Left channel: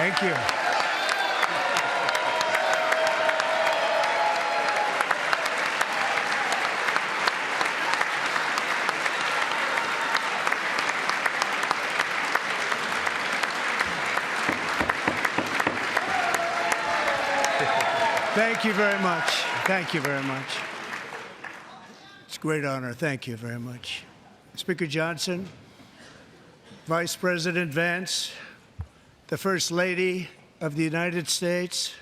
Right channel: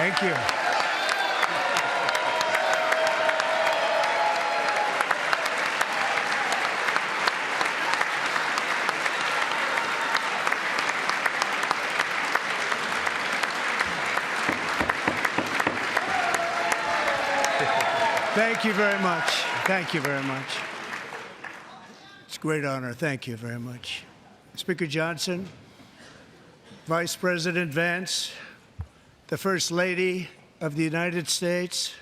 Thank you. Thank you very much. Thank you very much. It's a great honor. Thank you very much. Speaker Johnson, Vice President Vance, the First Lady of the United States,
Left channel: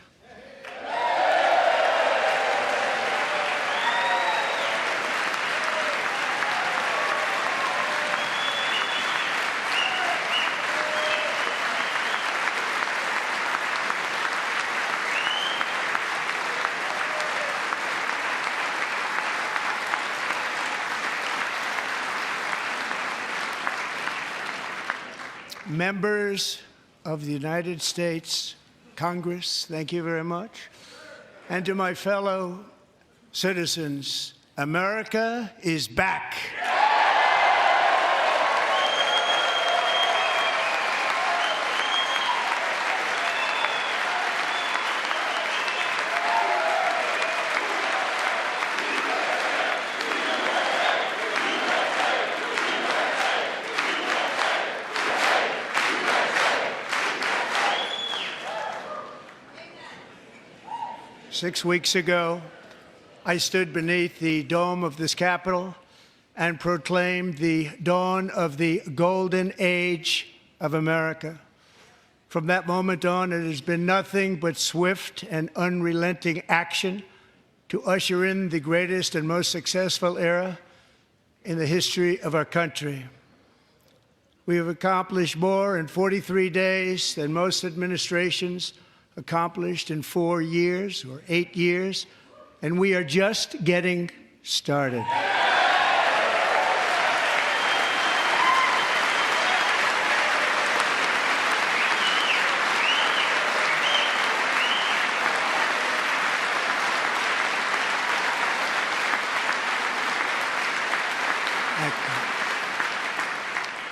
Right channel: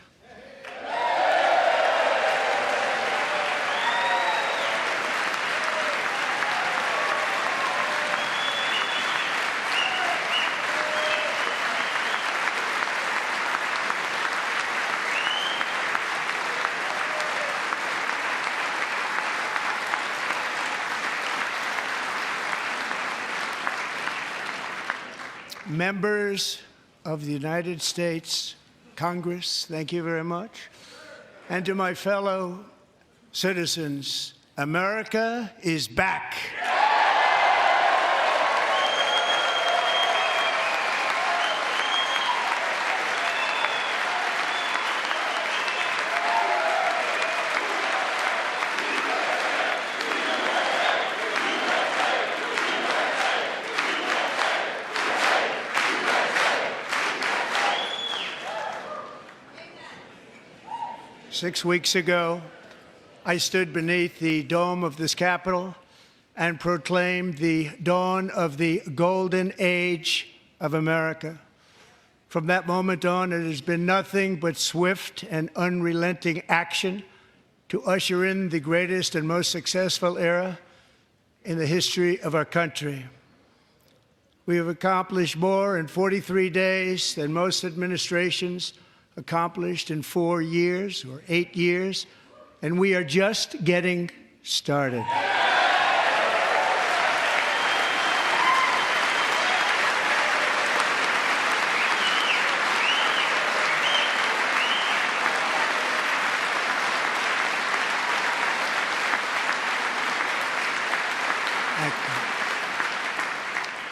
members of the United States Congress, thank you very much. And to my fellow citizens, America is back. 6 weeks ago, I stood beneath the dome of this Capitol and proclaimed the dawn of the golden age of America. From that moment on, it has been nothing but swift and unrelenting action to usher in the greatest and most successful era in the history of our country. We have accomplished more in 43 days than most administrations accomplished in 4 years or 8 years, and we are just getting started.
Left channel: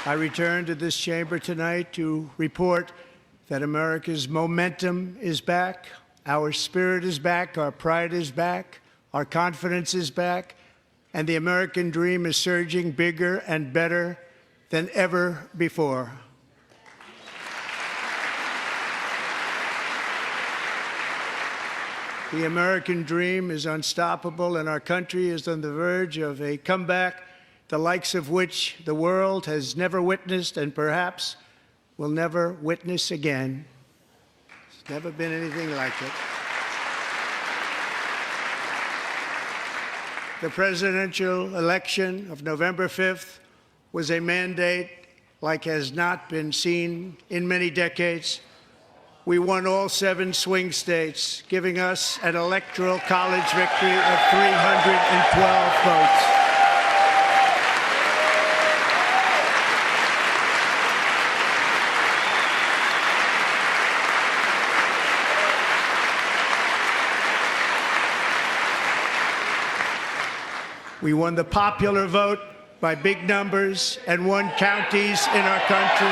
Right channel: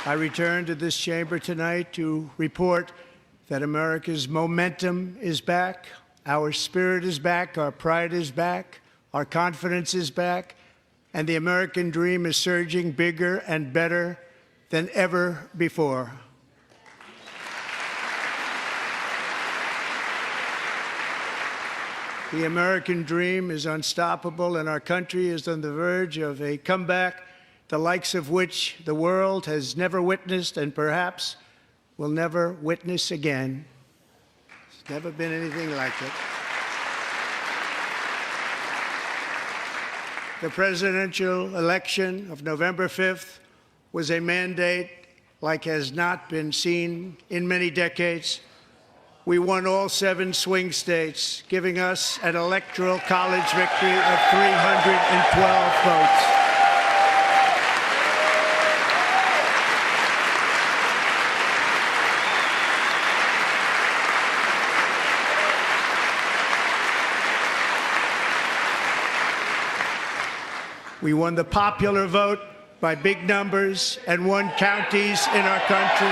I return to this chamber tonight to report that America's momentum is back, our spirit is back, our pride is back, our confidence is back, and the American dream is surging bigger and better than ever before. The American dream is unstoppable, and our country is on the verge of a comeback, the likes of which the world has never witnessed and perhaps will never witness again. There's never been anything like it. The presidential election of November 5th was a mandate like has not been seen in many decades. We won all 7 swing states, giving us an electoral college victory of 312 votes. We won the popular vote by big numbers and won counties in our country.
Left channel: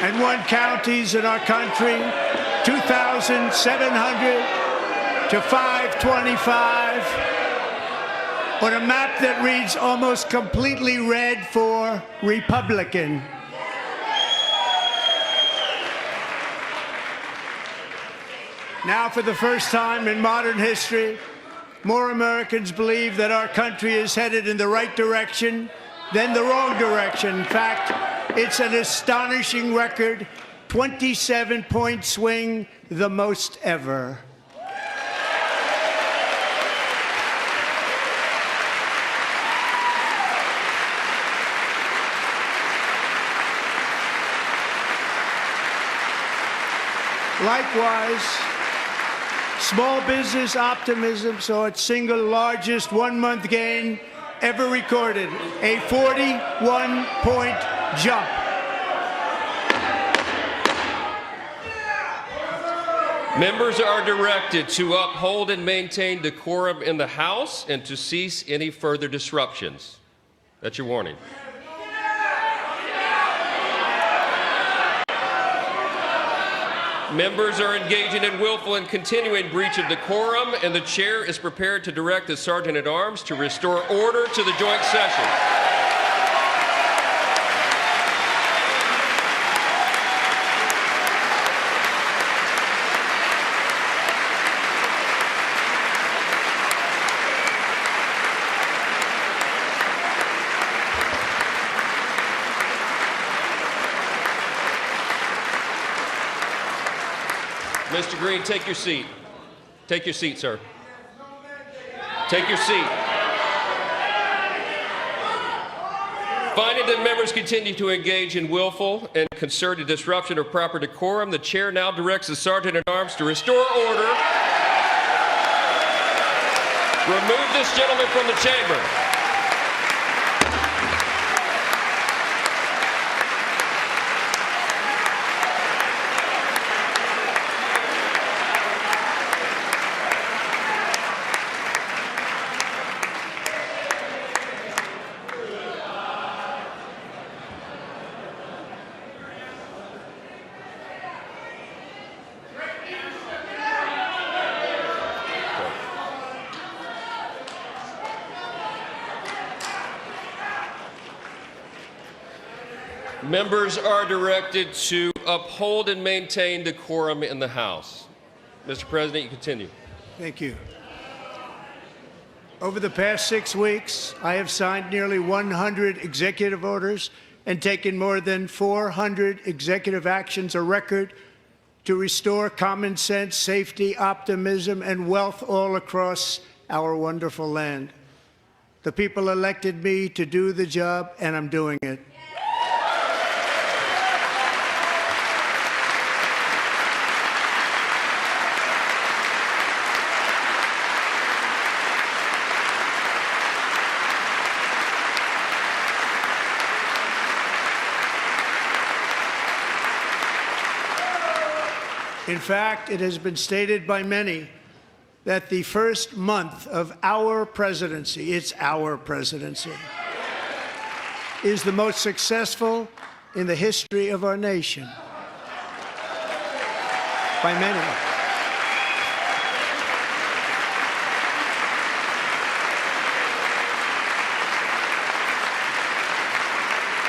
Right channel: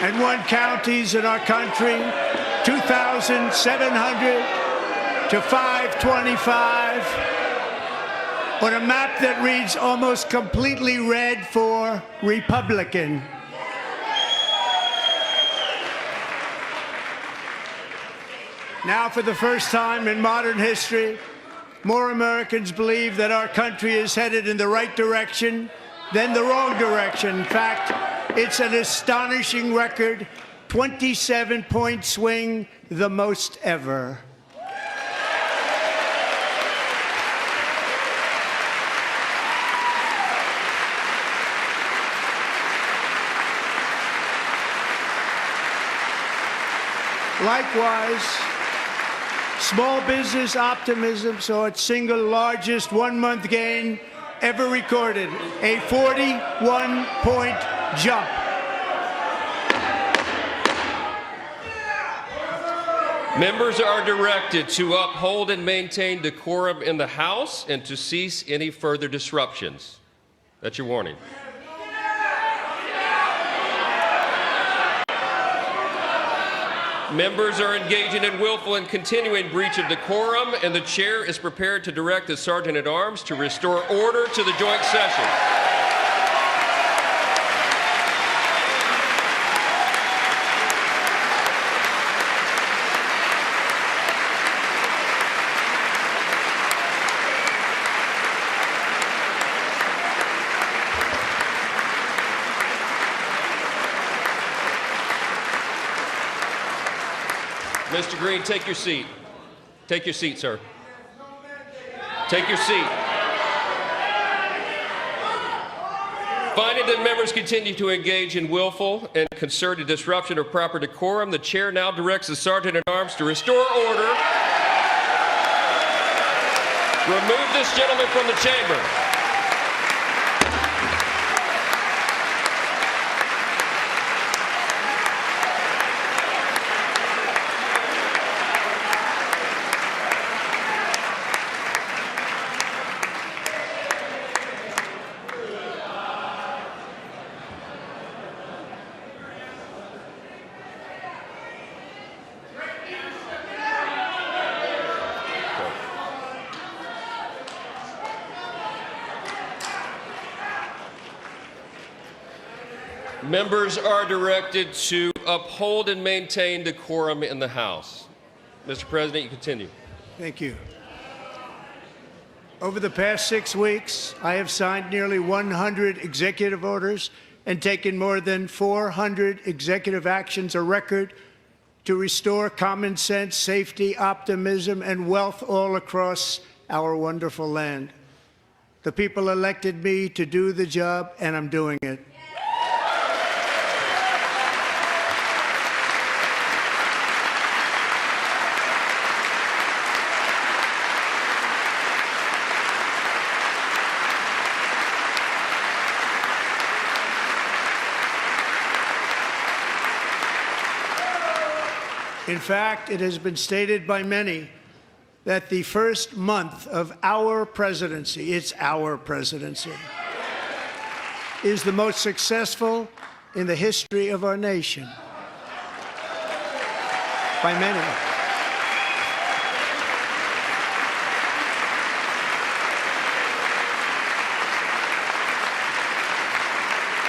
And won counties in our country, 2,700 to 525, on a map that reads almost completely red for Republican. Now, for the first time in modern history, more Americans believe that our country is headed in the right direction than the wrong direction. In fact, it's an astonishing record, 27-point swing, the most ever. Small business optimism saw its single largest one-month gain ever recorded, a 41-point jump. Members are directed to uphold and maintain decorum in the House and to cease any further disruptions. That's your warning. Members are engaging in willful and continuing breach of decorum, and the chair is prepared to direct the Sergeant-at-Arms to restore order to the joint session. Mr. Green, take your seat. Take your seat, sir. Take your seat. Finding that members continue to engage in willful and concerted disruption of proper decorum, the chair now directs the Sergeant-at-Arms to restore order. Remove this gentleman from the chamber. Members are directed to uphold and maintain decorum in the House. Mr. President, you continue. Thank you. Over the past 6 weeks, I have signed nearly 100 executive orders and taken more than 400 executive actions, a record to restore common sense, safety, optimism, and wealth all across our wonderful land. The people elected me to do the job, and I'm doing it. In fact, it has been stated by many that the first month of our presidency, it's our presidency, is the most successful in the history of our nation. By many.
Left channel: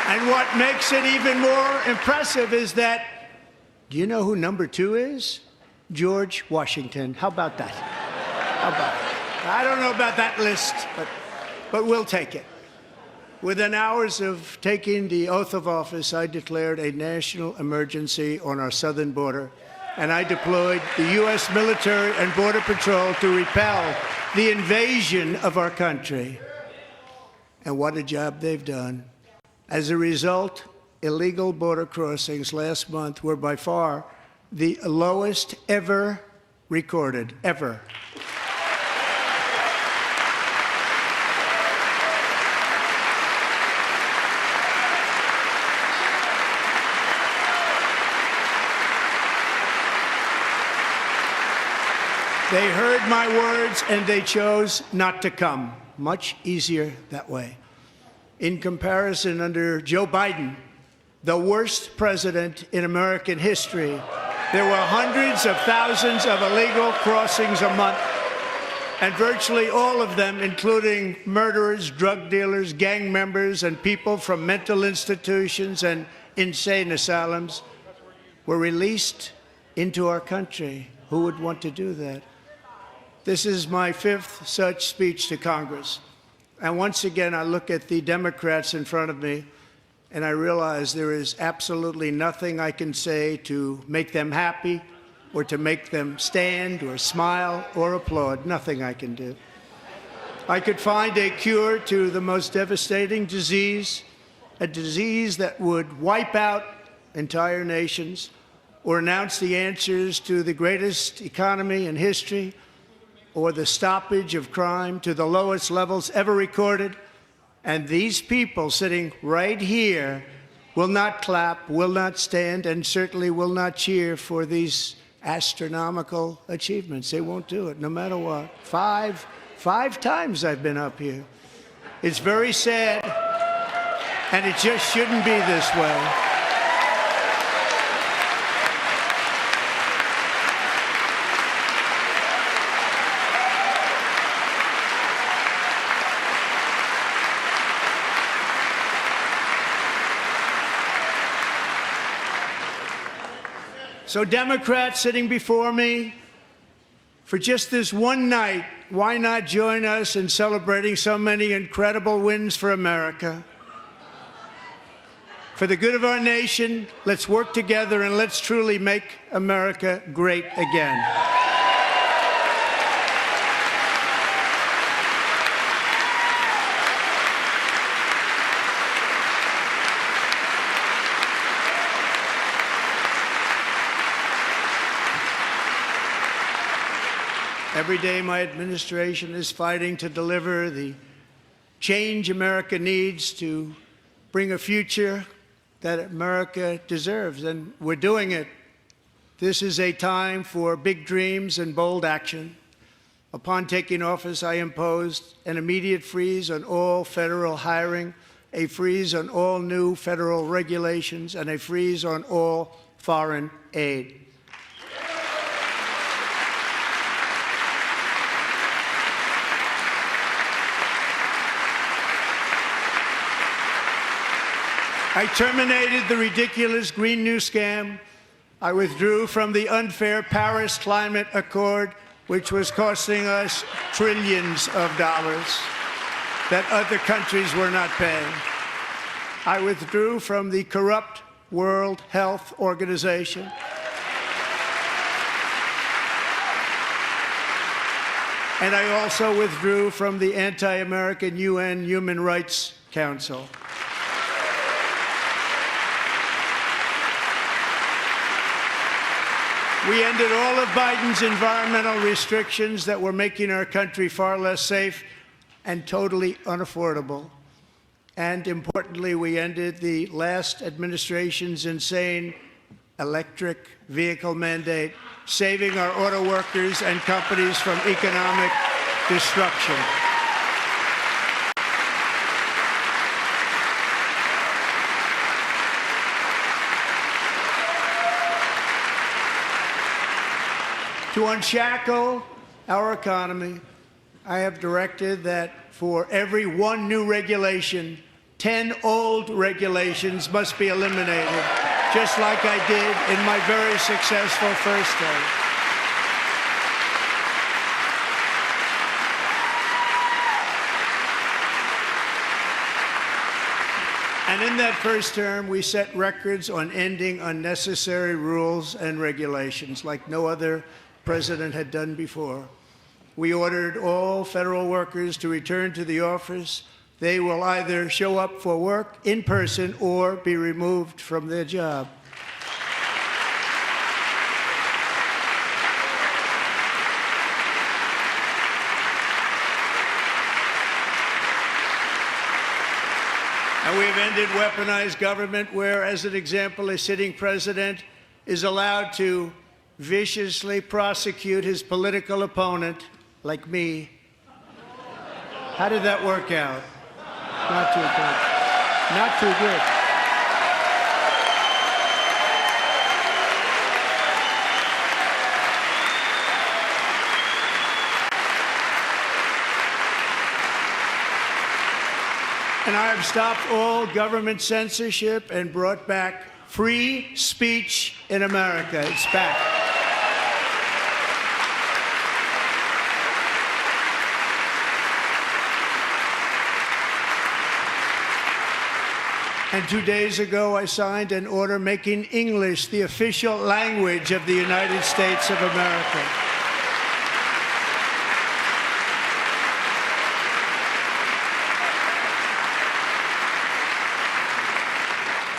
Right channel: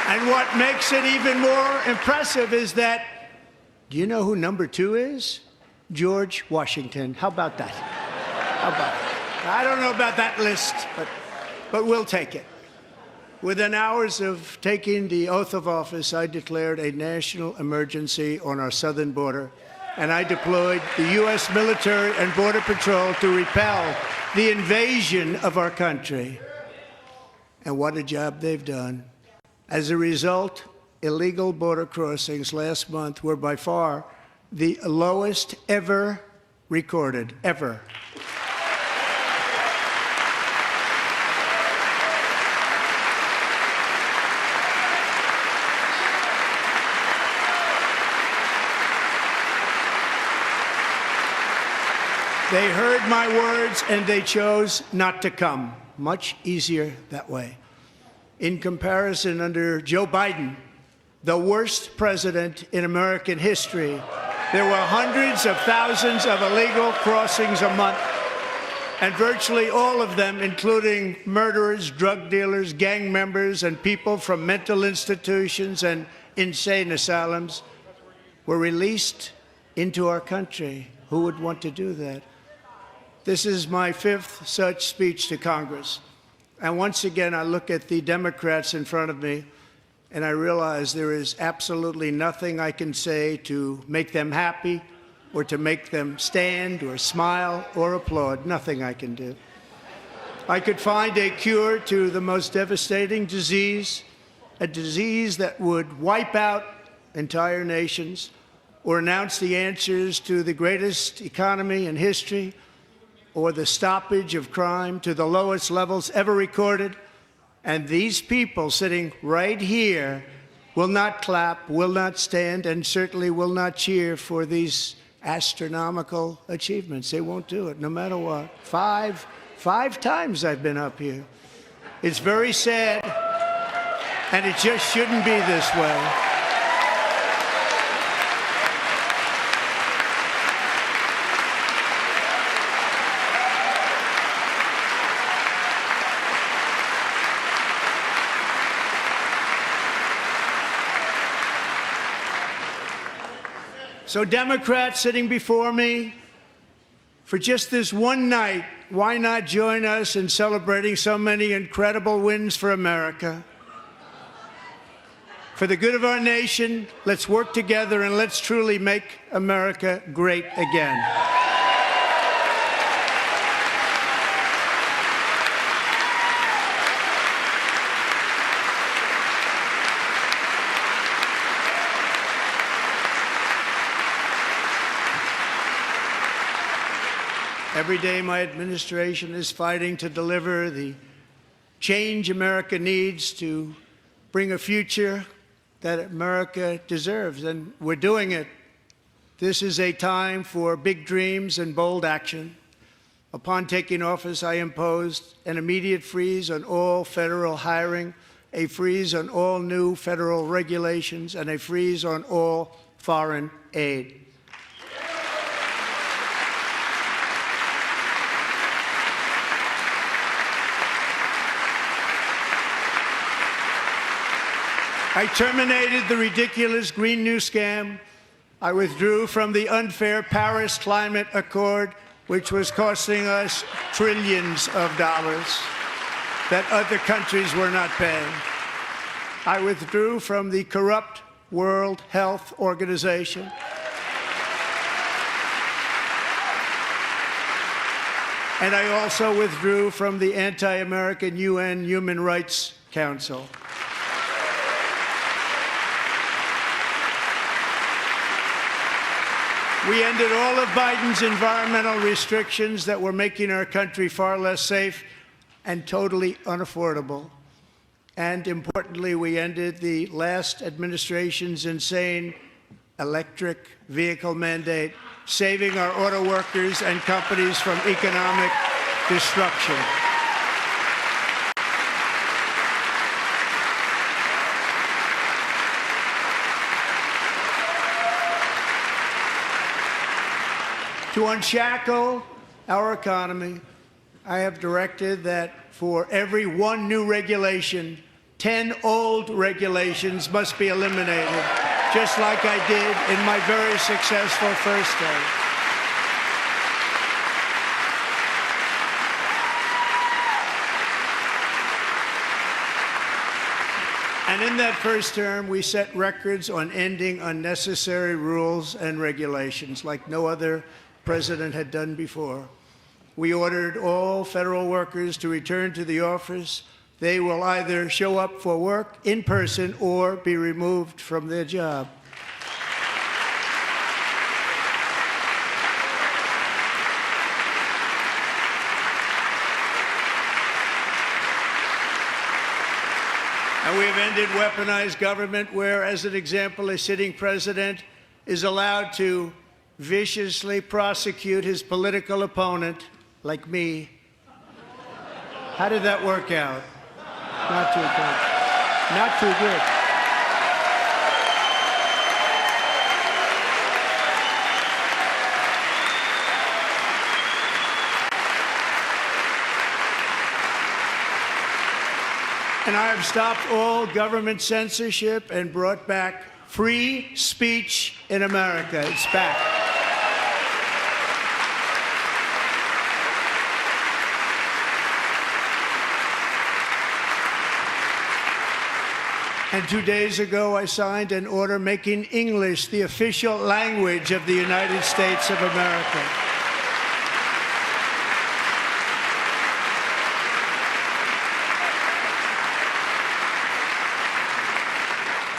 And what makes it even more impressive is that, do you know who number 2 is? George Washington. How about that? How about that? I don't know about that list, but we'll take it. Within hours of taking the oath of office, I declared a national emergency on our southern border, and I deployed the U.S. military and Border Patrol to repel the invasion of our country. And what a job they've done. As a result, illegal border crossings last month were by far the lowest ever recorded, ever. They heard my words and they chose not to come. Much easier that way. In comparison, under Joe Biden, the worst president in American history, there were hundreds of thousands of illegal crossings a month, and virtually all of them, including murderers, drug dealers, gang members, and people from mental institutions and insane asylums, were released into our country. Who would want to do that? This is my 5th such speech to Congress. And once again, I look at the Democrats in front of me, and I realize there is absolutely nothing I can say to make them happy or to make them stand or smile or applaud. Nothing I can do. I could find a cure to the most devastating disease, a disease that would wipe out entire nations, or announce the answers to the greatest economy in history or the stoppage of crime to the lowest levels ever recorded. And these people sitting right here will not clap, will not stand, and certainly will not cheer for these astronomical achievements. They won't do it, no matter what. Five times I've been up here. It's very sad, and it just shouldn't be this way. So Democrats sitting before me, for just this one night, why not join us in celebrating so many incredible wins for America? For the good of our nation, let's work together and let's truly make America great again. Every day my administration is fighting to deliver the change America needs to bring a future that America deserves, and we're doing it. This is a time for big dreams and bold action. Upon taking office, I imposed an immediate freeze on all federal hiring, a freeze on all new federal regulations, and a freeze on all foreign aid. I terminated the ridiculous Green New Scam. I withdrew from the unfair Paris Climate Accord, which was costing us trillions of dollars that other countries were not paying. I withdrew from the corrupt World Health Organization. And I also withdrew from the anti-American UN Human Rights Council. We ended all of Biden's environmental restrictions that were making our country far less safe and totally unaffordable. And importantly, we ended the last administration's insane electric vehicle mandate, saving our auto workers and companies from economic destruction. To unshackle our economy, I have directed that for every one new regulation, 10 old regulations must be eliminated, just like I did in my very successful first term. And in that first term, we set records on ending unnecessary rules and regulations like no other president had done before. We ordered all federal workers to return to the office. They will either show up for work in person or be removed from their job. And we have ended weaponized government where, as an example, a sitting president is allowed to viciously prosecute his political opponent, like me. How did that work out? Not too good. Not too good. And I have stopped all government censorship and brought back free speech in America. It's back. And 2 days ago, I signed an order making English the official language of the United States of America.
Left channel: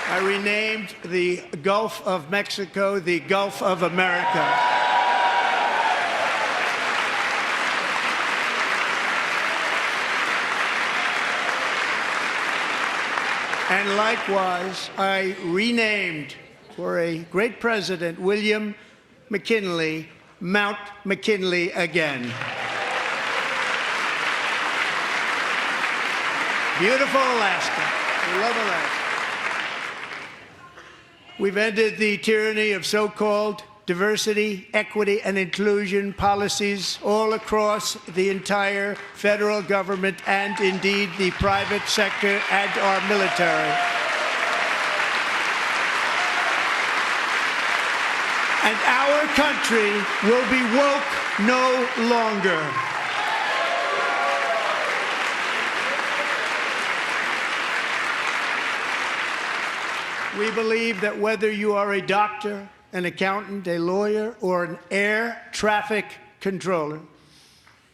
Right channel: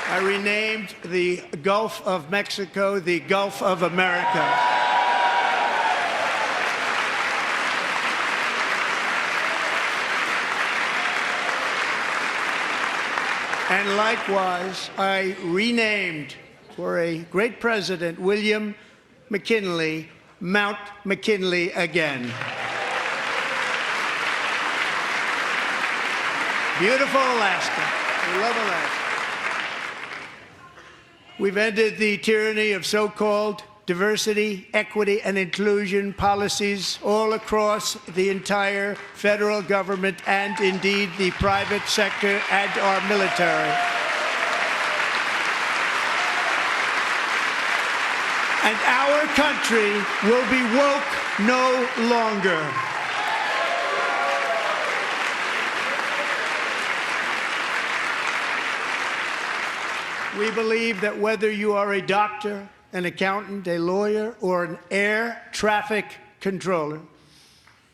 I renamed the Gulf of Mexico the Gulf of America. And likewise, I renamed, for a great president, William McKinley, Mount McKinley again. Beautiful Alaska. We love Alaska. We've ended the tyranny of so-called diversity, equity, and inclusion policies all across the entire federal government and indeed the private sector and our military. And our country will be woke no longer. We believe that whether you are a doctor, an accountant, a lawyer, or an air traffic controller,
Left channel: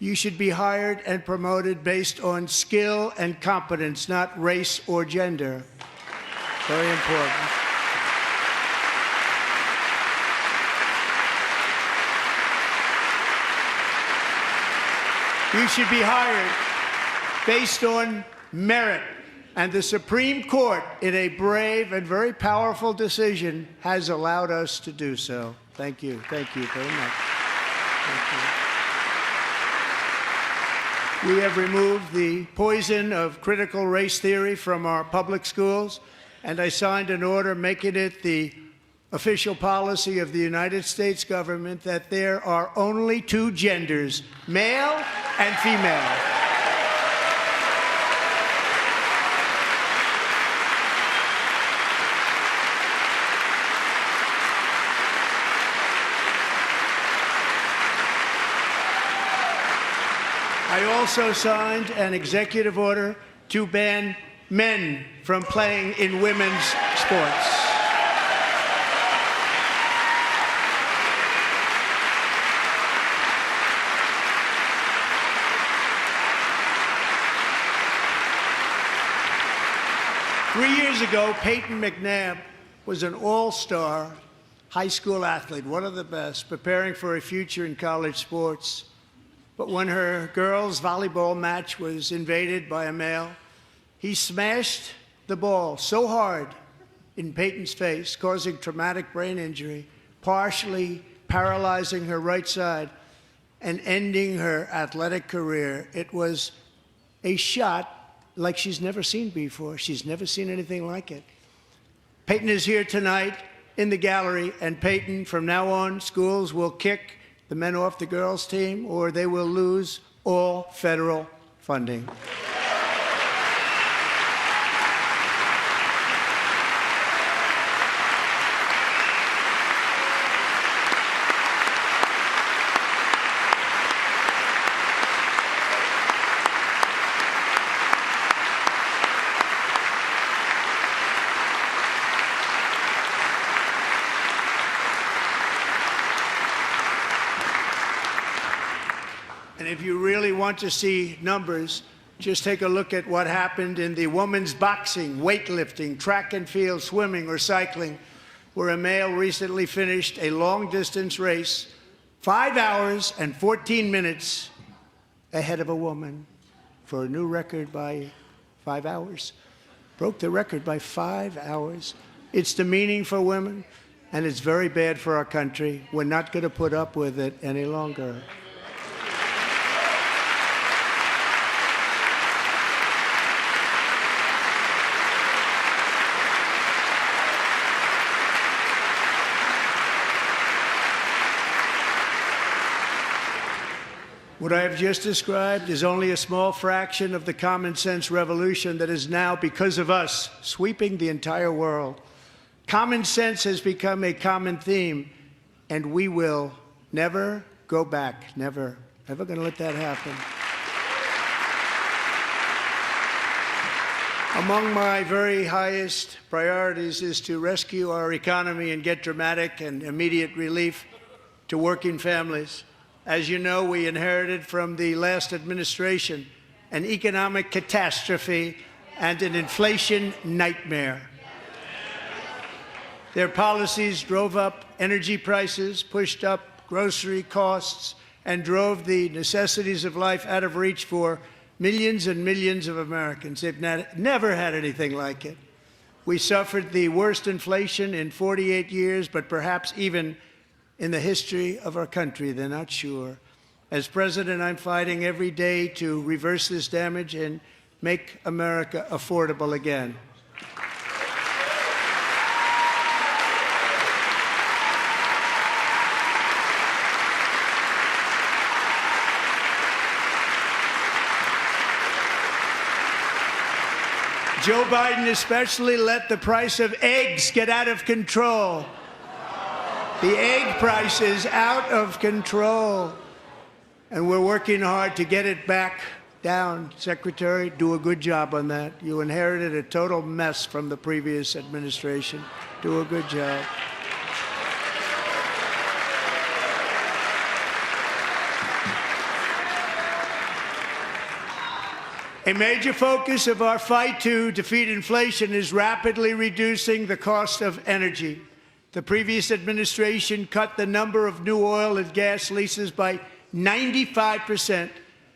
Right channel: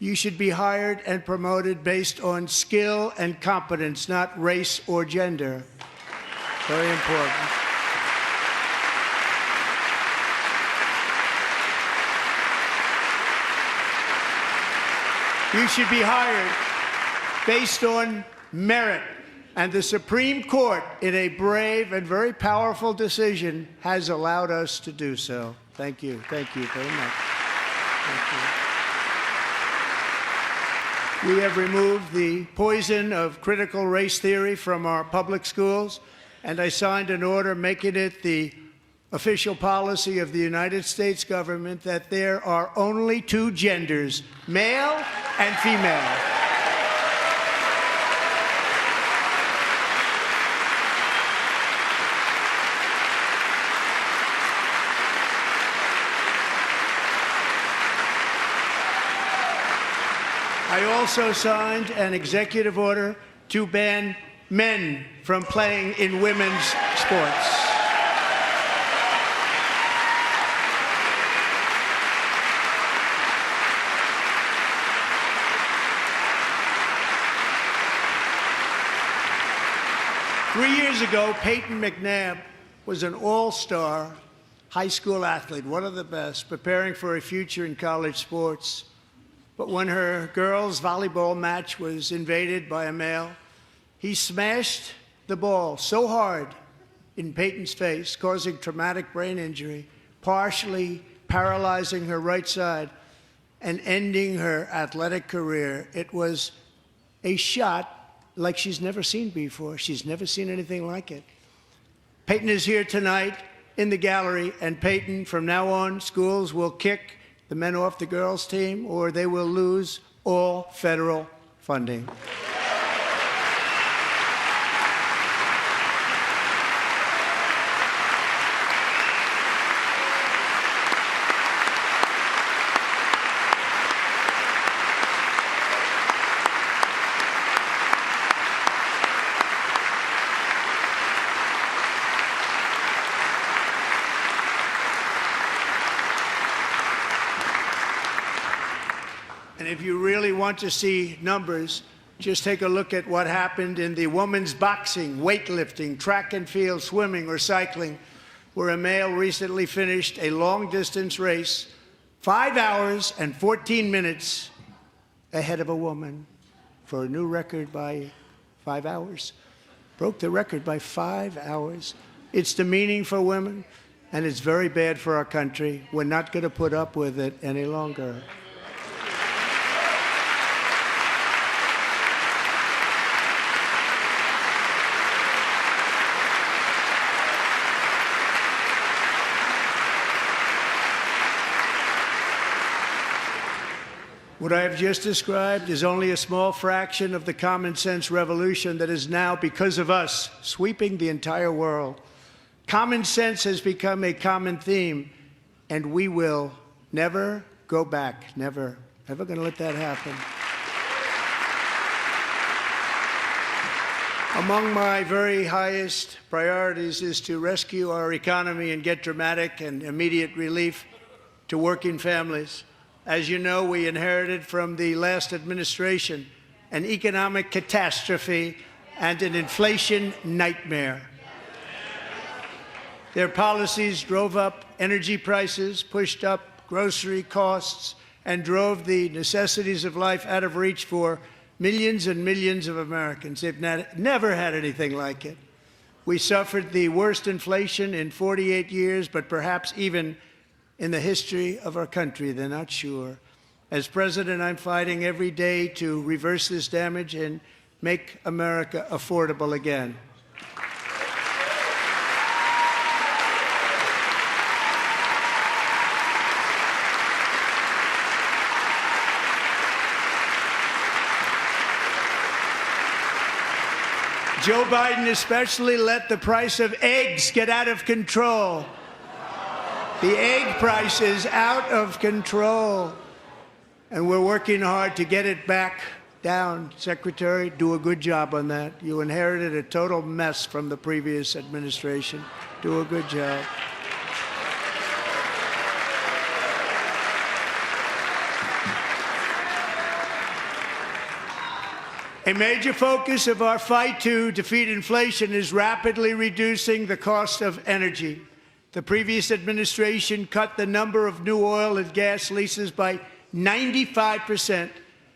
you should be hired and promoted based on skill and competence, not race or gender. Very important. You should be hired based on merit. And the Supreme Court, in a brave and very powerful decision, has allowed us to do so. Thank you. Thank you very much. Thank you. We have removed the poison of critical race theory from our public schools, and I signed an order making it the official policy of the United States government that there are only two genders, male and female. I also signed an executive order to ban men from playing in women's sports. Three years ago, Peyton McNabb was an all-star high school athlete, one of the best, preparing for a future in college sports. But when her girls' volleyball match was invaded by a male, he smashed the ball so hard in Peyton's face, causing traumatic brain injury, partially paralyzing her right side and ending her athletic career. It was a shot like she's never seen before. She's never seen anything like it. Peyton is here tonight in the gallery, and Peyton, from now on, schools will kick the men off the girls' team, or they will lose all federal funding. And if you really want to see numbers, just take a look at what happened in the women's boxing, weightlifting, track and field, swimming, or cycling, where a male recently finished a long-distance race 5 hours and 14 minutes ahead of a woman for a new record by 5 hours. Broke the record by 5 hours. It's demeaning for women, and it's very bad for our country. We're not going to put up with it any longer. What I have just described is only a small fraction of the common sense revolution that is now, because of us, sweeping the entire world. Common sense has become a common theme, and we will never go back. Never. Never going to let that happen. Among my very highest priorities is to rescue our economy and get dramatic and immediate relief to working families. As you know, we inherited from the last administration an economic catastrophe and an inflation nightmare. Their policies drove up energy prices, pushed up grocery costs, and drove the necessities of life out of reach for millions and millions of Americans. They've never had anything like it. We suffered the worst inflation in 48 years, but perhaps even in the history of our country. They're not sure. As president, I'm fighting every day to reverse this damage and make America affordable again. Joe Biden especially let the price of eggs get out of control. The egg price is out of control, and we're working hard to get it back down. Secretary, do a good job on that. You inherited a total mess from the previous administration. Do a good job. A major focus of our fight to defeat inflation is rapidly reducing the cost of energy. The previous administration cut the number of new oil and gas leases by 95%,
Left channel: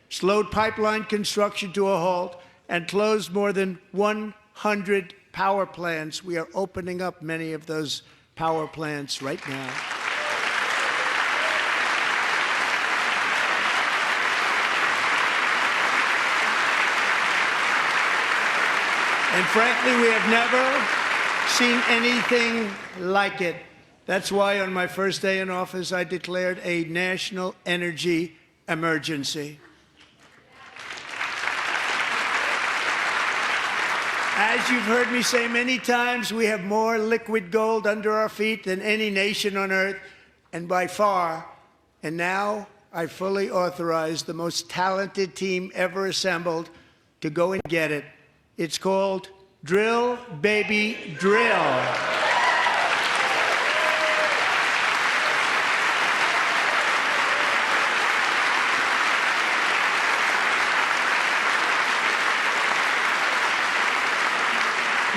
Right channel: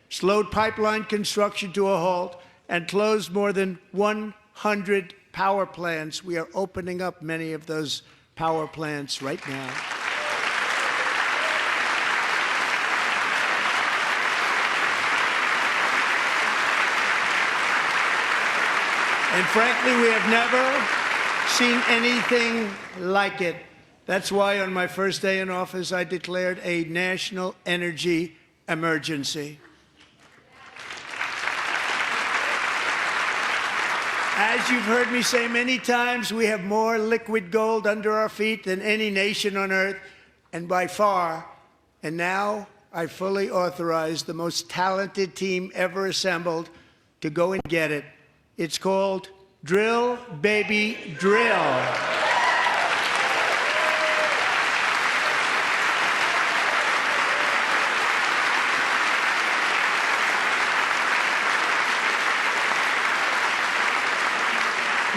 slowed pipeline construction to a halt, and closed more than 100 power plants. We are opening up many of those power plants right now. And frankly, we have never seen anything like it. That's why on my first day in office, I declared a national energy emergency. As you've heard me say many times, we have more liquid gold under our feet than any nation on earth, and by far. And now I fully authorize the most talented team ever assembled to go and get it. It's called Drill, Baby, Drill.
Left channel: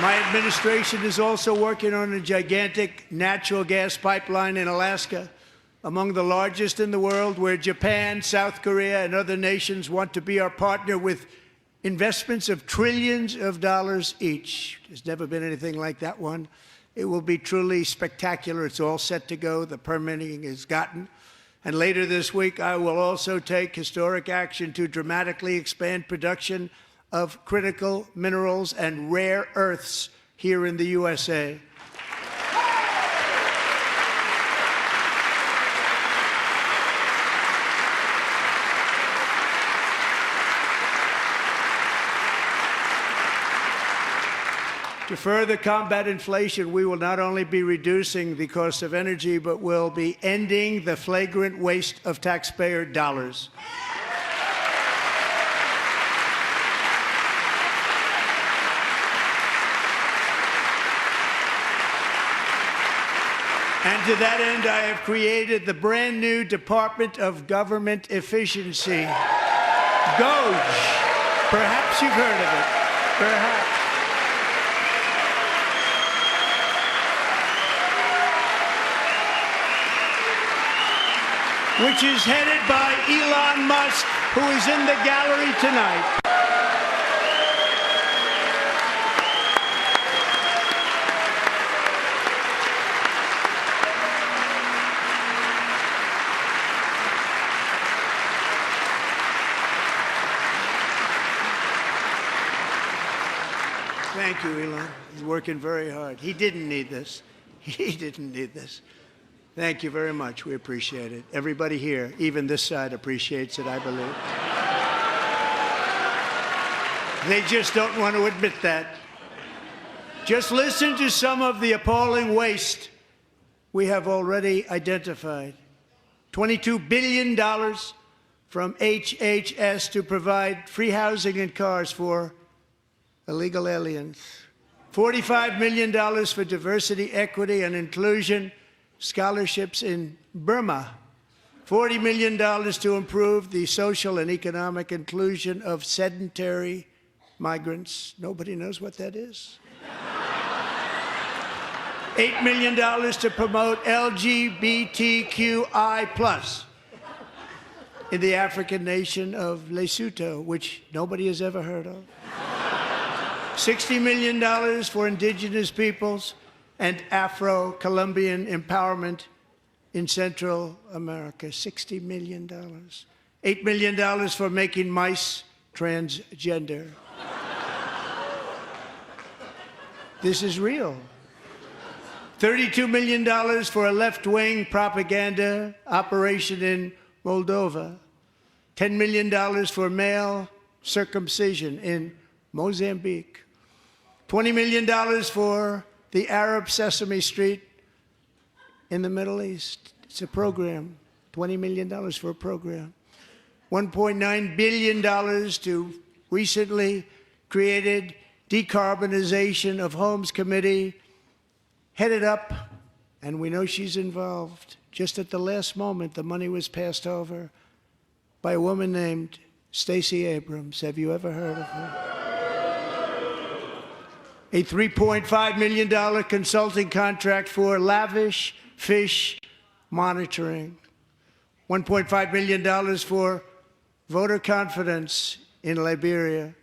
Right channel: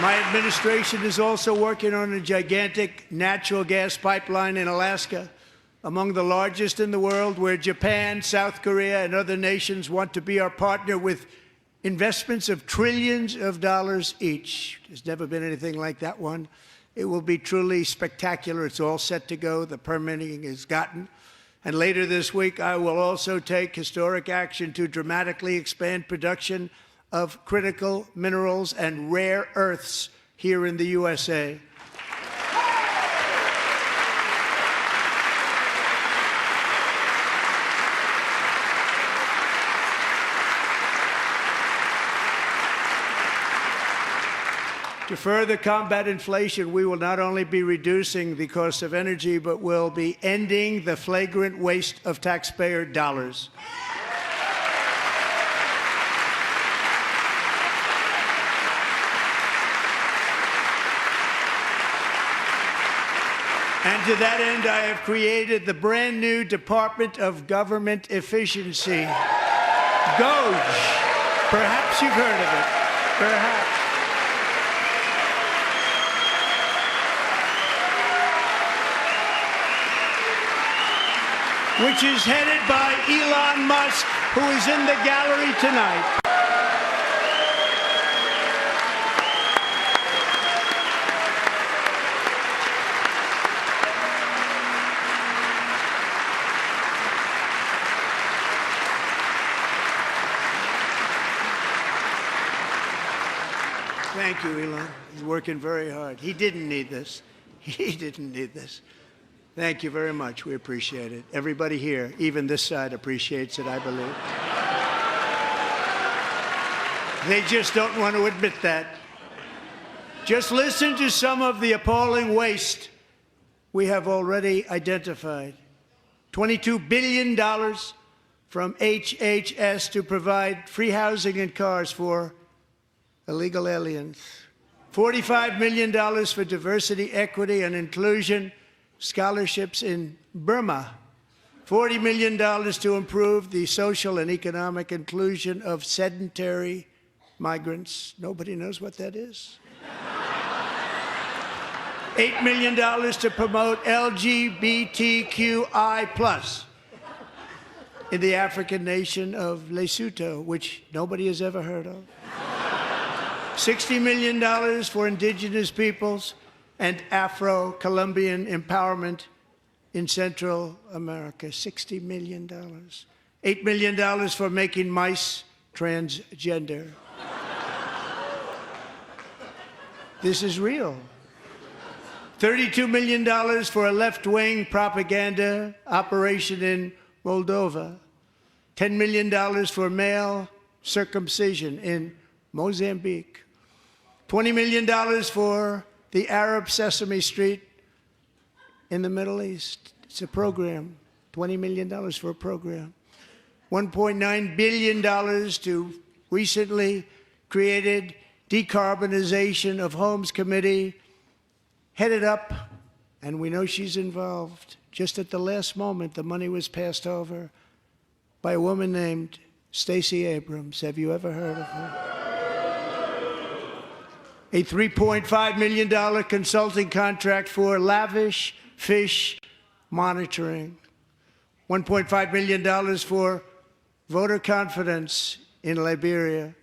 My administration is also working on a gigantic natural gas pipeline in Alaska, among the largest in the world, where Japan, South Korea, and other nations want to be our partner with investments of trillions of dollars each. There's never been anything like that one. It will be truly spectacular. It's all set to go. The permitting is gotten. And later this week, I will also take historic action to dramatically expand production of critical minerals and rare earths here in the USA. To further combat inflation, we will not only be reducing the cost of energy, but will be ending the flagrant waste of taxpayer dollars. And to that end, I have created the brand new Department of Government Efficiency, DOGE. Perhaps you've heard of it. Perhaps. Which is headed by Elon Musk, who is in the gallery tonight. Thank you, Elon. He's working very hard. He didn't need this. He didn't need this. Thank you very much. We appreciate it. Everybody here, even this side, appreciates it, I believe. They just don't want to admit that. Just listen to some of the appalling waste we have already identified. $22 billion from HHS to provide free housing and cars for illegal aliens. $45 million for diversity, equity, and inclusion scholarships in Burma. $40 million to improve the social and economic inclusion of sedentary migrants. Nobody knows what that is. $8 million to promote LGBTQI+ in the African nation of Lesotho, which nobody has ever heard of. $60 million for indigenous peoples and Afro-Colombian empowerment in Central America. $60 million. $8 million for making mice transgender. This is real. $32 million for a left-wing propaganda operation in Moldova. $10 million for male circumcision in Mozambique. $20 million for the Arab Sesame Street in the Middle East. It's a program. $20 million for a program. $1.9 billion to recently created Decarbonization of Homes Committee, headed up, and we know she's involved. Just at the last moment, the money was passed over by a woman named Stacey Abrams. Have you ever heard of her? A $3.5 million consulting contract for lavish fish monitoring. $1.5 million for voter confidence in Liberia.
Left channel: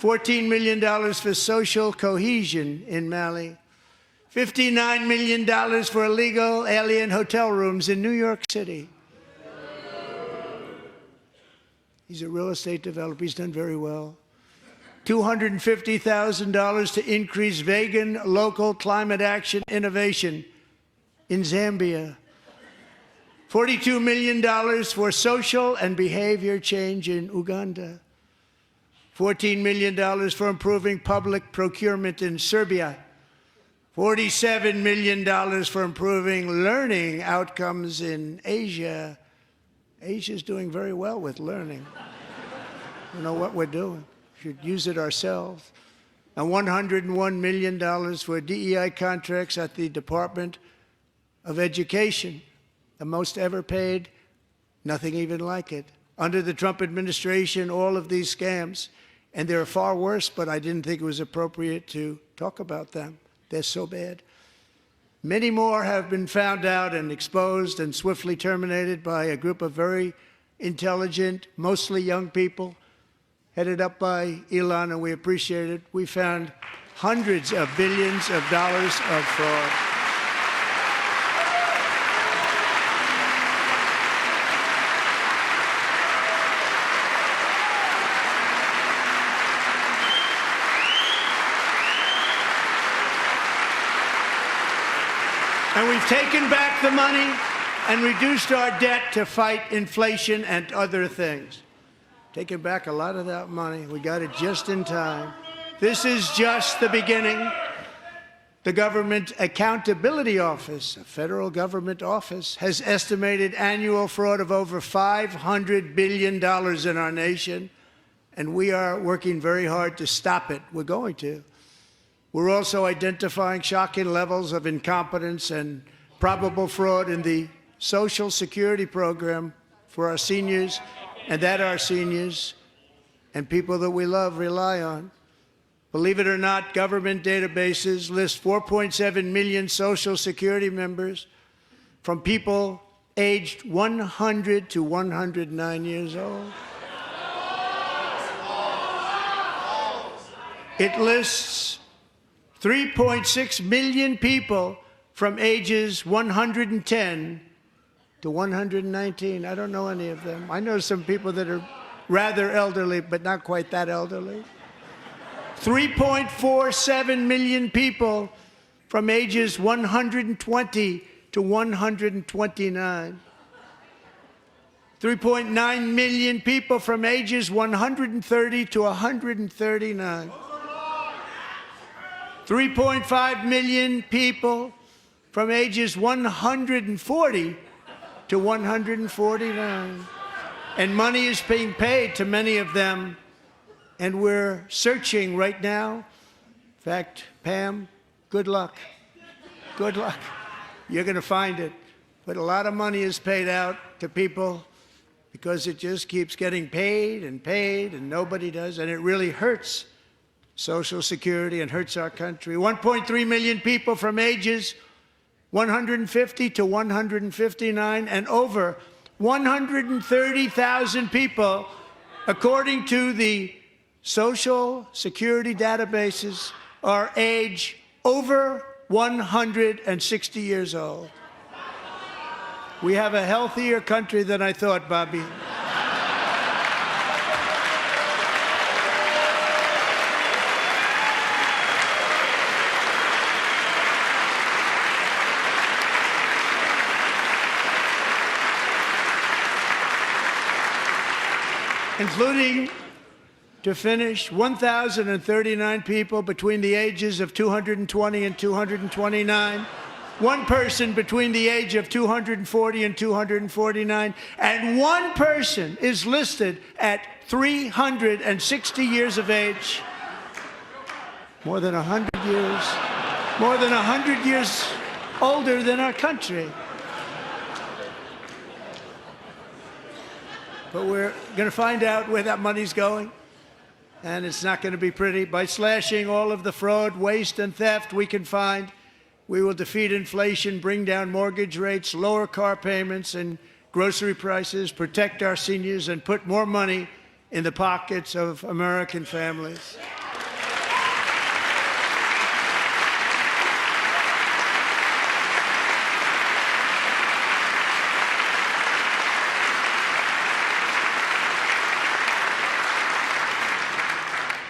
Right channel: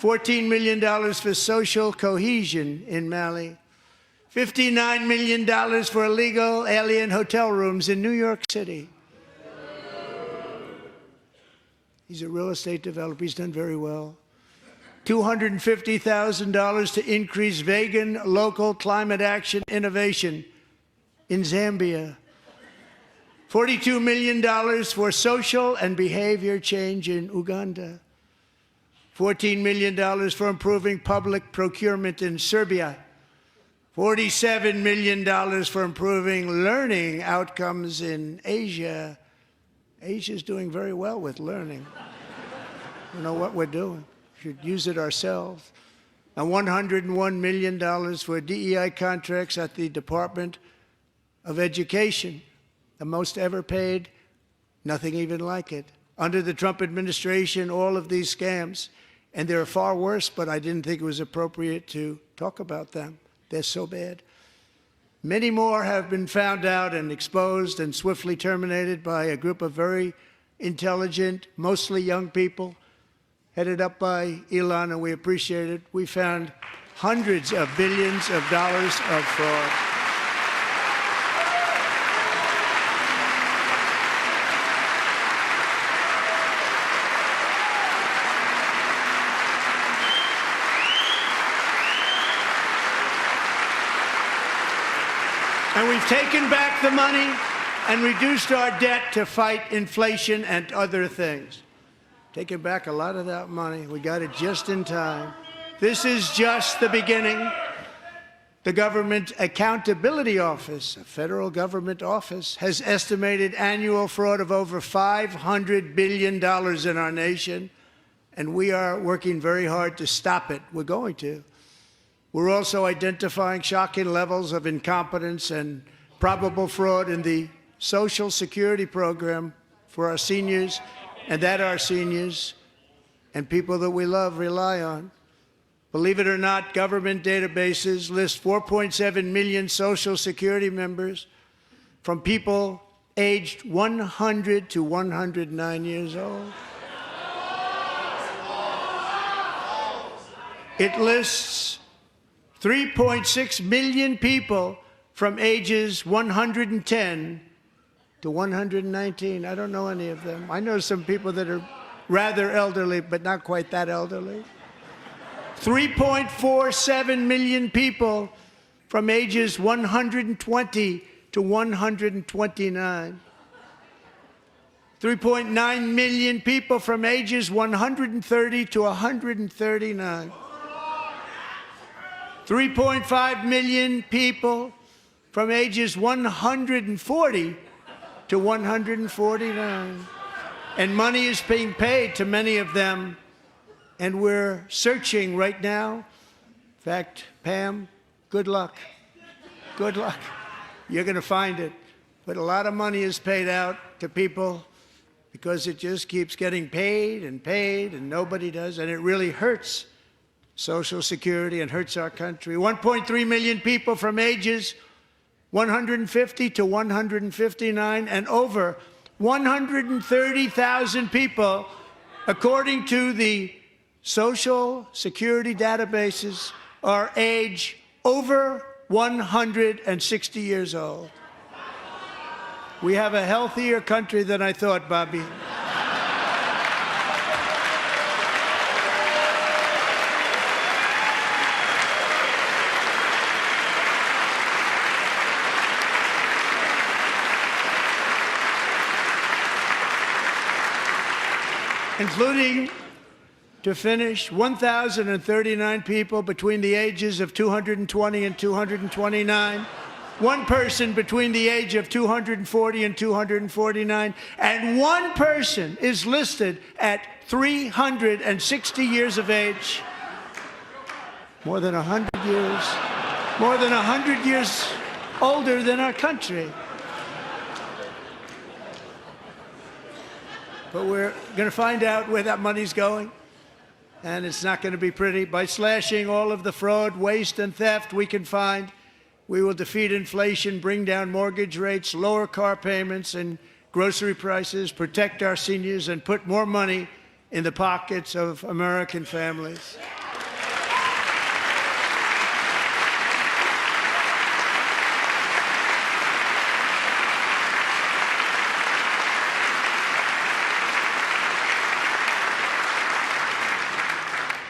$14 million for social cohesion in Mali. $59 million for illegal alien hotel rooms in New York City. He's a real estate developer. He's done very well. $250,000 to increase vegan local climate action innovation in Zambia. $42 million for social and behavior change in Uganda. $14 million for improving public procurement in Serbia. $47 million for improving learning outcomes in Asia. Asia's doing very well with learning. You know what we're doing. Should use it ourselves. And $101 million for DEI contracts at the Department of Education, the most ever paid, nothing even like it. Under the Trump administration, all of these scams, and they're far worse, but I didn't think it was appropriate to talk about them. They're so bad. Many more have been found out and exposed and swiftly terminated by a group of very intelligent, mostly young people, headed up by Elon, and we appreciate it. We found hundreds of billions of dollars of fraud. And we've taken back the money and reduced our debt to fight inflation and other things. Taken back a lot of that money. We got it just in time. This is just the beginning. The Government Accountability Office, a federal government office, has estimated annual fraud of over $500 billion in our nation, and we are working very hard to stop it. We're going to. We're also identifying shocking levels of incompetence and probable fraud in the Social Security program for our seniors, and that our seniors and people that we love rely on. Believe it or not, government databases list 4.7 million Social Security members from people aged 100 to 109 years old. It lists 3.6 million people from ages 110 to 119. I don't know any of them. I know some people that are rather elderly, but not quite that elderly. 3.47 million people from ages 120 to 129. 3.9 million people from ages 130 to 139. 3.5 million people from ages 140 to 149. And money is being paid to many of them, and we're searching right now. In fact, Pam, good luck. Good luck. You're going to find it. But a lot of money is paid out to people because it just keeps getting paid, and nobody does, and it really hurts Social Security and hurts our country. 1.3 million people from ages 150 to 159, and over 130,000 people, according to the Social Security databases, are age over 160 years old. We have a healthier country than I thought, Bobby. Including, to finish, 1,039 people between the ages of 220 and 229, one person between the age of 240 and 249, and one person is listed at 360 years of age. More than 100 years older than our country. But we're going to find out where that money's going, and it's not going to be pretty. By slashing all of the fraud, waste, and theft we can find, we will defeat inflation, bring down mortgage rates, lower car payments and grocery prices, protect our seniors, and put more money in the pockets of American families.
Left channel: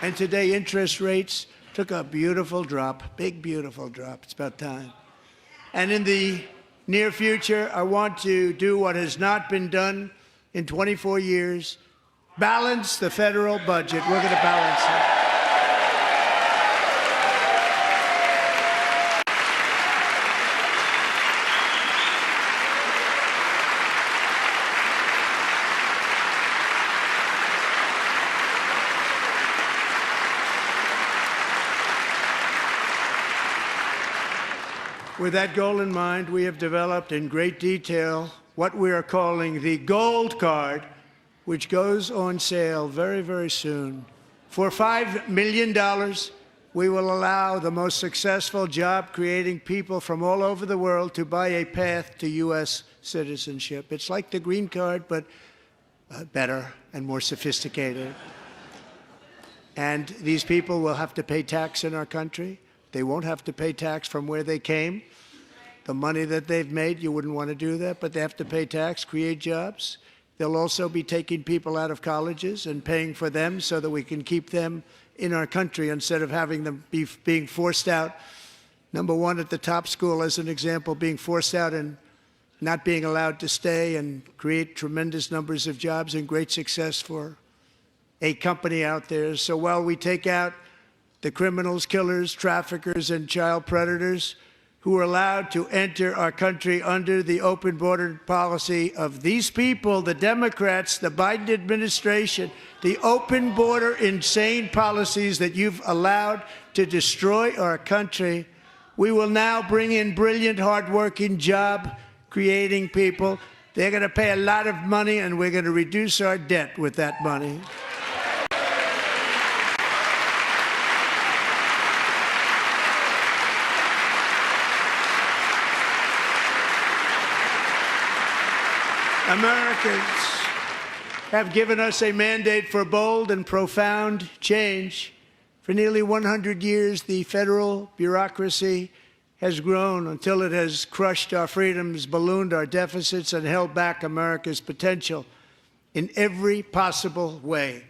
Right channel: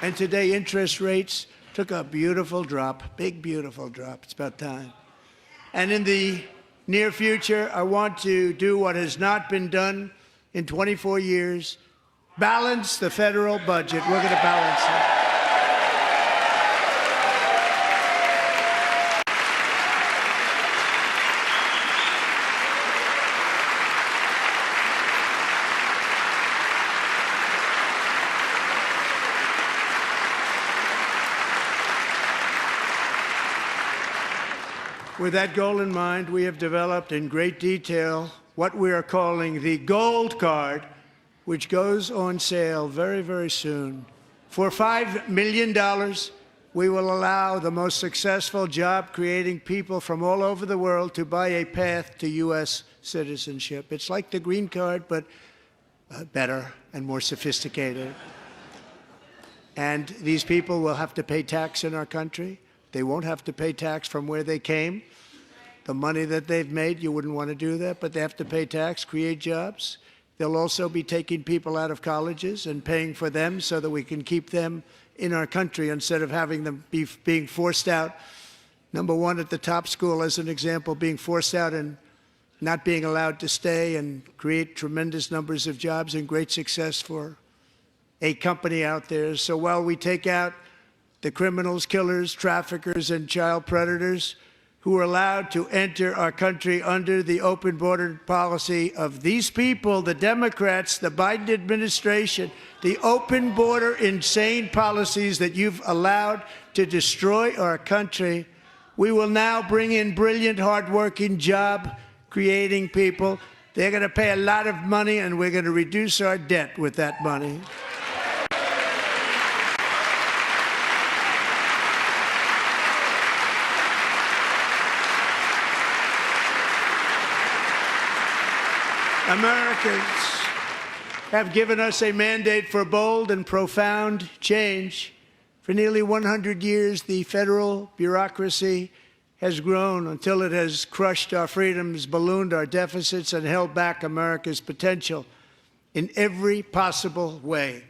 And today, interest rates took a beautiful drop, big, beautiful drop. It's about time. And in the near future, I want to do what has not been done in 24 years, balance the federal budget. We're going to balance it. With that goal in mind, we have developed in great detail what we are calling the Gold Card, which goes on sale very, very soon. For $5 million, we will allow the most successful job-creating people from all over the world to buy a path to U.S. citizenship. It's like the green card, but better and more sophisticated. And these people will have to pay tax in our country. They won't have to pay tax from where they came. The money that they've made, you wouldn't want to do that, but they have to pay tax, create jobs. They'll also be taking people out of colleges and paying for them so that we can keep them in our country instead of having them being forced out. Number one, at the top school, as an example, being forced out and not being allowed to stay and create tremendous numbers of jobs and great success for a company out there. So while we take out the criminals, killers, traffickers, and child predators who are allowed to enter our country under the open border policy of these people, the Democrats, the Biden administration, the open border insane policies that you've allowed to destroy our country, we will now bring in brilliant, hardworking, job-creating people. They're going to pay a lot of money, and we're going to reduce our debt with that money. Americans have given us a mandate for bold and profound change. For nearly 100 years, the federal bureaucracy has grown until it has crushed our freedoms, ballooned our deficits, and held back America's potential in every possible way.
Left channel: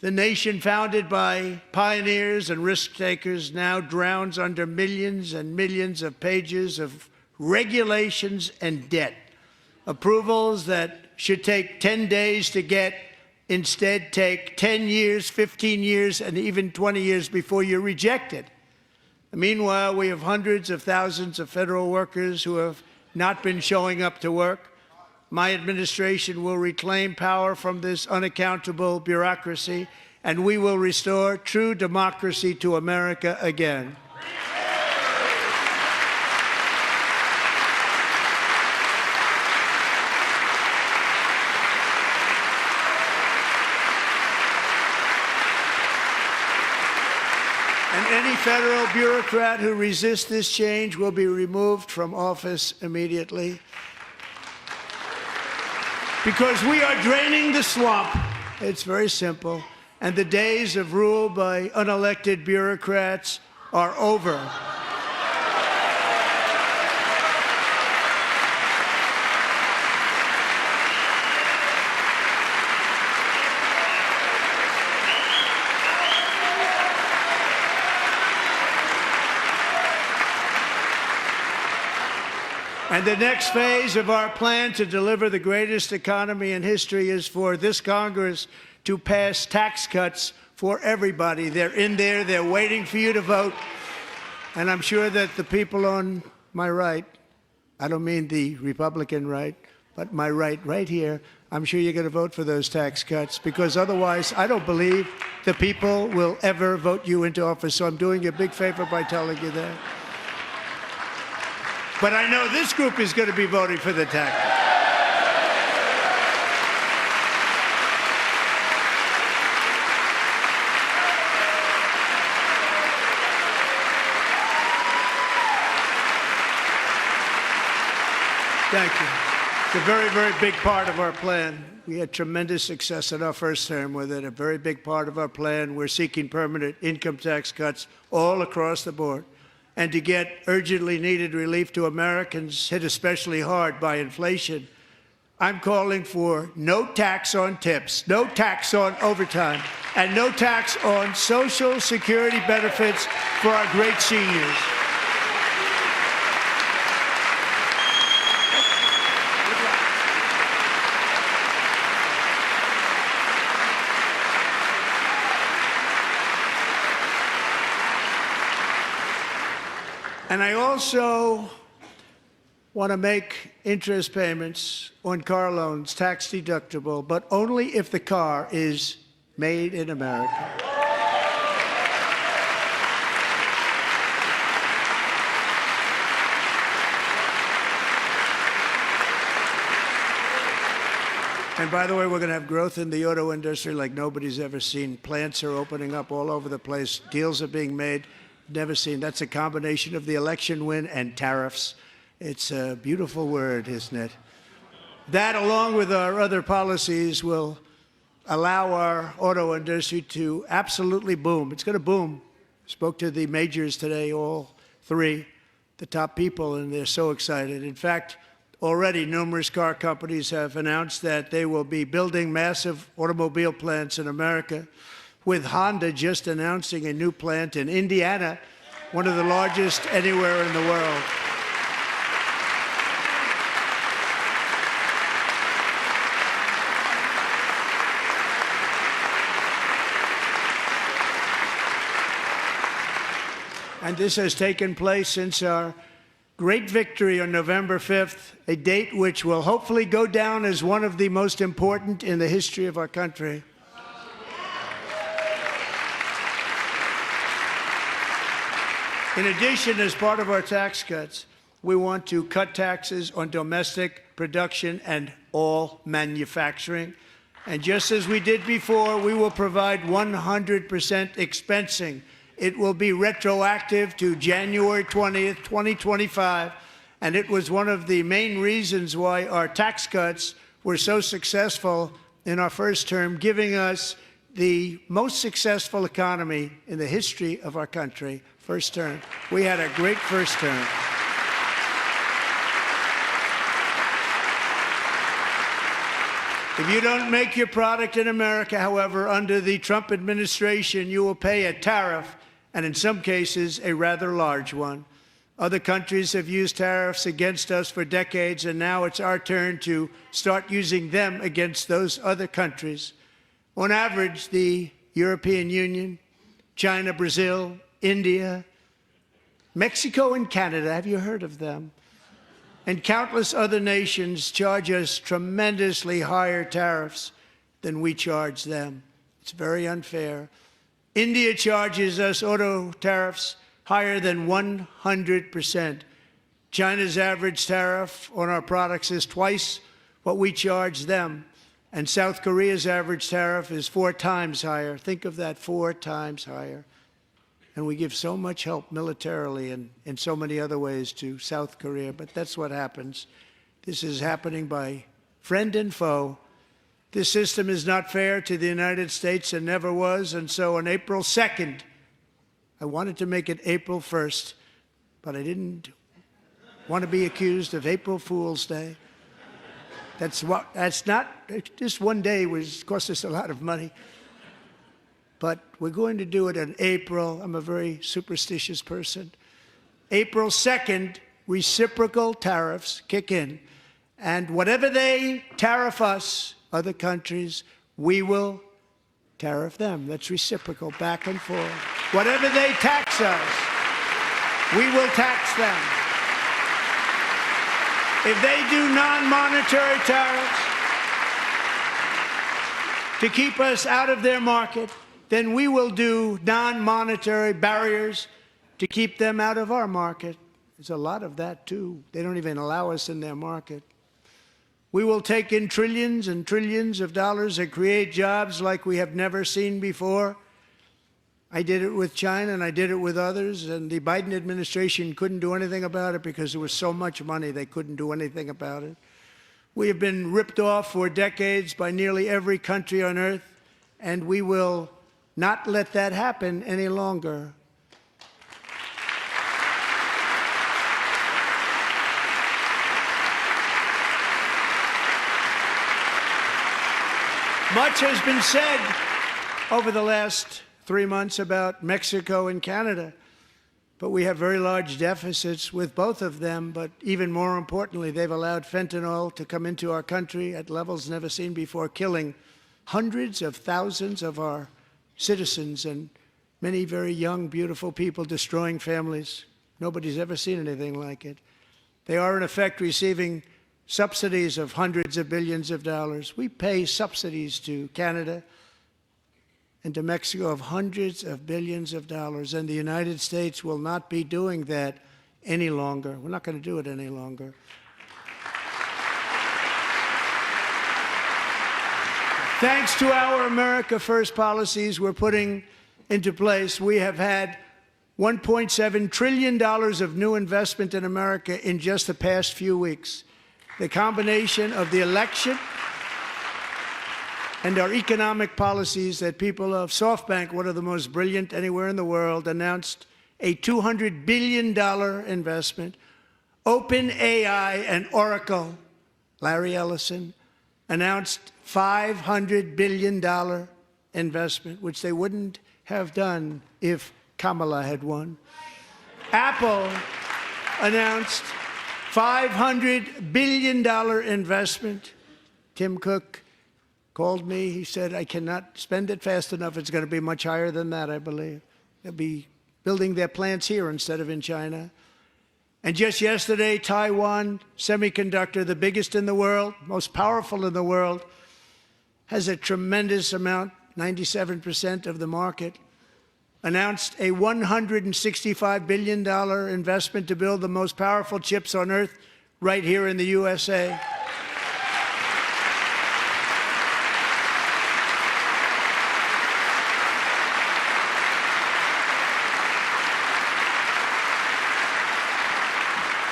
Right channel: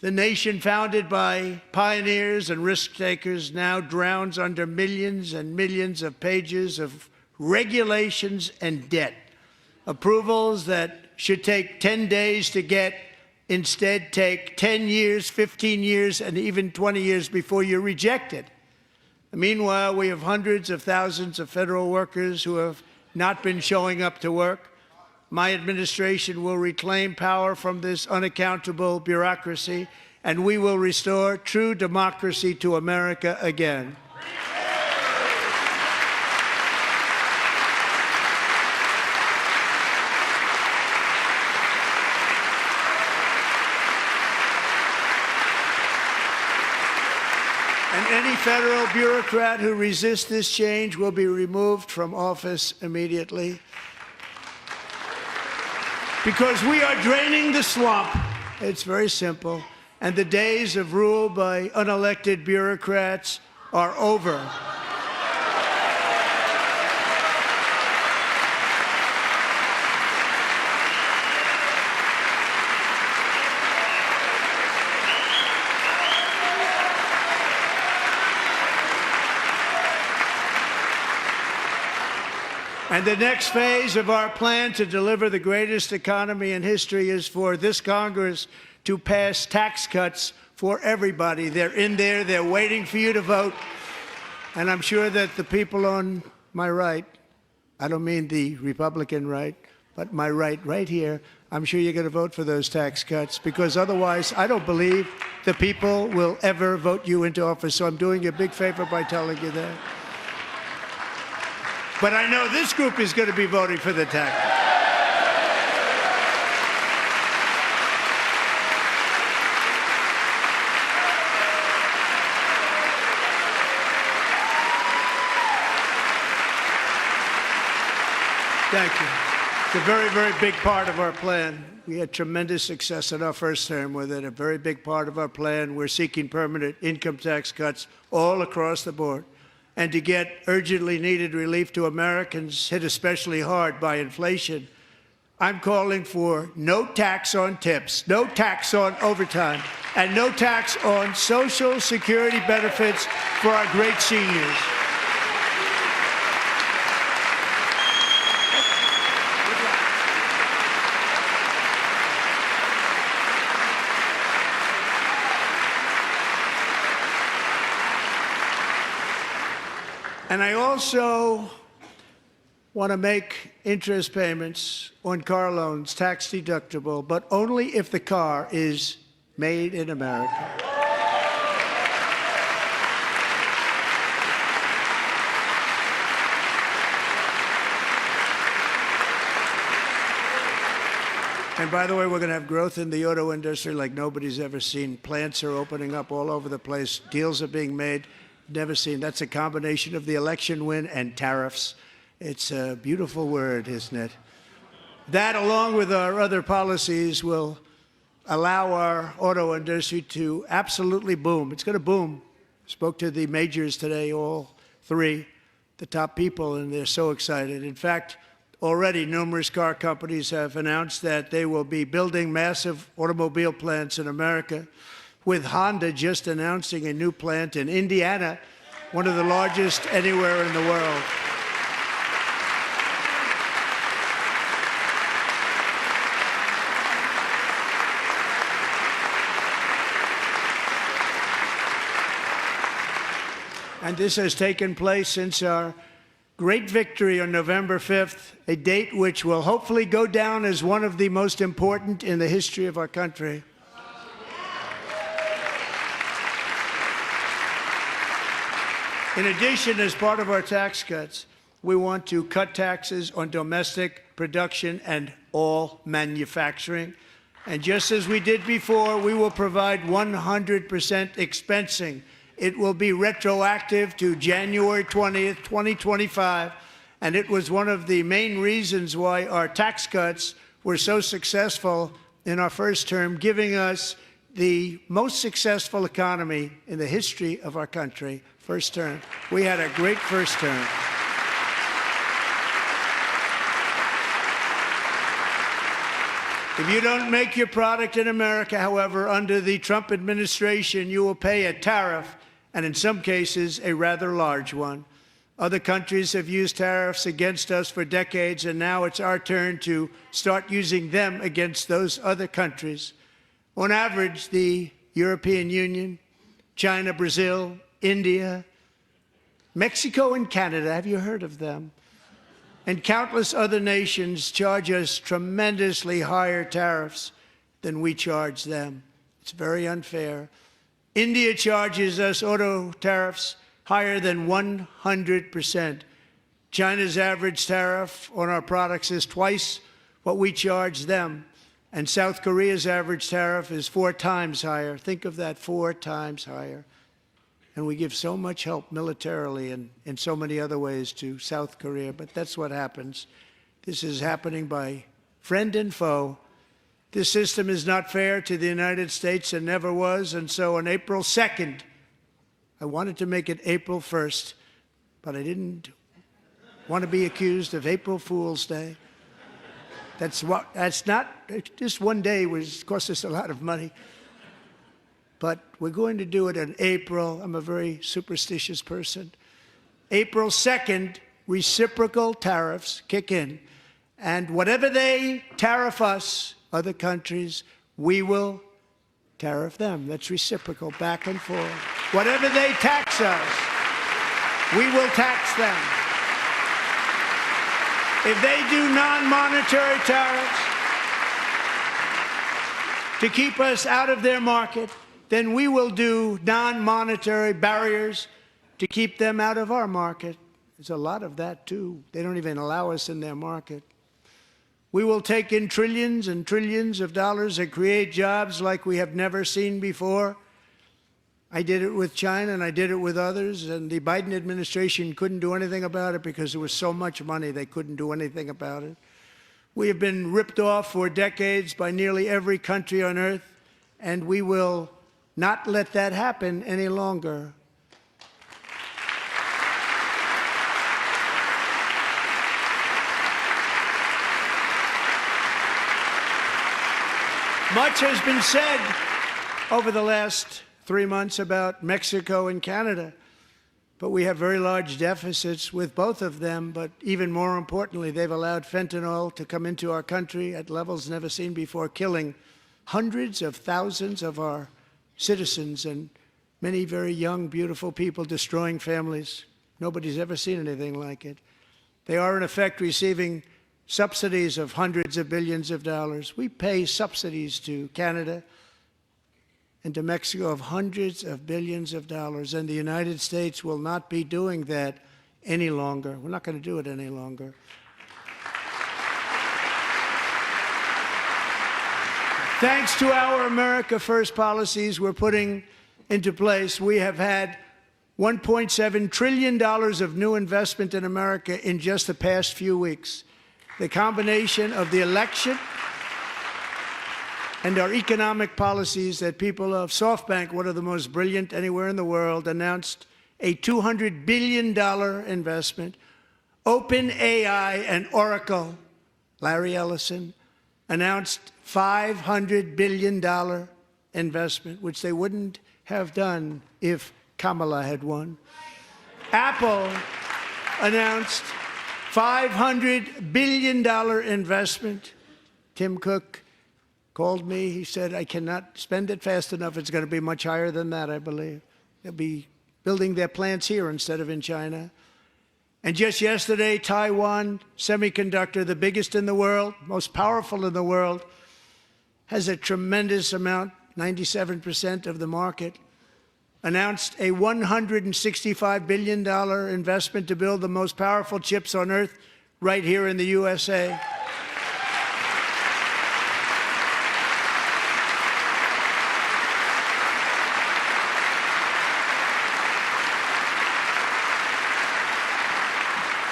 The nation founded by pioneers and risk-takers now drowns under millions and millions of pages of regulations and debt. Approvals that should take 10 days to get instead take 10 years, 15 years, and even 20 years before you're rejected. Meanwhile, we have hundreds of thousands of federal workers who have not been showing up to work. My administration will reclaim power from this unaccountable bureaucracy, and we will restore true democracy to America again. any federal bureaucrat who resists this change will be removed from office immediately. Because we are draining the swamp. It's very simple. And the days of rule by unelected bureaucrats are over. And the next phase of our plan to deliver the greatest economy in history is for this Congress to pass tax cuts for everybody. They're in there. They're waiting for you to vote. And I'm sure that the people on my right, I don't mean the Republican right, but my right here, I'm sure you're going to vote for those tax cuts, because otherwise I don't believe the people will ever vote you into office. So I'm doing you a big favor by telling you that. But I know this group is going to be voting for the tax. Thank you. It's a very, very big part of our plan. We had tremendous success in our first term with it. A very big part of our plan. We're seeking permanent income tax cuts all across the board. And to get urgently needed relief to Americans hit especially hard by inflation, I'm calling for no tax on tips, no tax on overtime, and no tax on Social Security benefits for our great seniors. And I also want to make interest payments on car loans tax deductible, but only if the car is made in America. And by the way, we're going to have growth in the auto industry like nobody's ever seen. Plants are opening up all over the place. Deals are being made. Never seen. That's a combination of the election win and tariffs. It's a beautiful word, isn't it? That, along with our other policies, will allow our auto industry to absolutely boom. It's going to boom. Spoke to the majors today, all three, the top people, and they're so excited. In fact, already numerous car companies have announced that they will be building massive automobile plants in America, with Honda just announcing a new plant in Indiana, one of the largest anywhere in the world. And this has taken place since our great victory on November 5th, a date which will hopefully go down as one of the most important in the history of our country. In addition, as part of our tax cuts, we want to cut taxes on domestic production and all manufacturing. And just as we did before, we will provide 100% expensing. It will be retroactive to January 20th, 2025. And it was one of the main reasons why our tax cuts were so successful in our first term, giving us the most successful economy in the history of our country. First term. We had a great first term. If you don't make your product in America, however, under the Trump administration, you will pay a tariff, and in some cases, a rather large one. Other countries have used tariffs against us for decades, and now it's our turn to start using them against those other countries. On average, the European Union, China, Brazil, India, Mexico, and Canada, have you heard of them? And countless other nations charge us tremendously higher tariffs than we charge them. It's very unfair. India charges us auto tariffs higher than 100%. China's average tariff on our products is twice what we charge them. And South Korea's average tariff is 4 times higher. Think of that, 4 times higher. And we give so much help militarily and in so many other ways to South Korea. But that's what happens. This is happening by friend and foe. This system is not fair to the United States and never was. And so on April 2nd, I wanted to make it April 1st, but I didn't want to be accused of April Fool's Day. That's not, just one day was cost us a lot of money. But we're going to do it in April. I'm a very superstitious person. April 2nd, reciprocal tariffs kick in. And whatever they tariff us, other countries, we will tariff them. That's reciprocal, back and forth. Whatever they tax us, we will tax them. If they do non-monetary tariffs to keep us out of their market, then we will do non-monetary barriers to keep them out of our market. There's a lot of that, too. They don't even allow us in their market. We will take in trillions and trillions of dollars and create jobs like we have never seen before. I did it with China, and I did it with others, and the Biden administration couldn't do anything about it because there was so much money they couldn't do anything about it. We have been ripped off for decades by nearly every country on earth, and we will not let that happen any longer. Much has been said over the last 3 months about Mexico and Canada, but we have very large deficits with both of them. But even more importantly, they've allowed fentanyl to come into our country at levels never seen before, killing hundreds of thousands of our citizens and many very young, beautiful people, destroying families. Nobody's ever seen anything like it. They are, in effect, receiving subsidies of hundreds of billions of dollars. We pay subsidies to Canada and to Mexico of hundreds of billions of dollars, and the United States will not be doing that any longer. We're not going to do it any longer. Thanks to our America First policies we're putting into place, we have had $1.7 trillion of new investment in America in just the past few weeks. The combination of the election and our economic policies that people of SoftBank, one of the most brilliant anywhere in the world, announced a $200 billion investment. OpenAI and Oracle, Larry Ellison, announced $500 billion investment, which they wouldn't have done if Kamala had won. Apple announced $500 billion investment. Tim Cook called me. He said, I cannot spend it fast enough. It's going to be much higher than that, I believe. They'll be building their plants here instead of in China. And just yesterday, Taiwan Semiconductor, the biggest in the world, most powerful in the world, has a tremendous amount, 97% of the market, announced a $165 billion investment to build the most powerful chips on earth right here in the USA.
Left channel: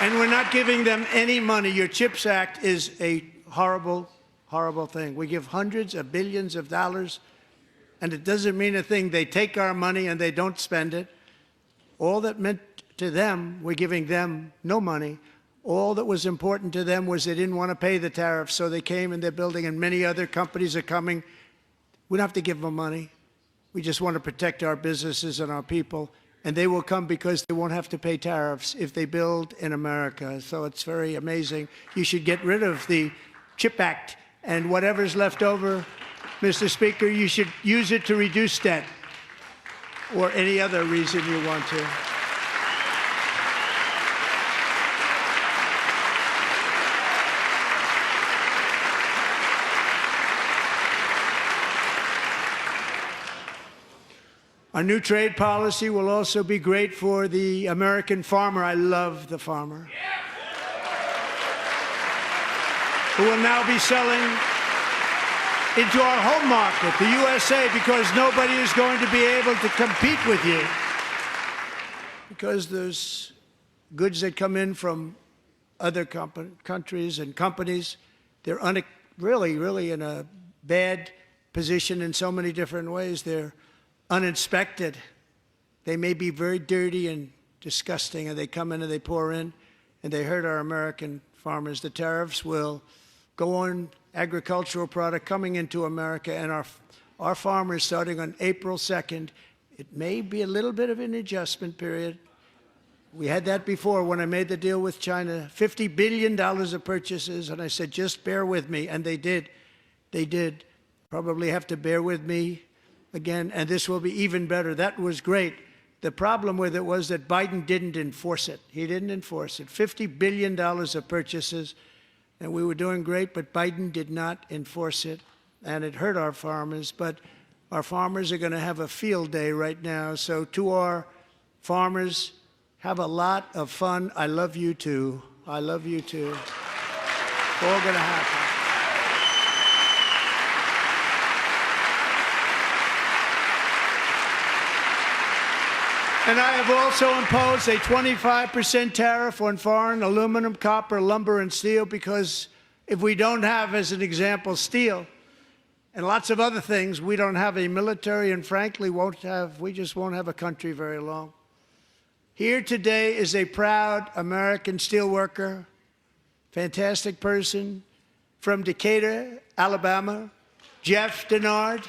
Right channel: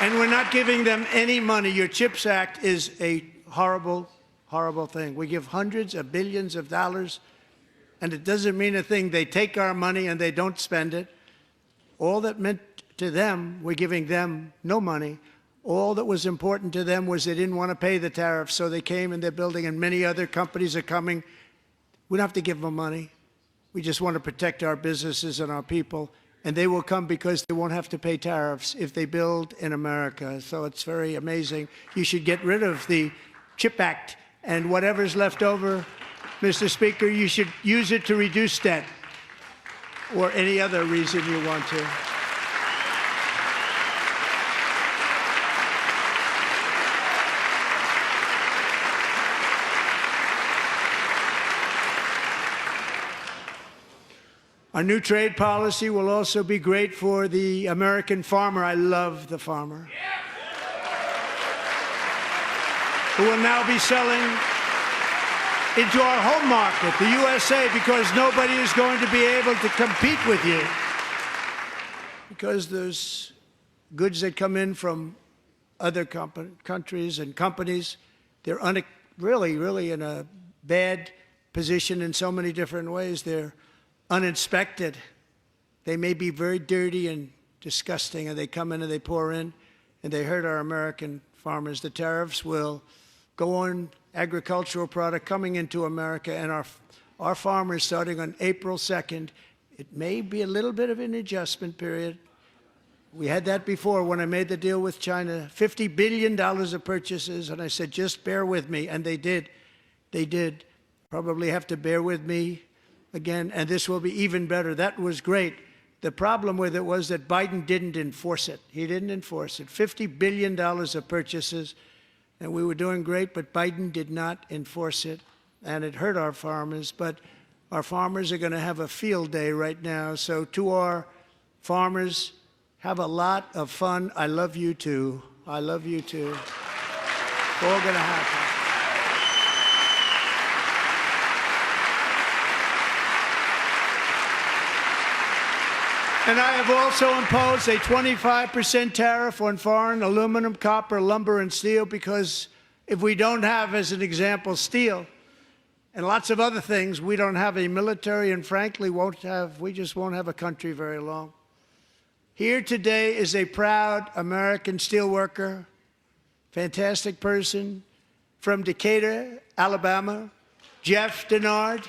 And we're not giving them any money. Your CHIPS Act is a horrible, horrible thing. We give hundreds of billions of dollars, and it doesn't mean a thing. They take our money and they don't spend it. All that meant to them, we're giving them no money. All that was important to them was they didn't want to pay the tariffs, so they came and they're building, and many other companies are coming. We don't have to give them money. We just want to protect our businesses and our people. And they will come because they won't have to pay tariffs if they build in America. So it's very amazing. You should get rid of the CHIP Act, and whatever's left over, Mr. Speaker, you should use it to reduce debt or any other reason you want to. Our new trade policy will also be great for the American farmer. I love the farmer, who will now be selling into our home market, the USA, because nobody is going to be able to compete with you. because there's goods that come in from other countries and companies. They're really in a bad position in so many different ways. They're uninspected. They may be very dirty and disgusting, and they come in and they pour in, and they hurt our American farmers. The tariffs will go on agricultural product coming into America, and our farmers, starting on April 2nd, it may be a little bit of an adjustment period. We had that before when I made the deal with China, $50 billion of purchases, and I said, just bear with me, and they did. They did. Probably have to bear with me again, and this will be even better. That was great. The problem with it was that Biden didn't enforce it. He didn't enforce it. $50 billion of purchases, and we were doing great, but Biden did not enforce it, and it hurt our farmers. But our farmers are going to have a field day right now. So to our farmers, have a lot of fun. I love you too. I love you too. It's all going to happen. And I have also imposed a 25% tariff on foreign aluminum, copper, lumber, and steel, because if we don't have, as an example, steel and lots of other things, we don't have a military, and frankly, we just won't have a country very long. Here today is a proud American steelworker, fantastic person from Decatur, Alabama. Jeff Denard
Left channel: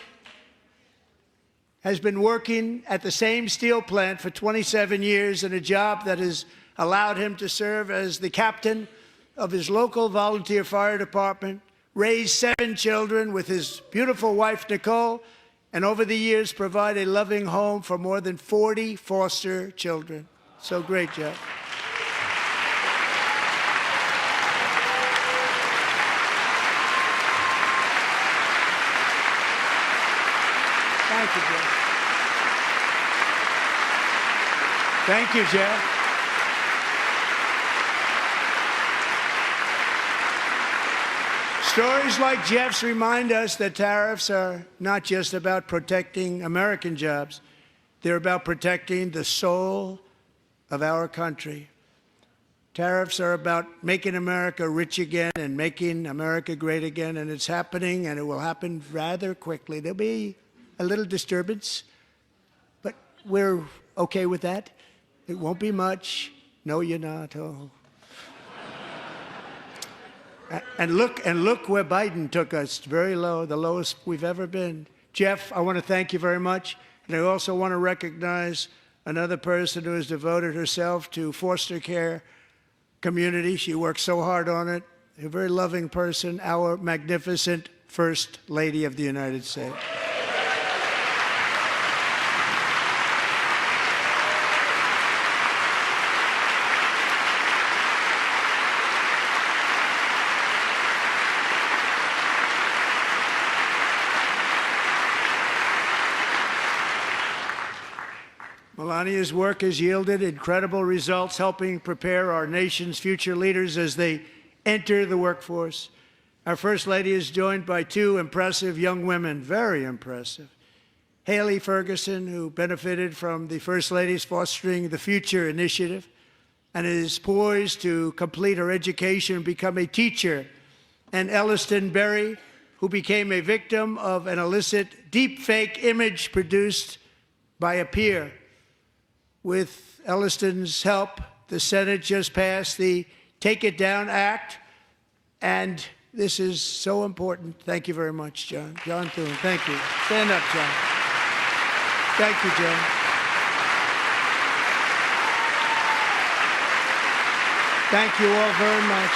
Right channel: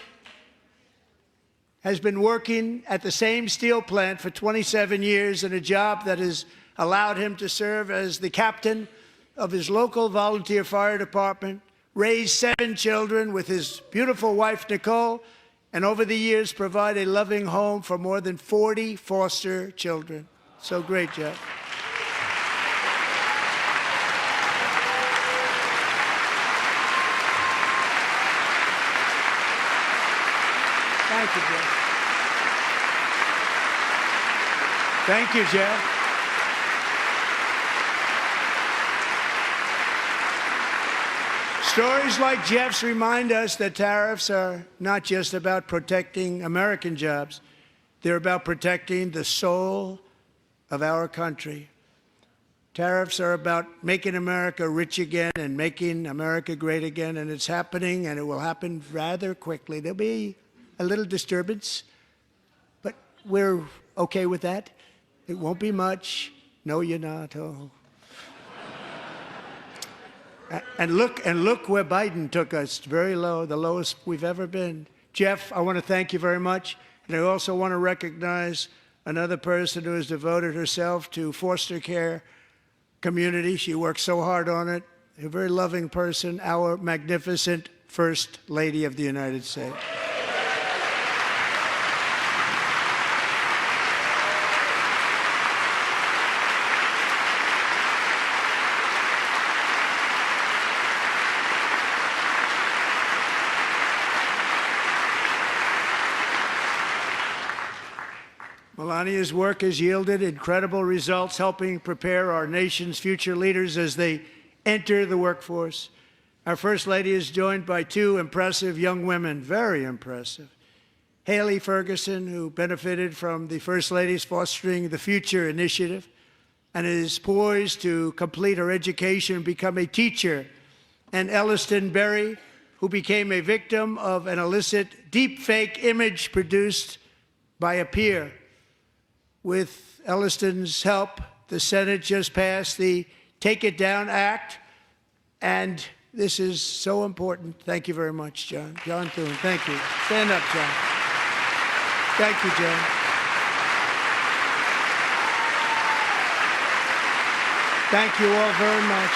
has been working at the same steel plant for 27 years in a job that has allowed him to serve as the captain of his local volunteer fire department, raise 7 children with his beautiful wife, Nicole, and over the years provide a loving home for more than 40 foster children. So great, Jeff. Thank you, Jeff. Thank you, Jeff. Stories like Jeff's remind us that tariffs are not just about protecting American jobs. They're about protecting the soul of our country. Tariffs are about making America rich again and making America great again, and it's happening, and it will happen rather quickly. There'll be a little disturbance, but we're okay with that. It won't be much. No, you're not. Oh. And look where Biden took us, very low, the lowest we've ever been. Jeff, I want to thank you very much. And I also want to recognize another person who has devoted herself to foster care community. She works so hard on it. A very loving person, our magnificent First Lady of the United States. Melania's work has yielded incredible results, helping prepare our nation's future leaders as they enter the workforce. Our First Lady is joined by 2 impressive young women, very impressive. Haley Ferguson, who benefited from the First Lady's Fostering the Future initiative and is poised to complete her education and become a teacher. And Elliston Berry, who became a victim of an illicit deepfake image produced by a peer. With Elliston's help, the Senate just passed the Take It Down Act, and this is so important. Thank you very much, John. John Thune, thank you. Stand up, John. Thank you, John. Thank you all very much.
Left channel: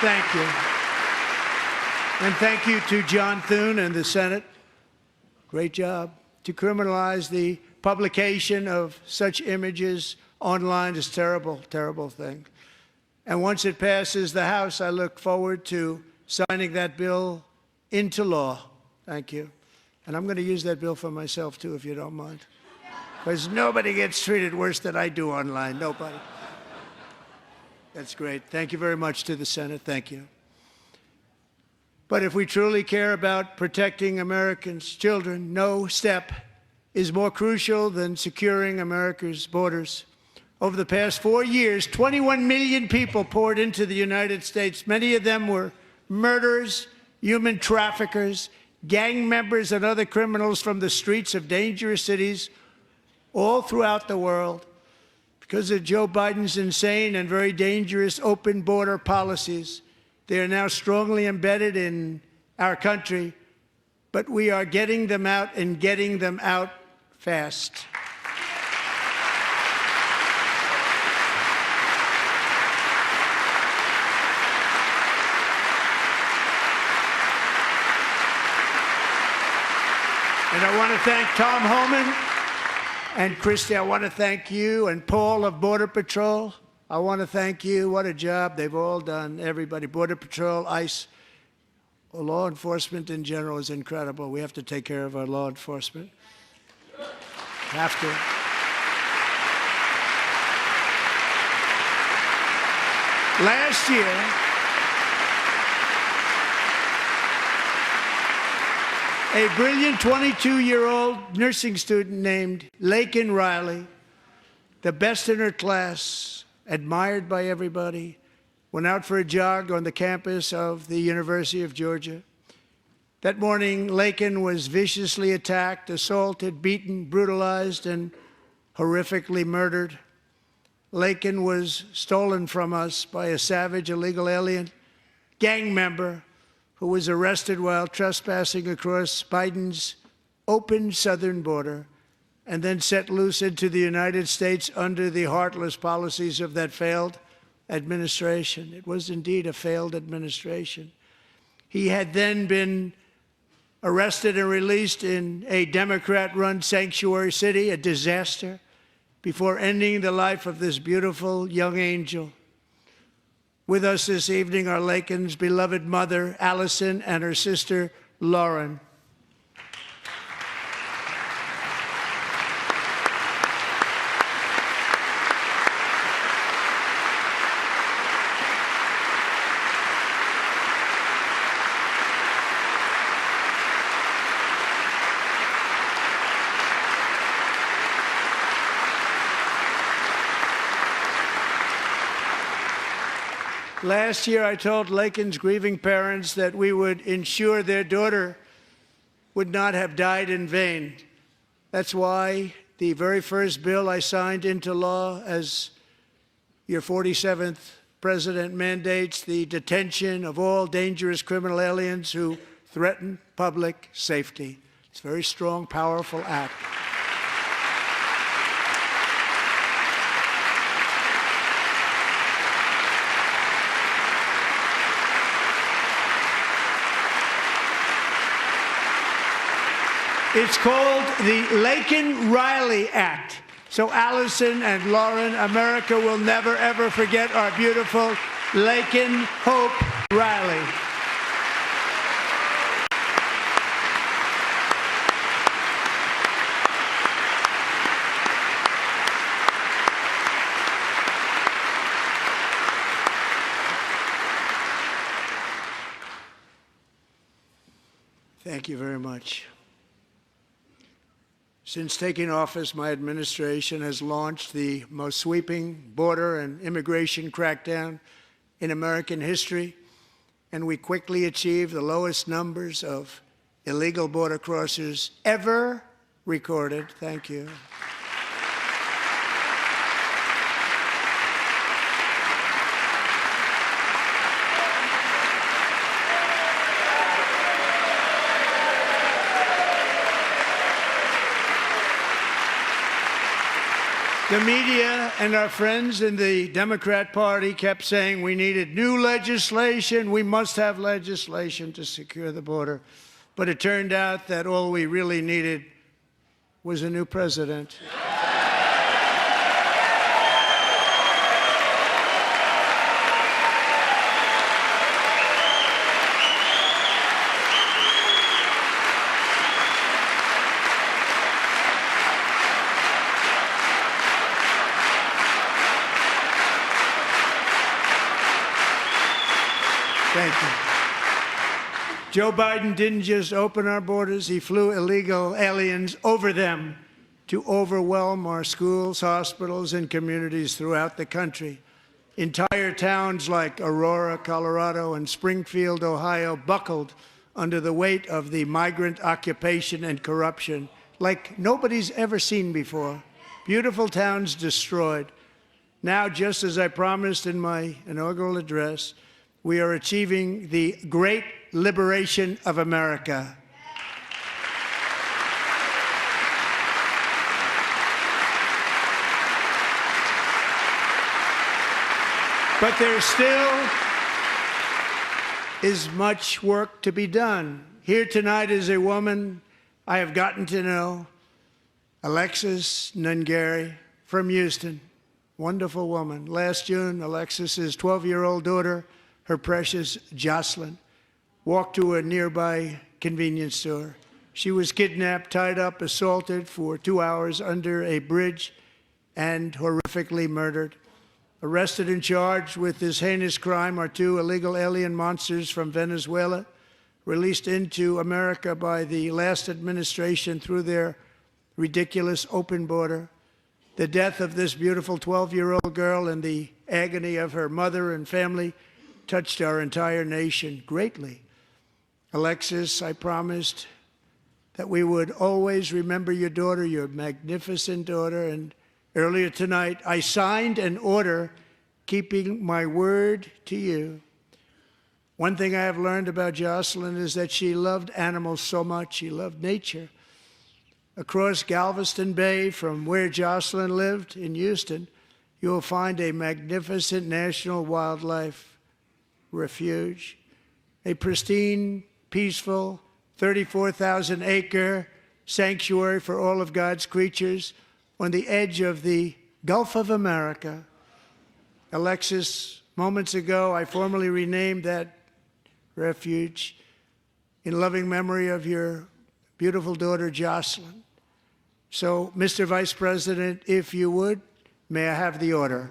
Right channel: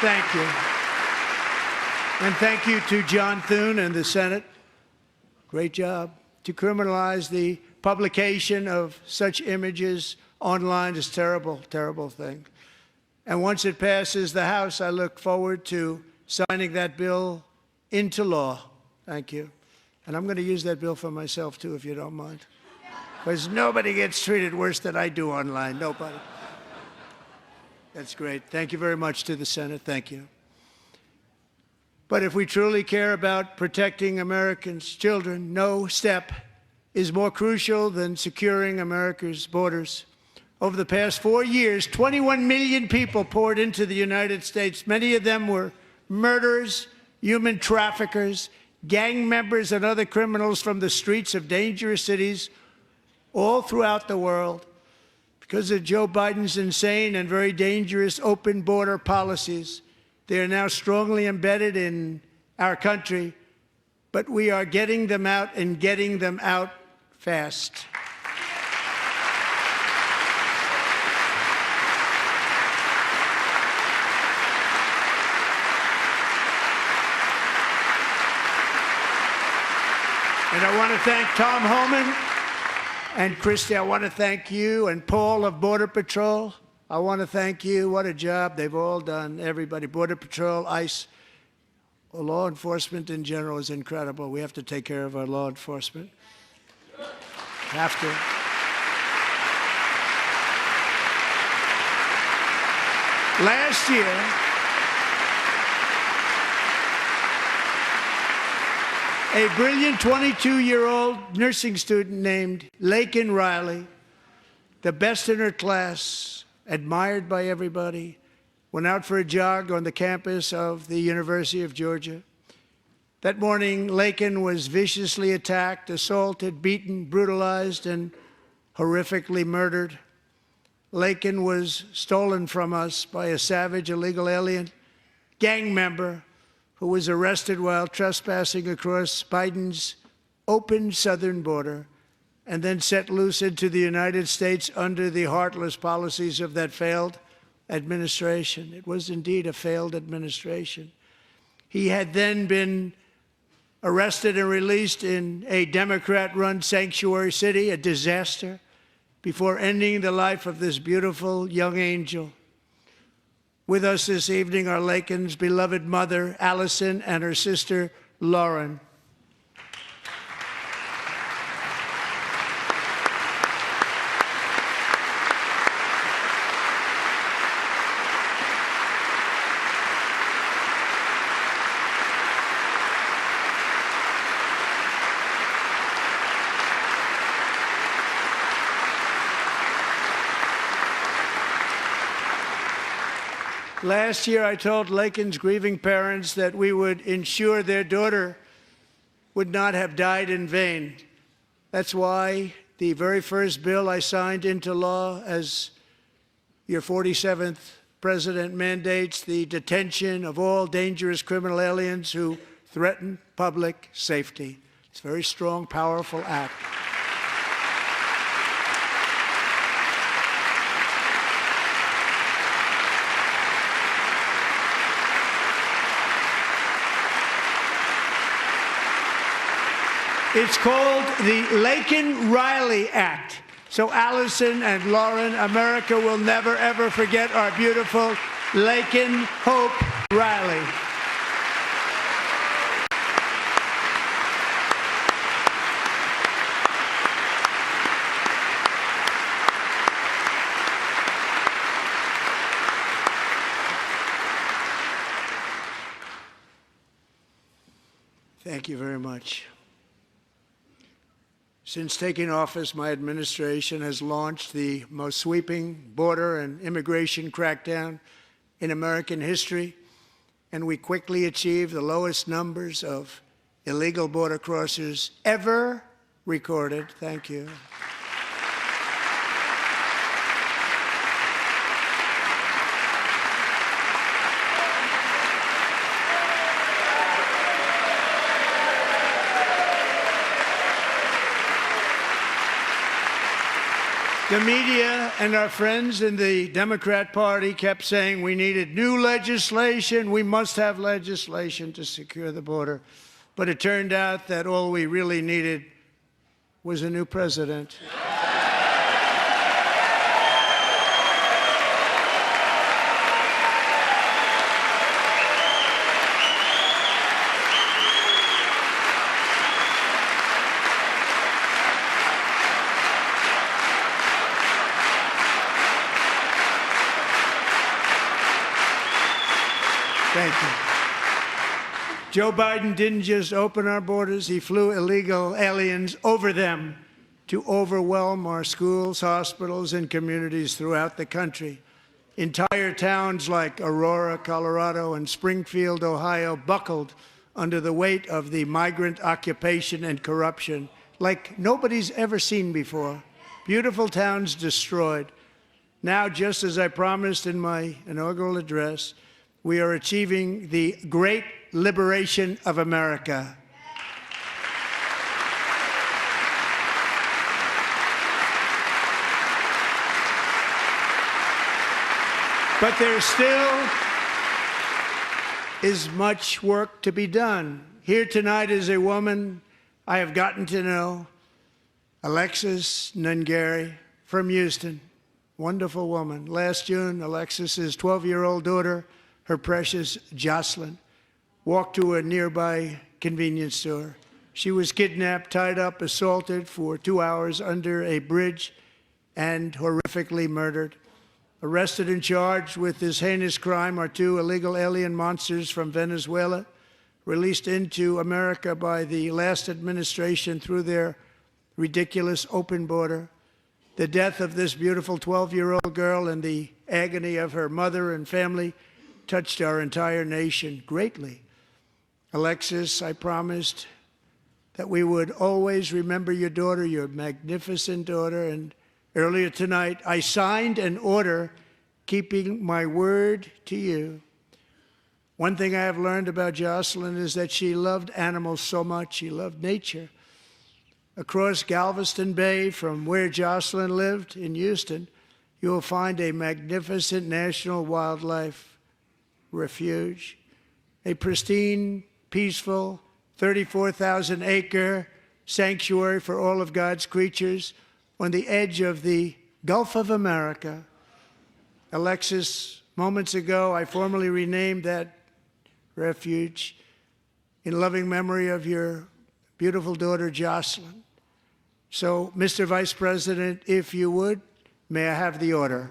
Thank you. And thank you to John Thune and the Senate. Great job. To criminalize the publication of such images online is terrible, terrible thing. And once it passes the House, I look forward to signing that bill into law. Thank you. And I'm going to use that bill for myself, too, if you don't mind. Because nobody gets treated worse than I do online. Nobody. That's great. Thank you very much to the Senate. Thank you. But if we truly care about protecting Americans' children, no step is more crucial than securing America's borders. Over the past 4 years, 21 million people poured into the United States. Many of them were murderers, human traffickers, gang members, and other criminals from the streets of dangerous cities all throughout the world. Because of Joe Biden's insane and very dangerous open border policies, they are now strongly embedded in our country, but we are getting them out and getting them out fast. And I want to thank Tom Homan and Christy. I want to thank you and Paul of Border Patrol. I want to thank you. What a job they've all done, everybody. Border Patrol, ICE, law enforcement in general is incredible. We have to take care of our law enforcement. Have to. Last year, a brilliant 22-year-old nursing student named Laken Riley, the best in her class, admired by everybody, went out for a jog on the campus of the University of Georgia. That morning, Laken was viciously attacked, assaulted, beaten, brutalized, and horrifically murdered. Laken was stolen from us by a savage illegal alien gang member who was arrested while trespassing across Biden's open southern border and then set loose into the United States under the heartless policies of that failed administration. It was indeed a failed administration. He had then been arrested and released in a Democrat-run sanctuary city, a disaster, before ending the life of this beautiful young angel. With us this evening are Laken's beloved mother, Allison, and her sister, Lauren. Last year, I told Laken's grieving parents that we would ensure their daughter would not have died in vain. That's why the very first bill I signed into law as your 47th president mandates the detention of all dangerous criminal aliens who threaten public safety. It's a very strong, powerful act. It's called the Laken Riley Act. So Allison and Lauren, America will never, ever forget our beautiful Laken Hope Riley. Thank you very much. Since taking office, my administration has launched the most sweeping border and immigration crackdown in American history, and we quickly achieved the lowest numbers of illegal border crossers ever recorded. Thank you. The media and our friends in the Democrat Party kept saying we needed new legislation. We must have legislation to secure the border. But it turned out that all we really needed was a new president. Thank you. Joe Biden didn't just open our borders, he flew illegal aliens over them to overwhelm our schools, hospitals, and communities throughout the country. Entire towns like Aurora, Colorado, and Springfield, Ohio, buckled under the weight of the migrant occupation and corruption like nobody's ever seen before. Beautiful towns destroyed. Now, just as I promised in my inaugural address, we are achieving the great liberation of America. But there still is much work to be done. Here tonight is a woman I have gotten to know, Alexis Nungari from Houston. Wonderful woman. Last June, Alexis's 12-year-old daughter, her precious Jocelyn, walked to a nearby convenience store. She was kidnapped, tied up, assaulted for 2 hours under a bridge, and horrifically murdered. Arrested and charged with this heinous crime are 2 illegal alien monsters from Venezuela, released into America by the last administration through their ridiculous open border. The death of this beautiful 12-year-old girl and the agony of her mother and family touched our entire nation greatly. Alexis, I promised that we would always remember your daughter, your magnificent daughter, and earlier tonight, I signed an order keeping my word to you. One thing I have learned about Jocelyn is that she loved animals so much. She loved nature. Across Galveston Bay, from where Jocelyn lived in Houston, you will find a magnificent national wildlife refuge, a pristine, peaceful, 34,000-acre sanctuary for all of God's creatures on the edge of the Gulf of America. Alexis, moments ago, I formally renamed that refuge in loving memory of your beautiful daughter, Jocelyn. So, Mr. Vice President, if you would, may I have the order?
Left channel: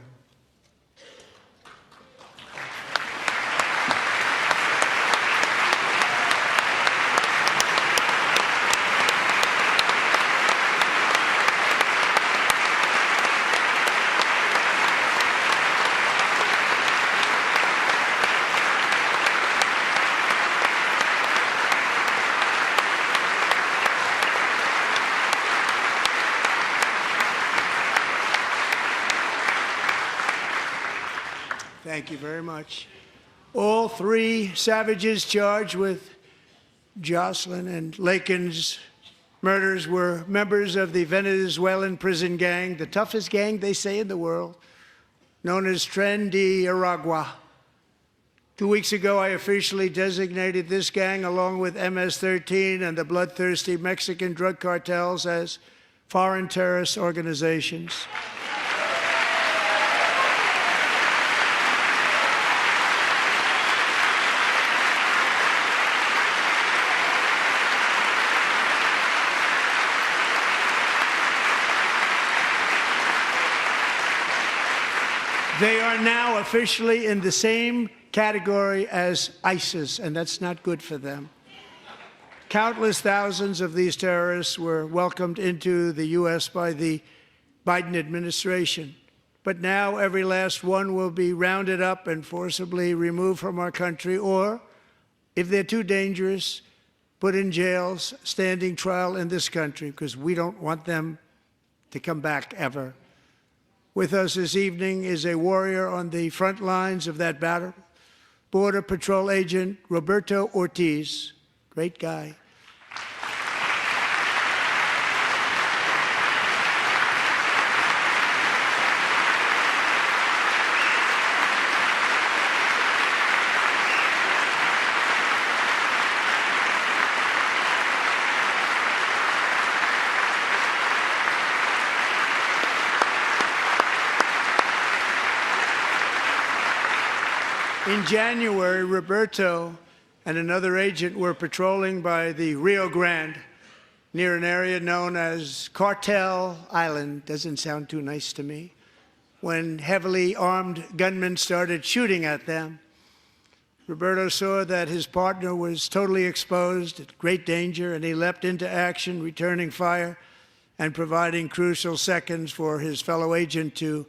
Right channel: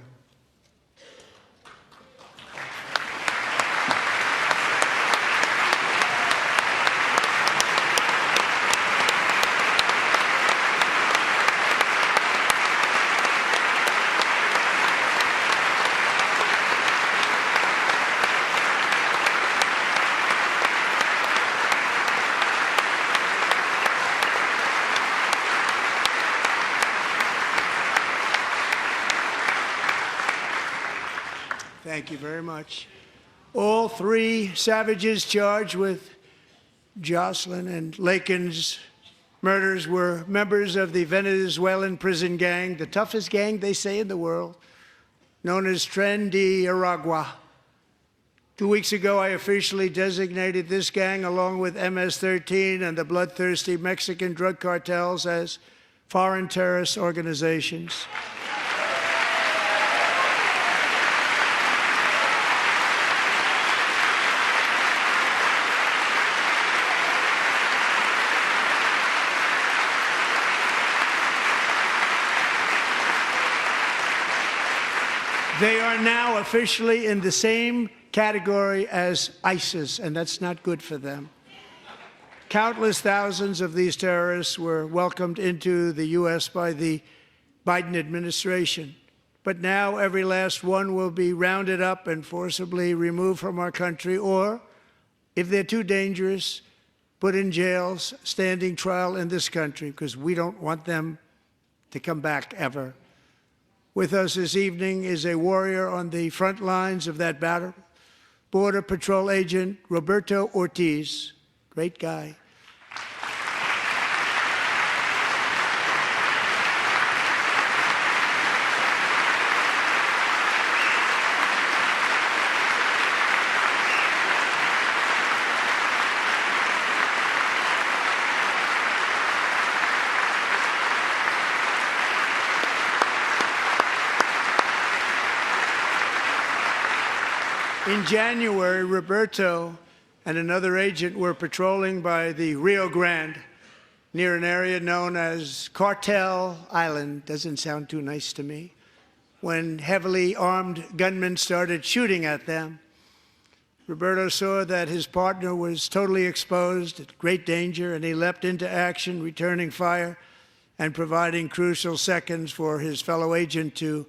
Thank you very much. All 3 savages charged with Jocelyn and Lakin's murders were members of the Venezuelan prison gang, the toughest gang, they say, in the world, known as Tren de Aragua. 2 weeks ago, I officially designated this gang, along with MS-13 and the bloodthirsty Mexican drug cartels, as foreign terrorist organizations. They are now officially in the same category as ISIS, and that's not good for them. Countless thousands of these terrorists were welcomed into the U.S. by the Biden administration. But now every last one will be rounded up and forcibly removed from our country, or, if they're too dangerous, put in jails, standing trial in this country, because we don't want them to come back ever. With us this evening is a warrior on the front lines of that battle, Border Patrol Agent Roberto Ortiz. Great guy. In January, Roberto and another agent were patrolling by the Rio Grande near an area known as Cartel Island. Doesn't sound too nice to me. When heavily armed gunmen started shooting at them. Roberto saw that his partner was totally exposed, at great danger, and he leapt into action, returning fire and providing crucial seconds for his fellow agent to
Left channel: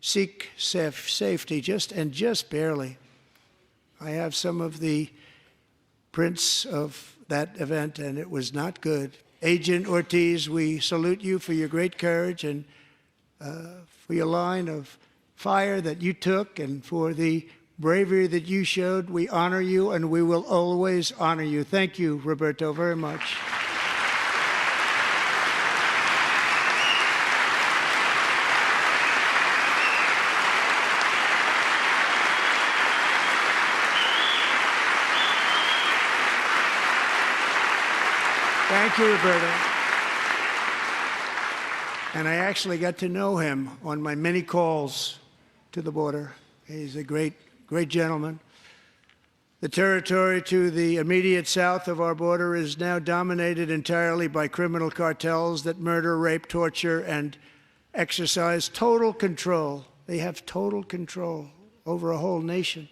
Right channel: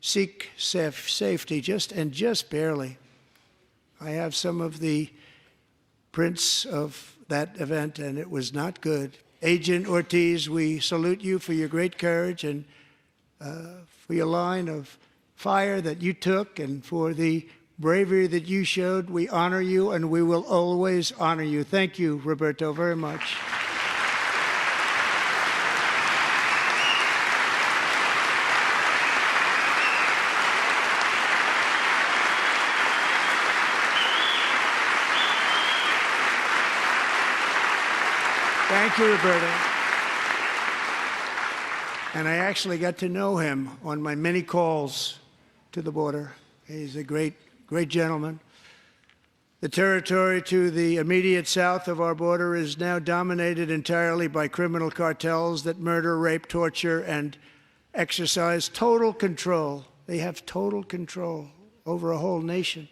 seek safety, just barely. I have some of the prints of that event, and it was not good. Agent Ortiz, we salute you for your great courage and for your line of fire that you took and for the bravery that you showed. We honor you, and we will always honor you. Thank you, Roberto, very much. Thank you, Roberto. And I actually got to know him on my many calls to the border. He's a great gentleman. The territory to the immediate south of our border is now dominated entirely by criminal cartels that murder, rape, torture, and exercise total control. They have total control over a whole nation,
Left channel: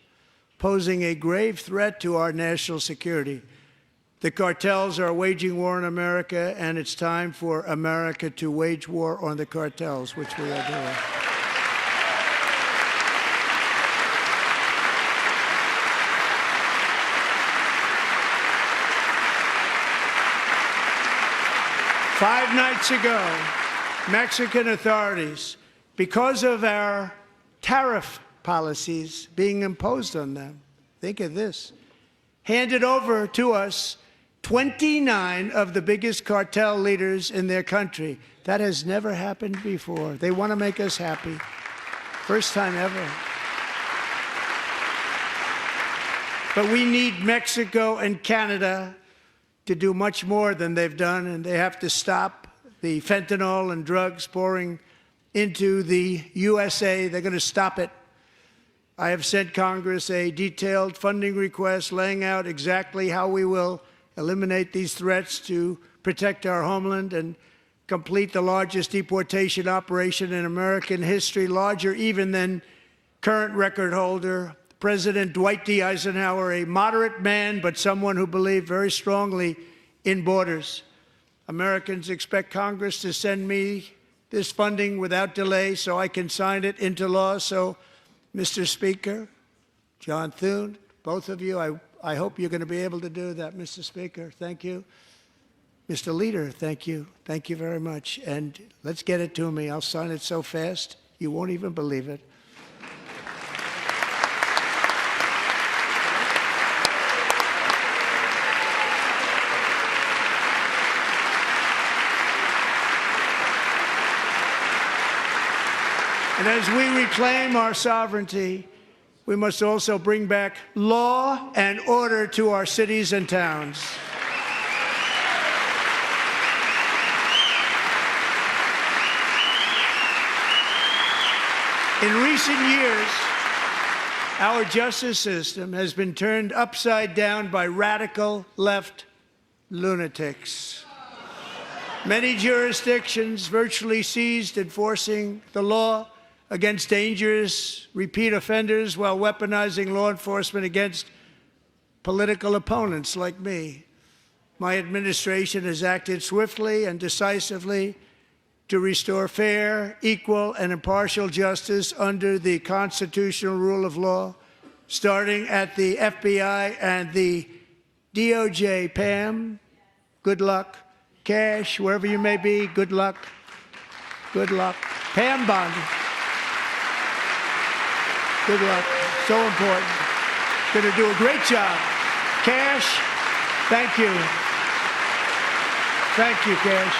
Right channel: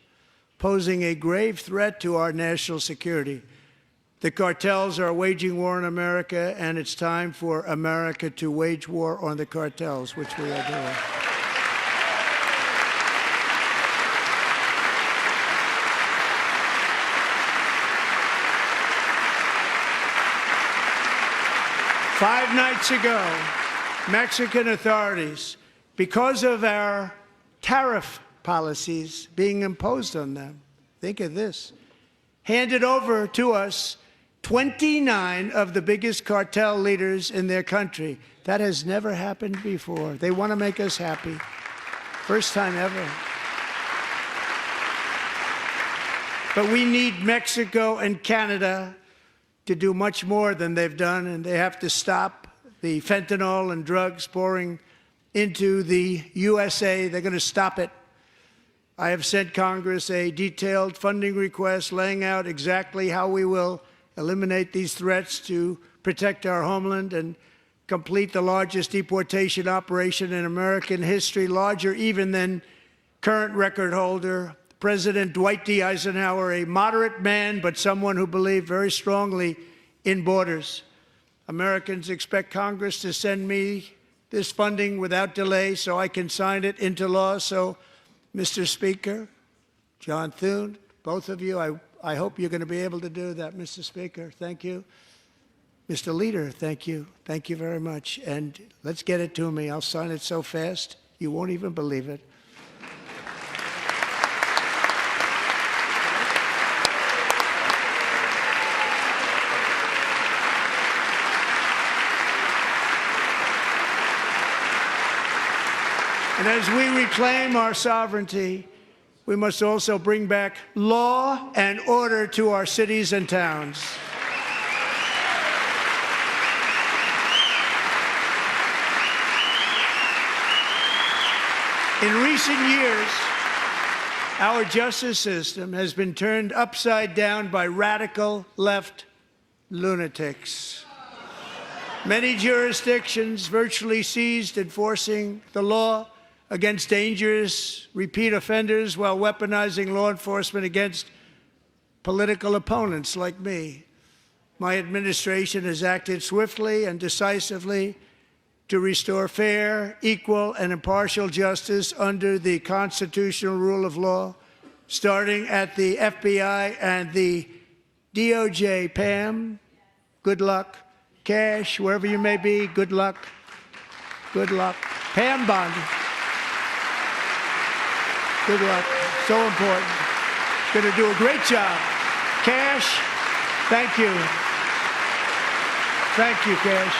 posing a grave threat to our national security. The cartels are waging war in America, and it's time for America to wage war on the cartels, which we are doing. Five nights ago, Mexican authorities, because of our tariff policies being imposed on them, think of this, handed over to us 29 of the biggest cartel leaders in their country. That has never happened before. They want to make us happy. First time ever. But we need Mexico and Canada to do much more than they've done, and they have to stop the fentanyl and drugs pouring into the USA. They're going to stop it. I have sent Congress a detailed funding request laying out exactly how we will eliminate these threats to protect our homeland and complete the largest deportation operation in American history, larger even than current record holder President Dwight D. Eisenhower, a moderate man, but someone who believed very strongly in borders. Americans expect Congress to send me this funding without delay so I can sign it into law. So, Mr. Speaker, John Thune, both of you, I hope you're going to be able to do that, Mr. Speaker. Thank you. Mr. Leader, thank you. Thank you very much. And let's get it to me. I'll sign it so fast, you won't even believe it. And as we reclaim our sovereignty, we must also bring back law and order to our cities and towns. In recent years, our justice system has been turned upside down by radical left lunatics. Many jurisdictions virtually ceased enforcing the law against dangerous repeat offenders while weaponizing law enforcement against political opponents like me. My administration has acted swiftly and decisively to restore fair, equal, and impartial justice under the constitutional rule of law, starting at the FBI and the DOJ. Pam, good luck. Cash, wherever you may be, good luck. Good luck. Pam Bondi. Good luck. So important. Going to do a great job. Cash, thank you. Thank you, Cash.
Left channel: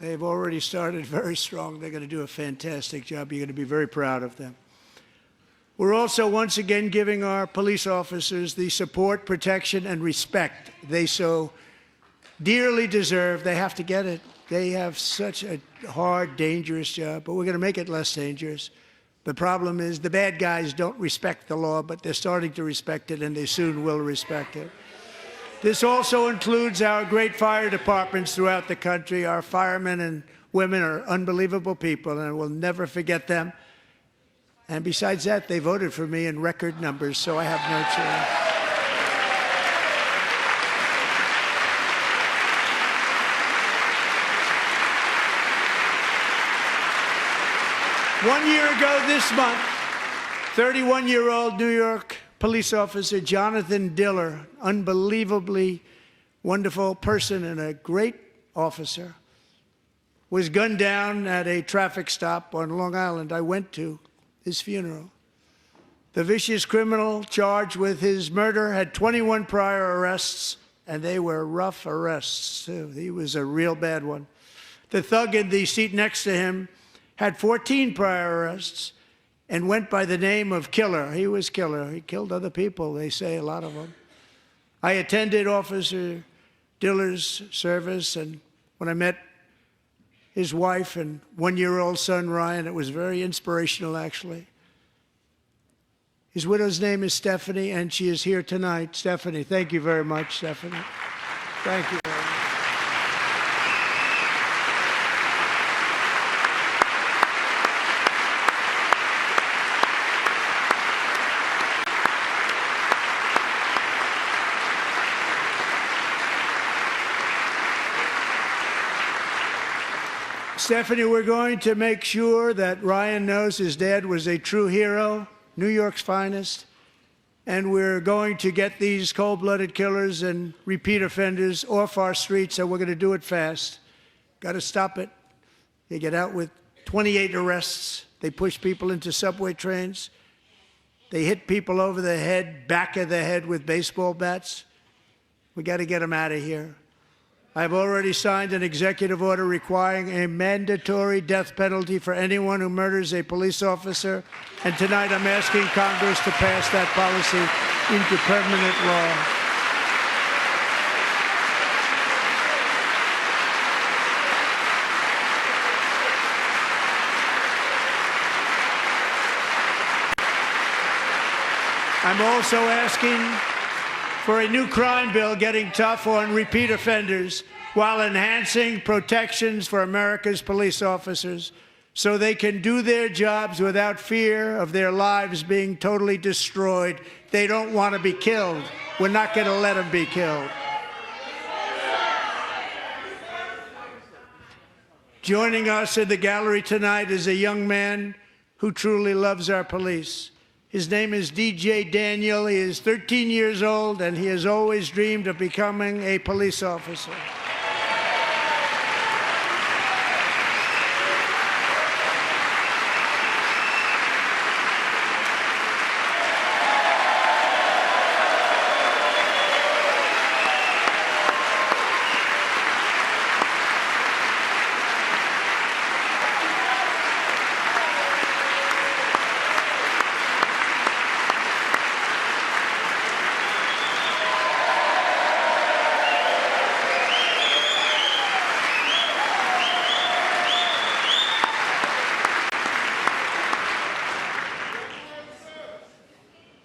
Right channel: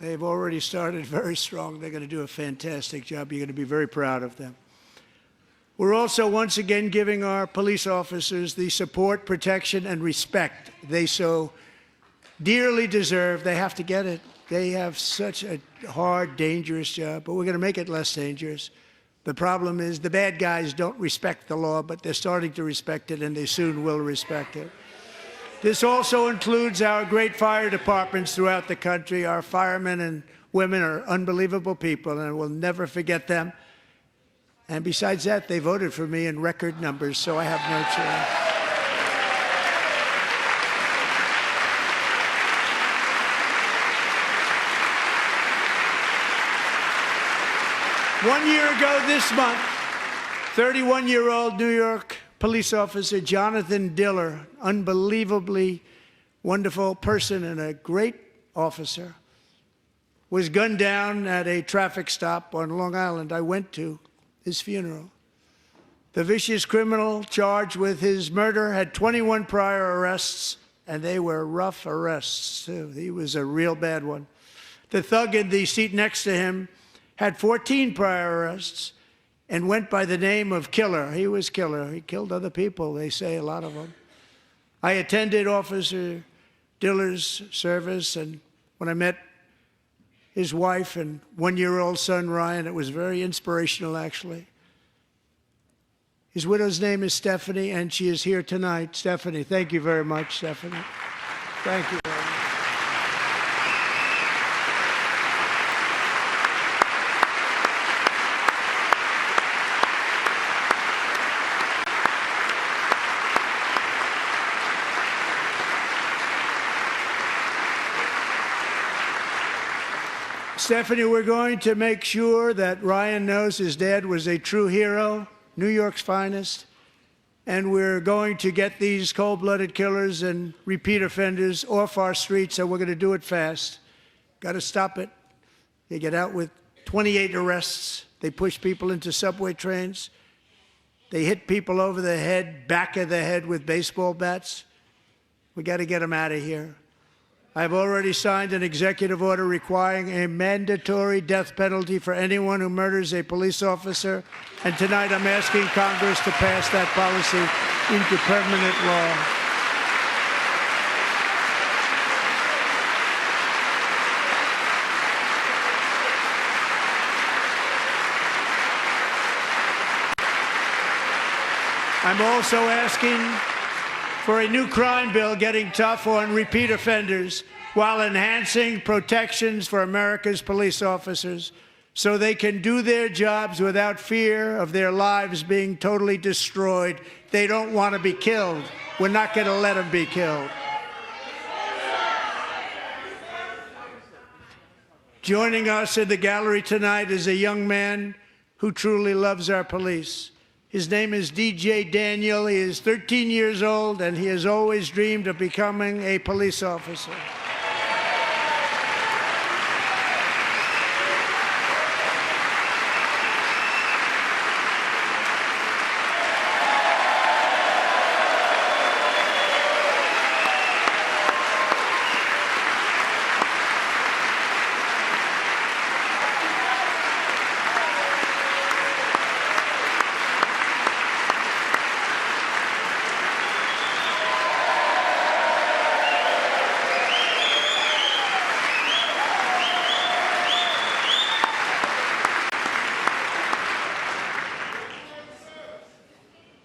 They've already started very strong. They're going to do a fantastic job. You're going to be very proud of them. We're also once again giving our police officers the support, protection, and respect they so dearly deserve. They have to get it. They have such a hard, dangerous job, but we're going to make it less dangerous. The problem is the bad guys don't respect the law, but they're starting to respect it, and they soon will respect it. This also includes our great fire departments throughout the country. Our firemen and women are unbelievable people, and we'll never forget them. And besides that, they voted for me in record numbers, so I have no choice. 1 year ago this month, 31-year-old New York police officer Jonathan Diller, unbelievably wonderful person and a great officer, was gunned down at a traffic stop on Long Island. I went to his funeral. The vicious criminal charged with his murder had 21 prior arrests, and they were rough arrests, too. He was a real bad one. The thug in the seat next to him had 14 prior arrests and went by the name of Killer. He was Killer. He killed other people, they say, a lot of them. I attended Officer Diller's service, and when I met his wife and one-year-old son, Ryan, it was very inspirational, actually. His widow's name is Stephanie, and she is here tonight. Stephanie, thank you very much, Stephanie. Thank you very much. Stephanie, we're going to make sure that Ryan knows his dad was a true hero, New York's finest, and we're going to get these cold-blooded killers and repeat offenders off our streets, and we're going to do it fast. Got to stop it. They get out with 28 arrests. They push people into subway trains. They hit people over the head, back of the head with baseball bats. We got to get them out of here. I've already signed an executive order requiring a mandatory death penalty for anyone who murders a police officer, and tonight I'm asking Congress to pass that policy into permanent law. I'm also asking for a new crime bill getting tough on repeat offenders while enhancing protections for America's police officers so they can do their jobs without fear of their lives being totally destroyed. They don't want to be killed. We're not going to let them be killed. Joining us in the gallery tonight is a young man who truly loves our police. His name is DJ Daniel. He is 13 years old, and he has always dreamed of becoming a police officer.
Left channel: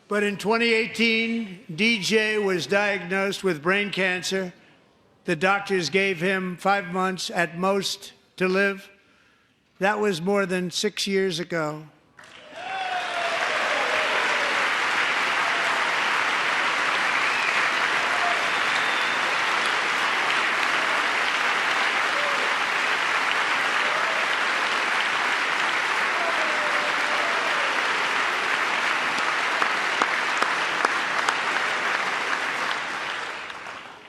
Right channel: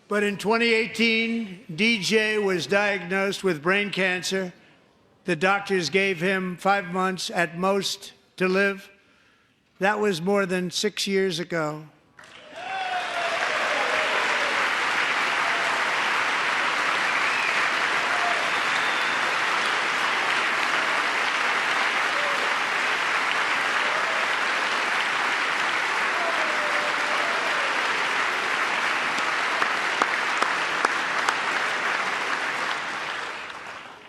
But in 2018, DJ was diagnosed with brain cancer. The doctors gave him 5 months at most to live. That was more than 6 years ago.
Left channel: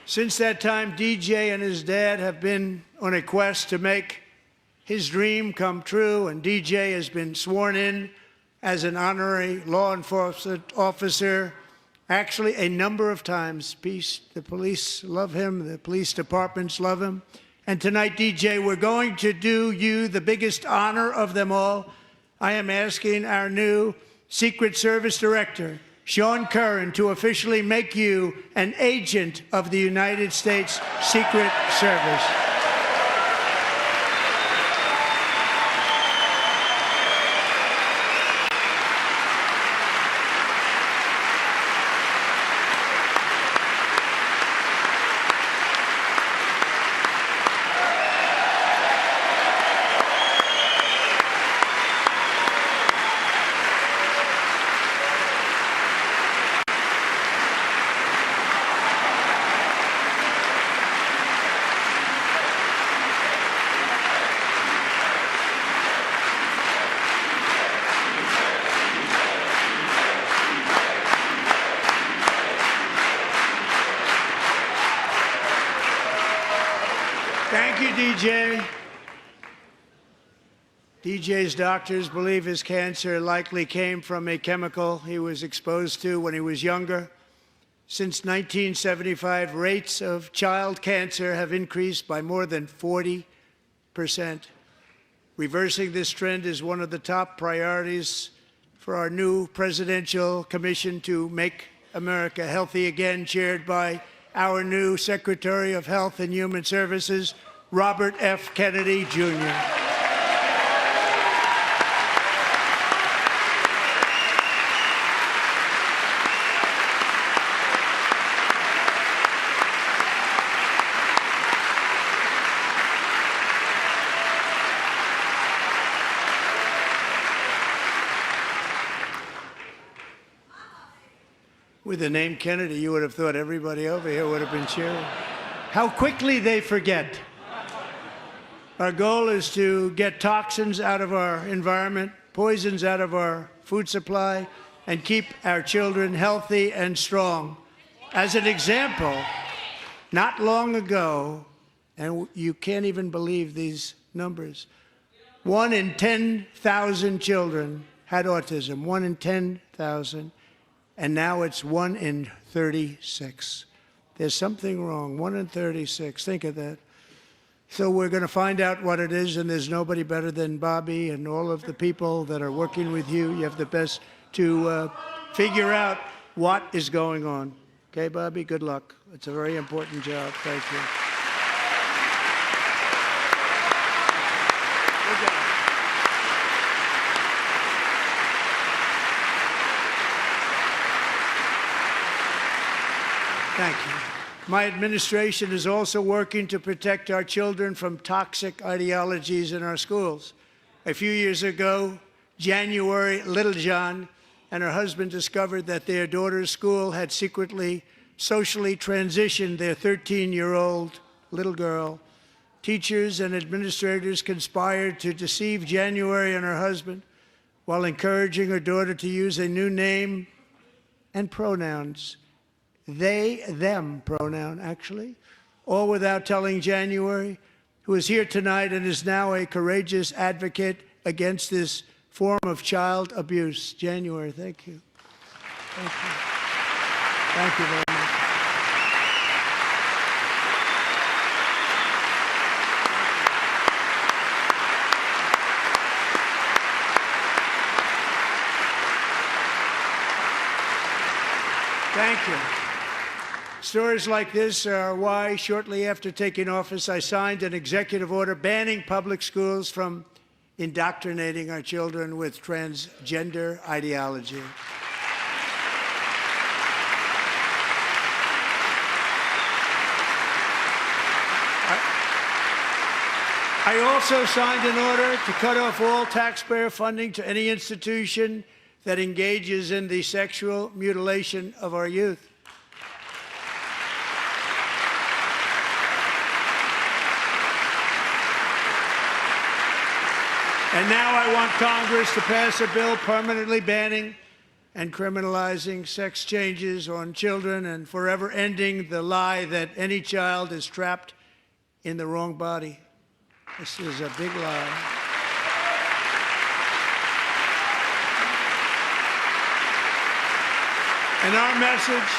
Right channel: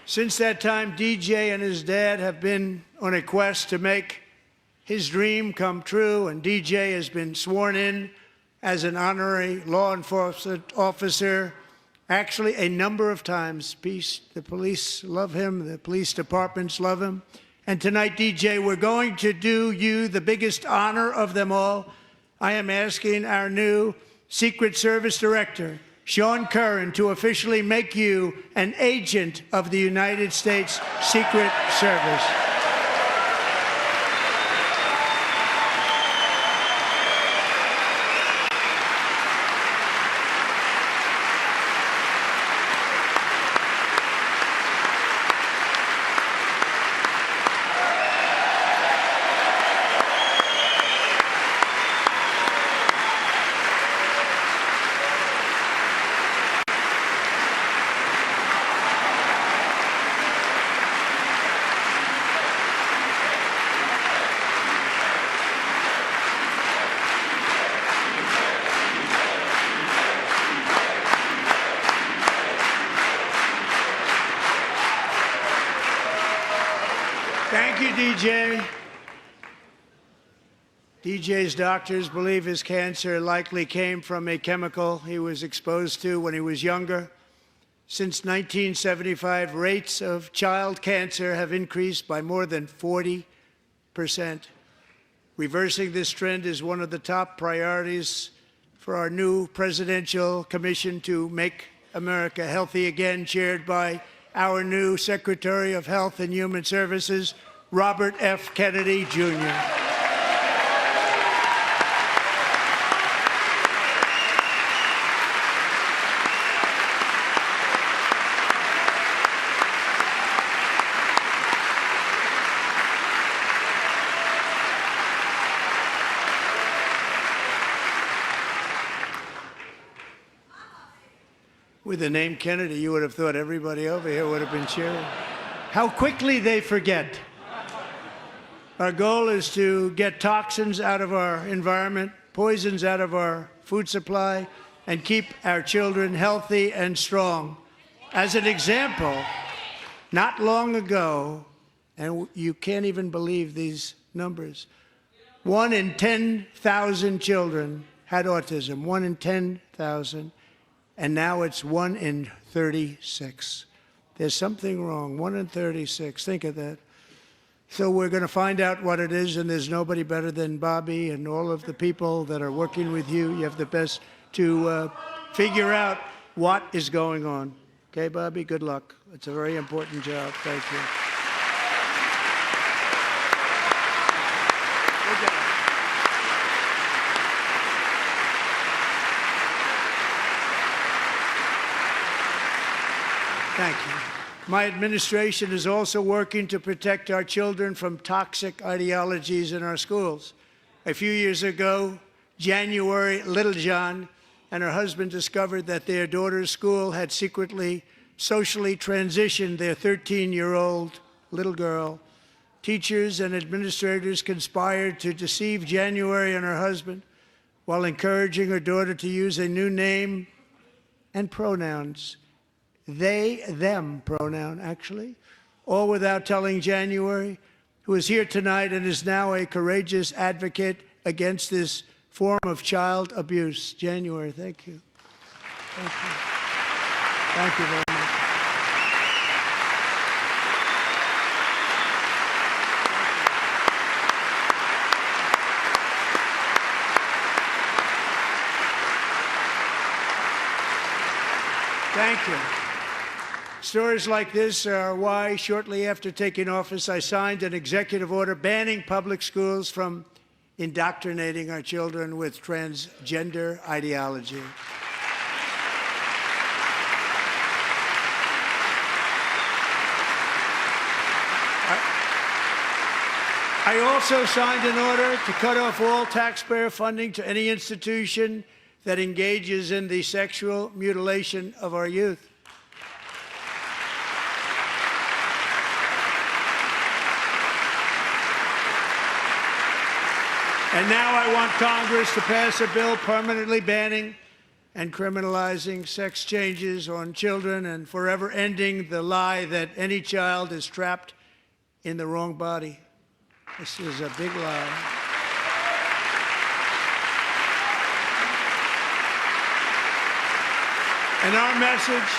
Since that time, DJ and his dad have been on a quest to make his dream come true, and DJ has been sworn in as an honorary law enforcement officer, actually a number of times. The police love him, the police departments love him. And tonight, DJ, we're going to do you the biggest honor of them all. I am asking our new Secret Service Director, Sean Curran, to officially make you an agent of the United States Secret Service. Thank you, DJ. DJ's doctors believe his cancer likely came from a chemical he was exposed to when he was younger. Since 1975, rates of child cancer have increased by more than 40%. Reversing this trend is one of the top priorities for our new presidential commission to make America healthy again, chaired by our new Secretary of Health and Human Services, Robert F. Kennedy, Jr. With the name Kennedy, you would have thought everybody over here would have been cheering. How quickly they forget. Our goal is to get toxins out of our environment, poisons out of our food supply, and keep our children healthy and strong. As an example, not long ago, and you can't even believe these numbers, 1 in 10,000 children had autism, 1 in 10,000. And now it's 1 in 36. There's something wrong. 1 in 36. Think of that. So we're going to find out what it is, and there's nobody better than Bobby and all of the people that are working with you. You have the best to figure out what is going on. Okay, Bobby? Good luck. It's a very important job. Thank you. Good job. Thank you. My administration is also working to protect our children from toxic ideologies in our schools. A few years ago, January Littlejohn and her husband discovered that their daughter's school had secretly socially transitioned their 13-year-old little girl. Teachers and administrators conspired to deceive January and her husband while encouraging her daughter to use a new name and pronouns. They, them pronoun, actually, all without telling January, who is here tonight and is now a courageous advocate against this form of child abuse. January, thank you. Thank you. Thank you very much. Thank you. Stories like this are why, shortly after taking office, I signed an executive order banning public schools from indoctrinating our children with transgender ideology. I also signed an order to cut off all taxpayer funding to any institution that engages in the sexual mutilation of our youth. And now I want Congress to pass a bill permanently banning and criminalizing sex changes on children and forever ending the lie that any child is trapped in the wrong body. This is a big lie. And our message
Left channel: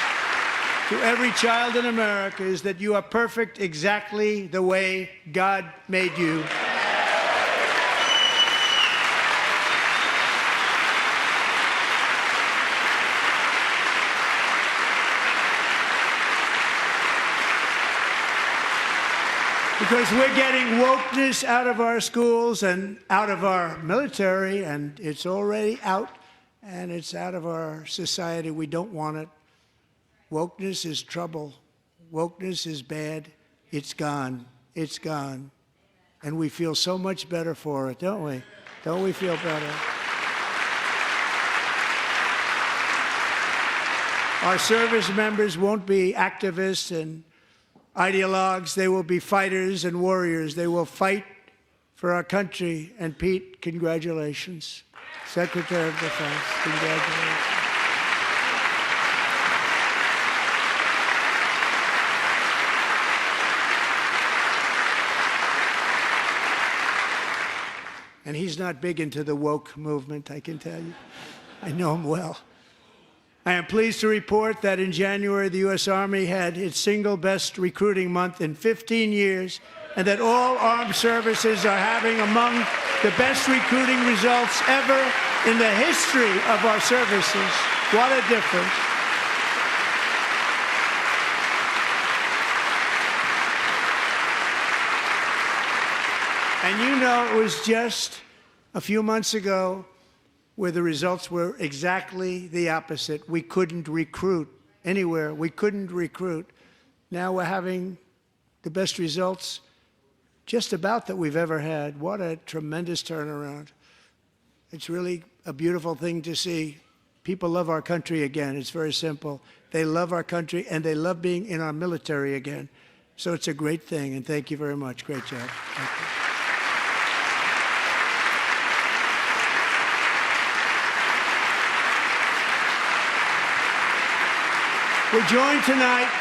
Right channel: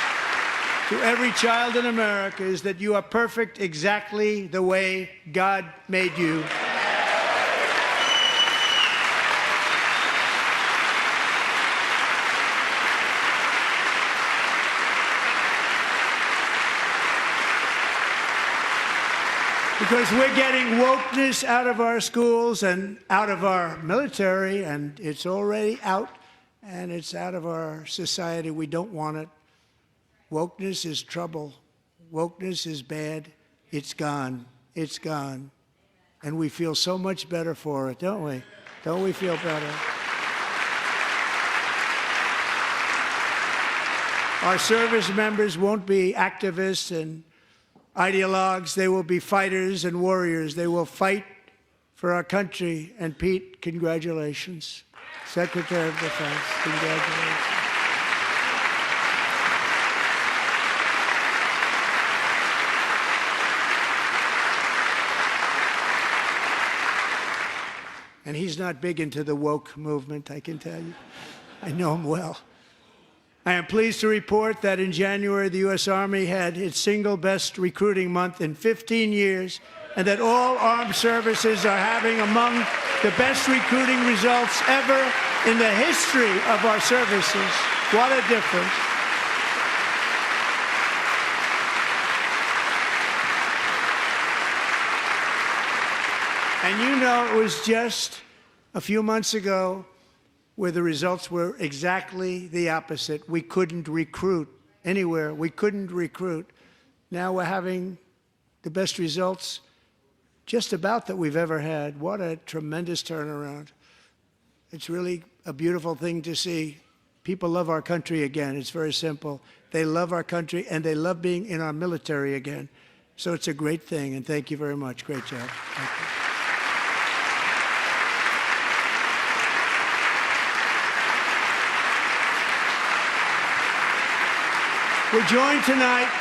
to every child in America is that you are perfect exactly the way God made you. Because we're getting wokeness out of our schools and out of our military, and it's already out, and it's out of our society. We don't want it. Wokeness is trouble. Wokeness is bad. It's gone. It's gone. And we feel so much better for it, don't we? Don't we feel better? Our service members won't be activists and ideologues. They will be fighters and warriors. They will fight for our country. And Pete, congratulations. Secretary of Defense, congratulations. And he's not big into the woke movement, I can tell you. I know him well. I am pleased to report that in January, the U.S. Army had its single best recruiting month in 15 years, and that all armed services are having among the best recruiting results ever in the history of our services. What a difference. And you know, it was just a few months ago where the results were exactly the opposite. We couldn't recruit anywhere. We couldn't recruit. Now we're having the best results just about that we've ever had. What a tremendous turnaround. It's really a beautiful thing to see. People love our country again. It's very simple. They love our country, and they love being in our military again. So it's a great thing, and thank you very much. Great job. Thank you. We're joined tonight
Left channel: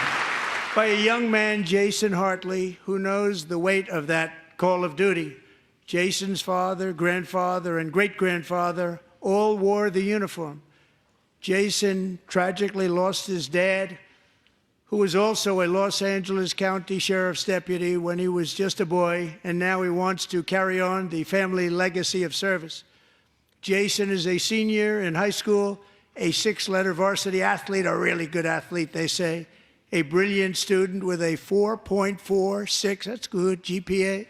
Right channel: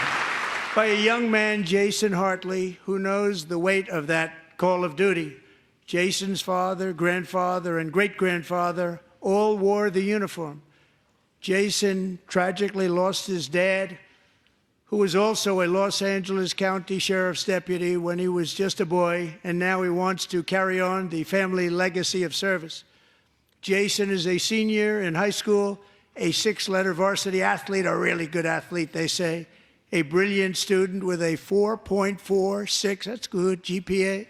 by a young man, Jason Hartley, who knows the weight of that call of duty. Jason's father, grandfather, and great-grandfather all wore the uniform. Jason tragically lost his dad, who was also a Los Angeles County Sheriff's deputy when he was just a boy, and now he wants to carry on the family legacy of service. Jason is a senior in high school, a six-letter varsity athlete, a really good athlete, they say, a brilliant student with a 4.46, that's good, GPA.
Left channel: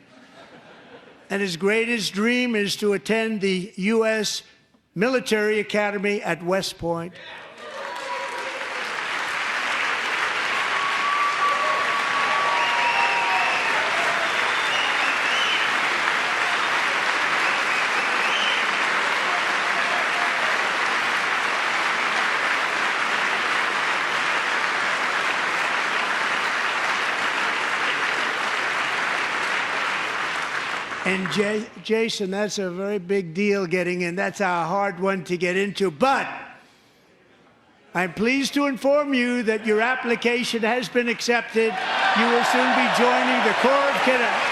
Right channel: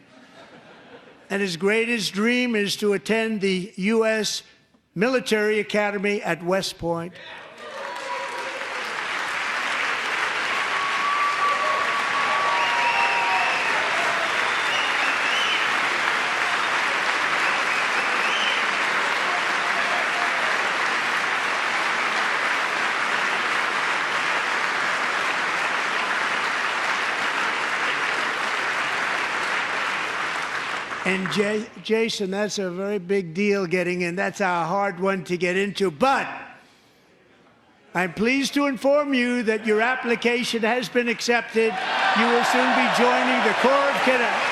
And his greatest dream is to attend the U.S. Military Academy at West Point. And Jason, that's a very big deal getting in. That's a hard one to get into. But I'm pleased to inform you that your application has been accepted. You will soon be joining the Corps of Cadets.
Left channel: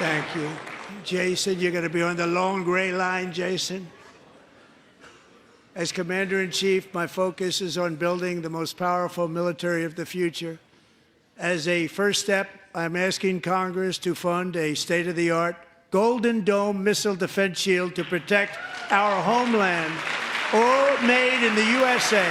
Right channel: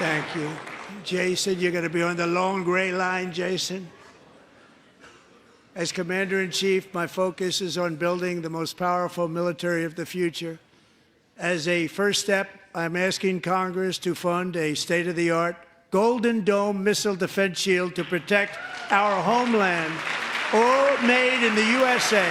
Thank you. Jason, you're going to be on the long gray line, Jason. As Commander-in-Chief, my focus is on building the most powerful military of the future. As a first step, I'm asking Congress to fund a state-of-the-art Golden Dome missile defense shield to protect our homeland, all made in the USA.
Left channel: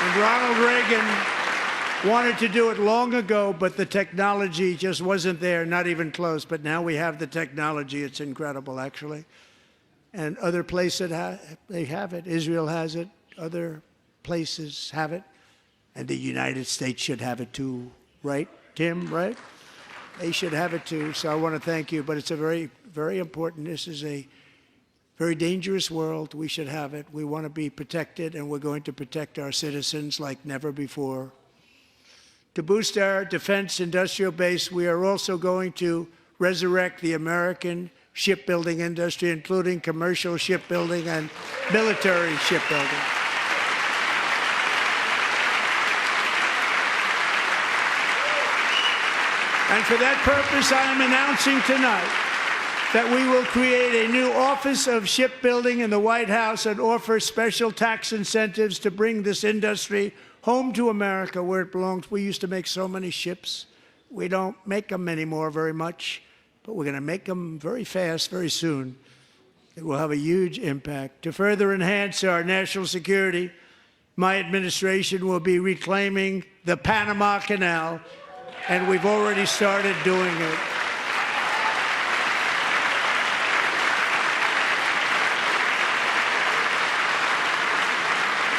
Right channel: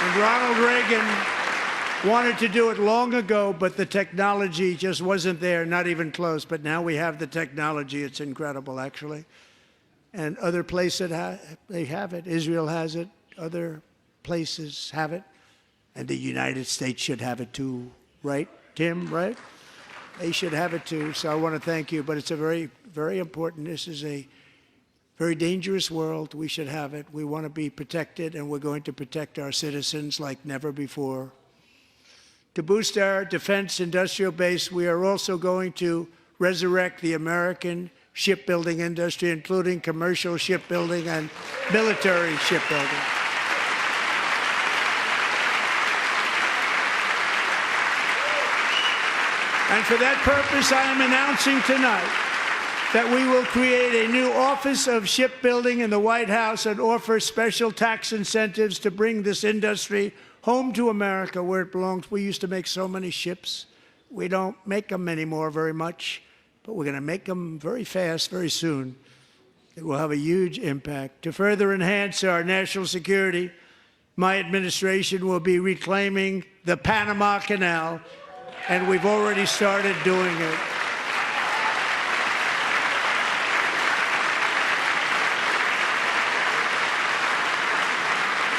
And Ronald Reagan wanted to do it long ago, but the technology just wasn't there, not even close. But now we have the technology. It's incredible, actually. And other places, they have it. Israel has it. Other places have it. And the United States should have it too, right, Tim, right? They should have it too. So I want to thank you. But it's a very, very important. This is a very dangerous world. We should have it. We want to be protected, and we're going to protect our citizens like never before. To boost our defense industrial base, we are also going to resurrect the American shipbuilding industry, including commercial shipbuilding and military shipbuilding. And for that purpose, I am announcing tonight that we will create a new Office of Shipbuilding in the White House and offer special tax incentives to bring this industry home to America where it belongs. We used to make so many ships. We don't make them anymore very much, but we're going to make them very fast, very soon. It will have a huge impact. To further enhance our national security, my administration will be reclaiming the Panama Canal, and we've already started doing it.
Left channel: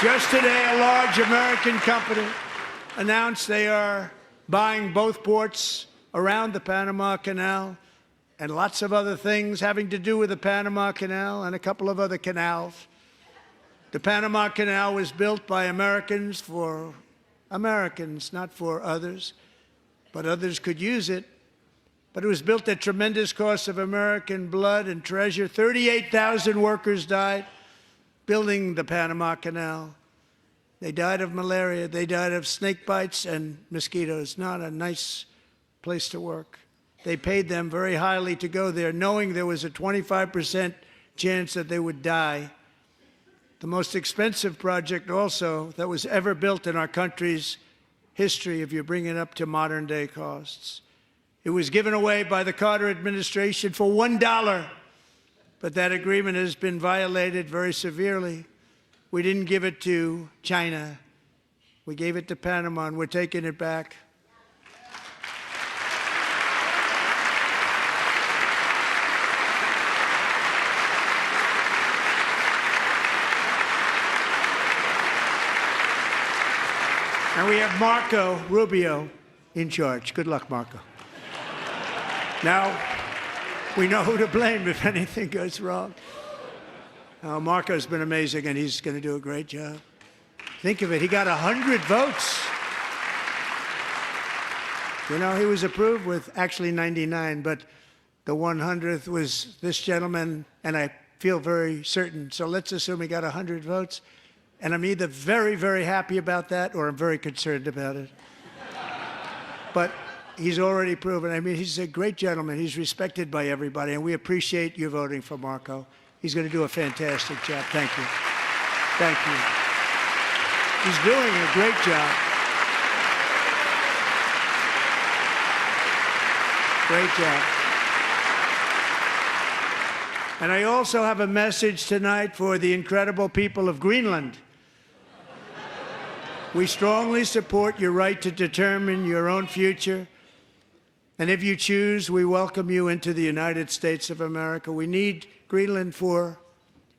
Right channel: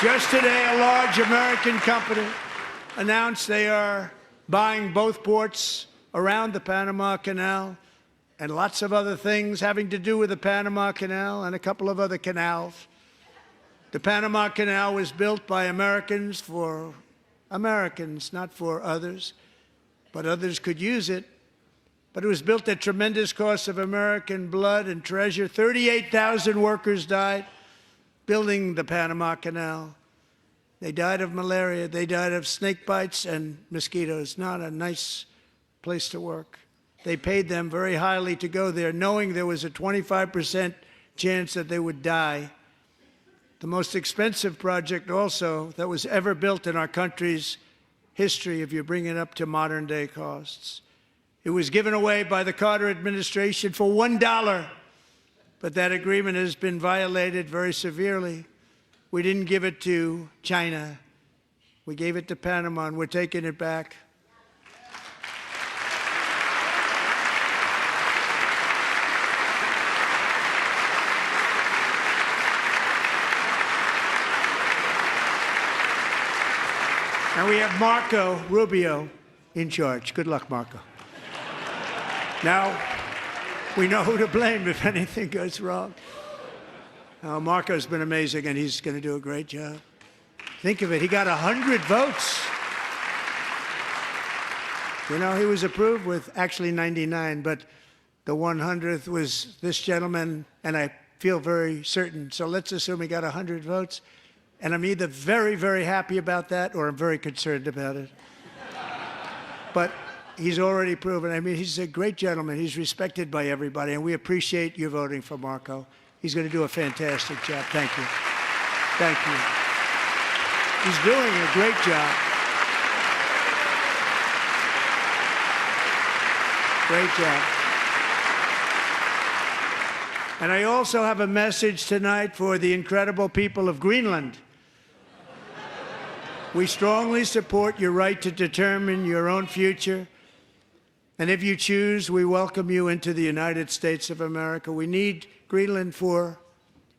Just today, a large American company announced they are buying both ports around the Panama Canal and lots of other things having to do with the Panama Canal and a couple of other canals. The Panama Canal was built by Americans for Americans, not for others, but others could use it. But it was built at tremendous cost of American blood and treasure. 38,000 workers died building the Panama Canal. They died of malaria. They died of snake bites and mosquitoes. Not a nice place to work. They paid them very highly to go there, knowing there was a 25% chance that they would die. The most expensive project also that was ever built in our country's history, if you bring it up to modern day costs. It was given away by the Carter administration for $1, but that agreement has been violated very severely. We didn't give it to China. We gave it to Panama, and we're taking it back. And we have Marco Rubio in charge. Good luck, Marco. Now, we know who to blame if anything goes wrong. Marco's been amazing, and he's going to do a great job. Think of it. He got 100 votes. You know, he was approved with actually 99, but the 100th was this gentleman, and I feel very certain. So let's assume he got 100 votes. And I'm either very, very happy about that or I'm very concerned about it. But he's already proven. I mean, he's a great gentleman. He's respected by everybody, and we appreciate you voting for Marco. He's going to do a fantastic job. Thank you. Thank you. He's doing a great job. Great job. And I also have a message tonight for the incredible people of Greenland. We strongly support your right to determine your own future. And if you choose, we welcome you into the United States of America. We need Greenland for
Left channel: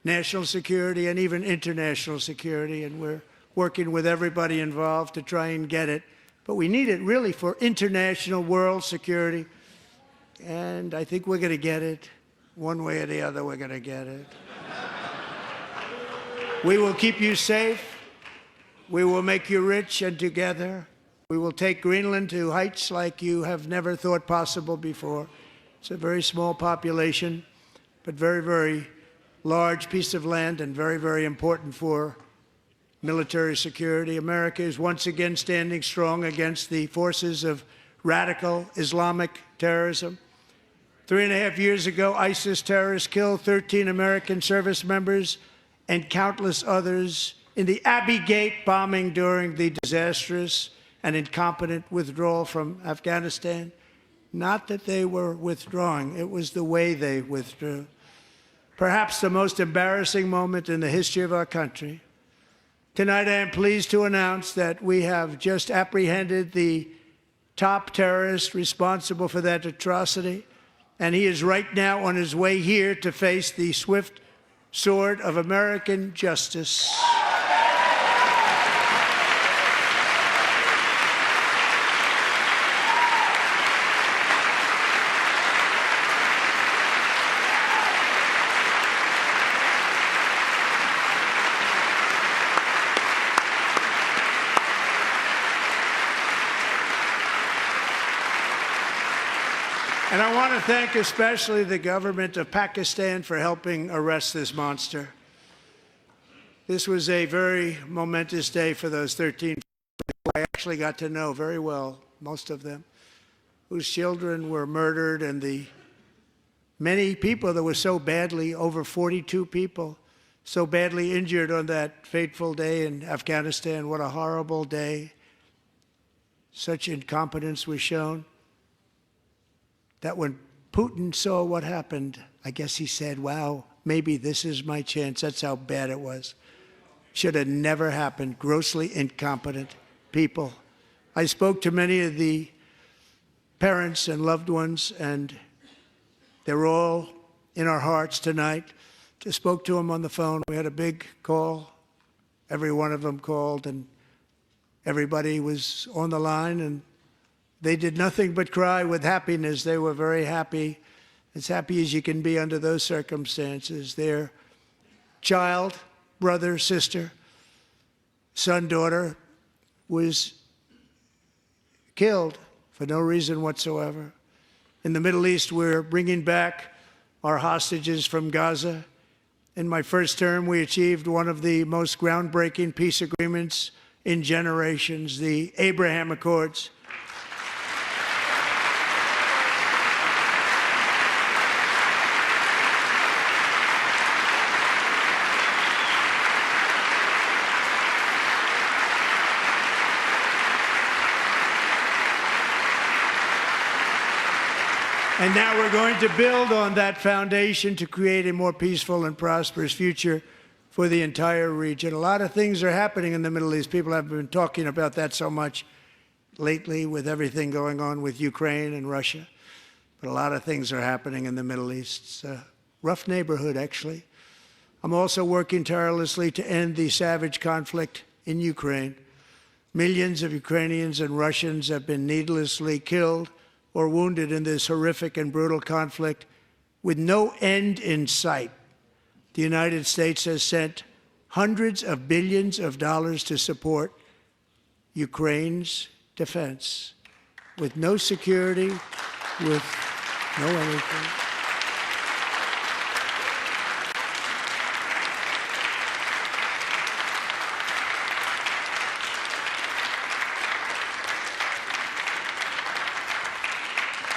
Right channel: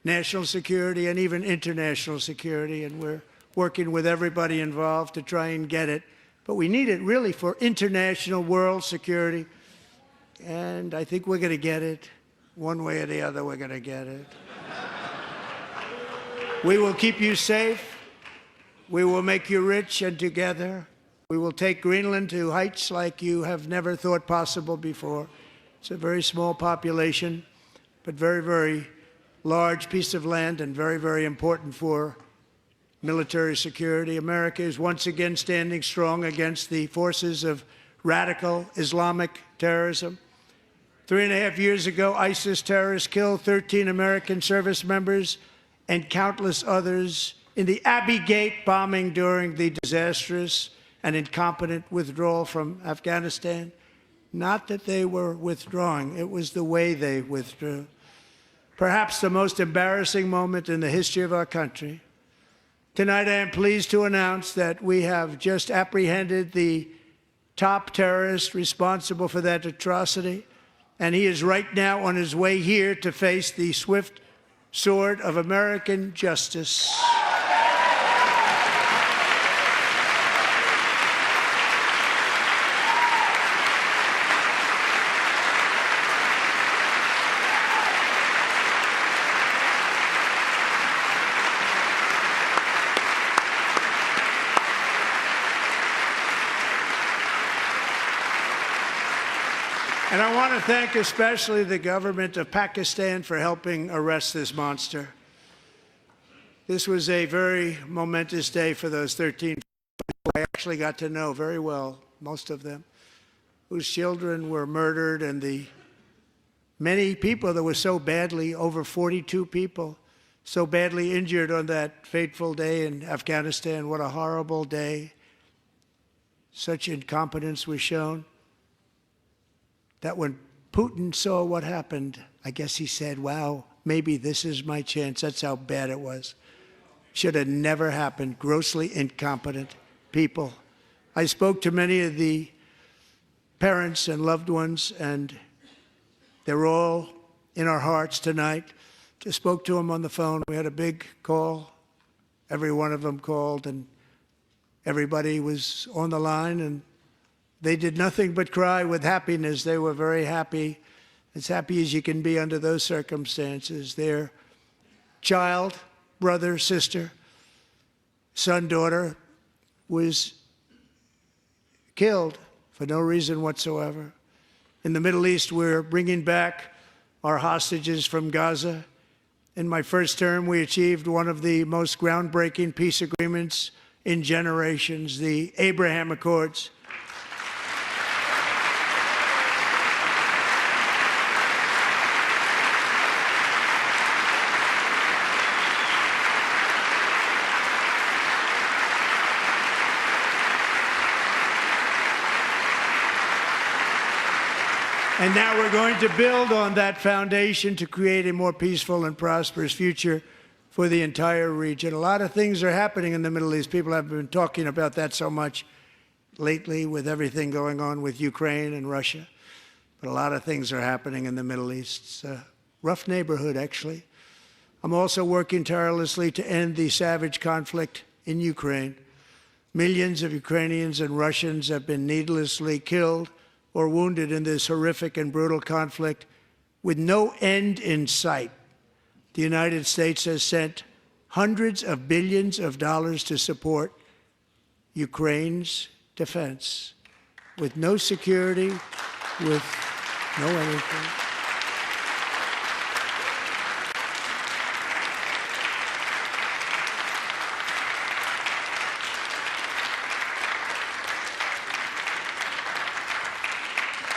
national security and even international security, and we're working with everybody involved to try and get it. But we need it really for international world security, and I think we're going to get it. One way or the other, we're going to get it. We will keep you safe. We will make you rich, and together we will take Greenland to heights like you have never thought possible before. It's a very small population, but very, very large piece of land and very, very important for military security. America is once again standing strong against the forces of radical Islamic terrorism. 3.5 years ago, ISIS terrorists killed 13 American service members and countless others in the Abbey Gate bombing during the disastrous and incompetent withdrawal from Afghanistan. Not that they were withdrawing, it was the way they withdrew. Perhaps the most embarrassing moment in the history of our country. Tonight, I am pleased to announce that we have just apprehended the top terrorist responsible for that atrocity, and he is right now on his way here to face the swift sword of American justice. And I want to thank especially the government of Pakistan for helping arrest this monster. This was a very momentous day for those 13 people I actually got to know very well, most of them, whose children were murdered, and the many people that were so badly, over 42 people, so badly injured on that fateful day in Afghanistan. What a horrible day. Such incompetence was shown. That when Putin saw what happened, I guess he said, wow, maybe this is my chance. That's how bad it was. Should have never happened. Grossly incompetent people. I spoke to many of the parents and loved ones, and they're all in our hearts tonight. Just spoke to them on the phone. We had a big call, Every one of them called, and everybody was on the line, and they did nothing but cry with happiness. They were very happy, as happy as you can be under those circumstances. Their child, brother, sister, son, daughter was killed for no reason whatsoever. In the Middle East, we're bringing back our hostages from Gaza. In my first term, we achieved one of the most groundbreaking peace agreements in generations, the Abraham Accords. And now we're going to build on that foundation to create a more peaceful and prosperous future for the entire region. A lot of things are happening in the Middle East. People have been talking about that so much lately with everything going on with Ukraine and Russia. But a lot of things are happening in the Middle East. It's a rough neighborhood, actually. I'm also working tirelessly to end the savage conflict in Ukraine. Millions of Ukrainians and Russians have been needlessly killed or wounded in this horrific and brutal conflict with no end in sight. The United States has sent hundreds of billions of dollars to support Ukraine's defense with no security, with no anything.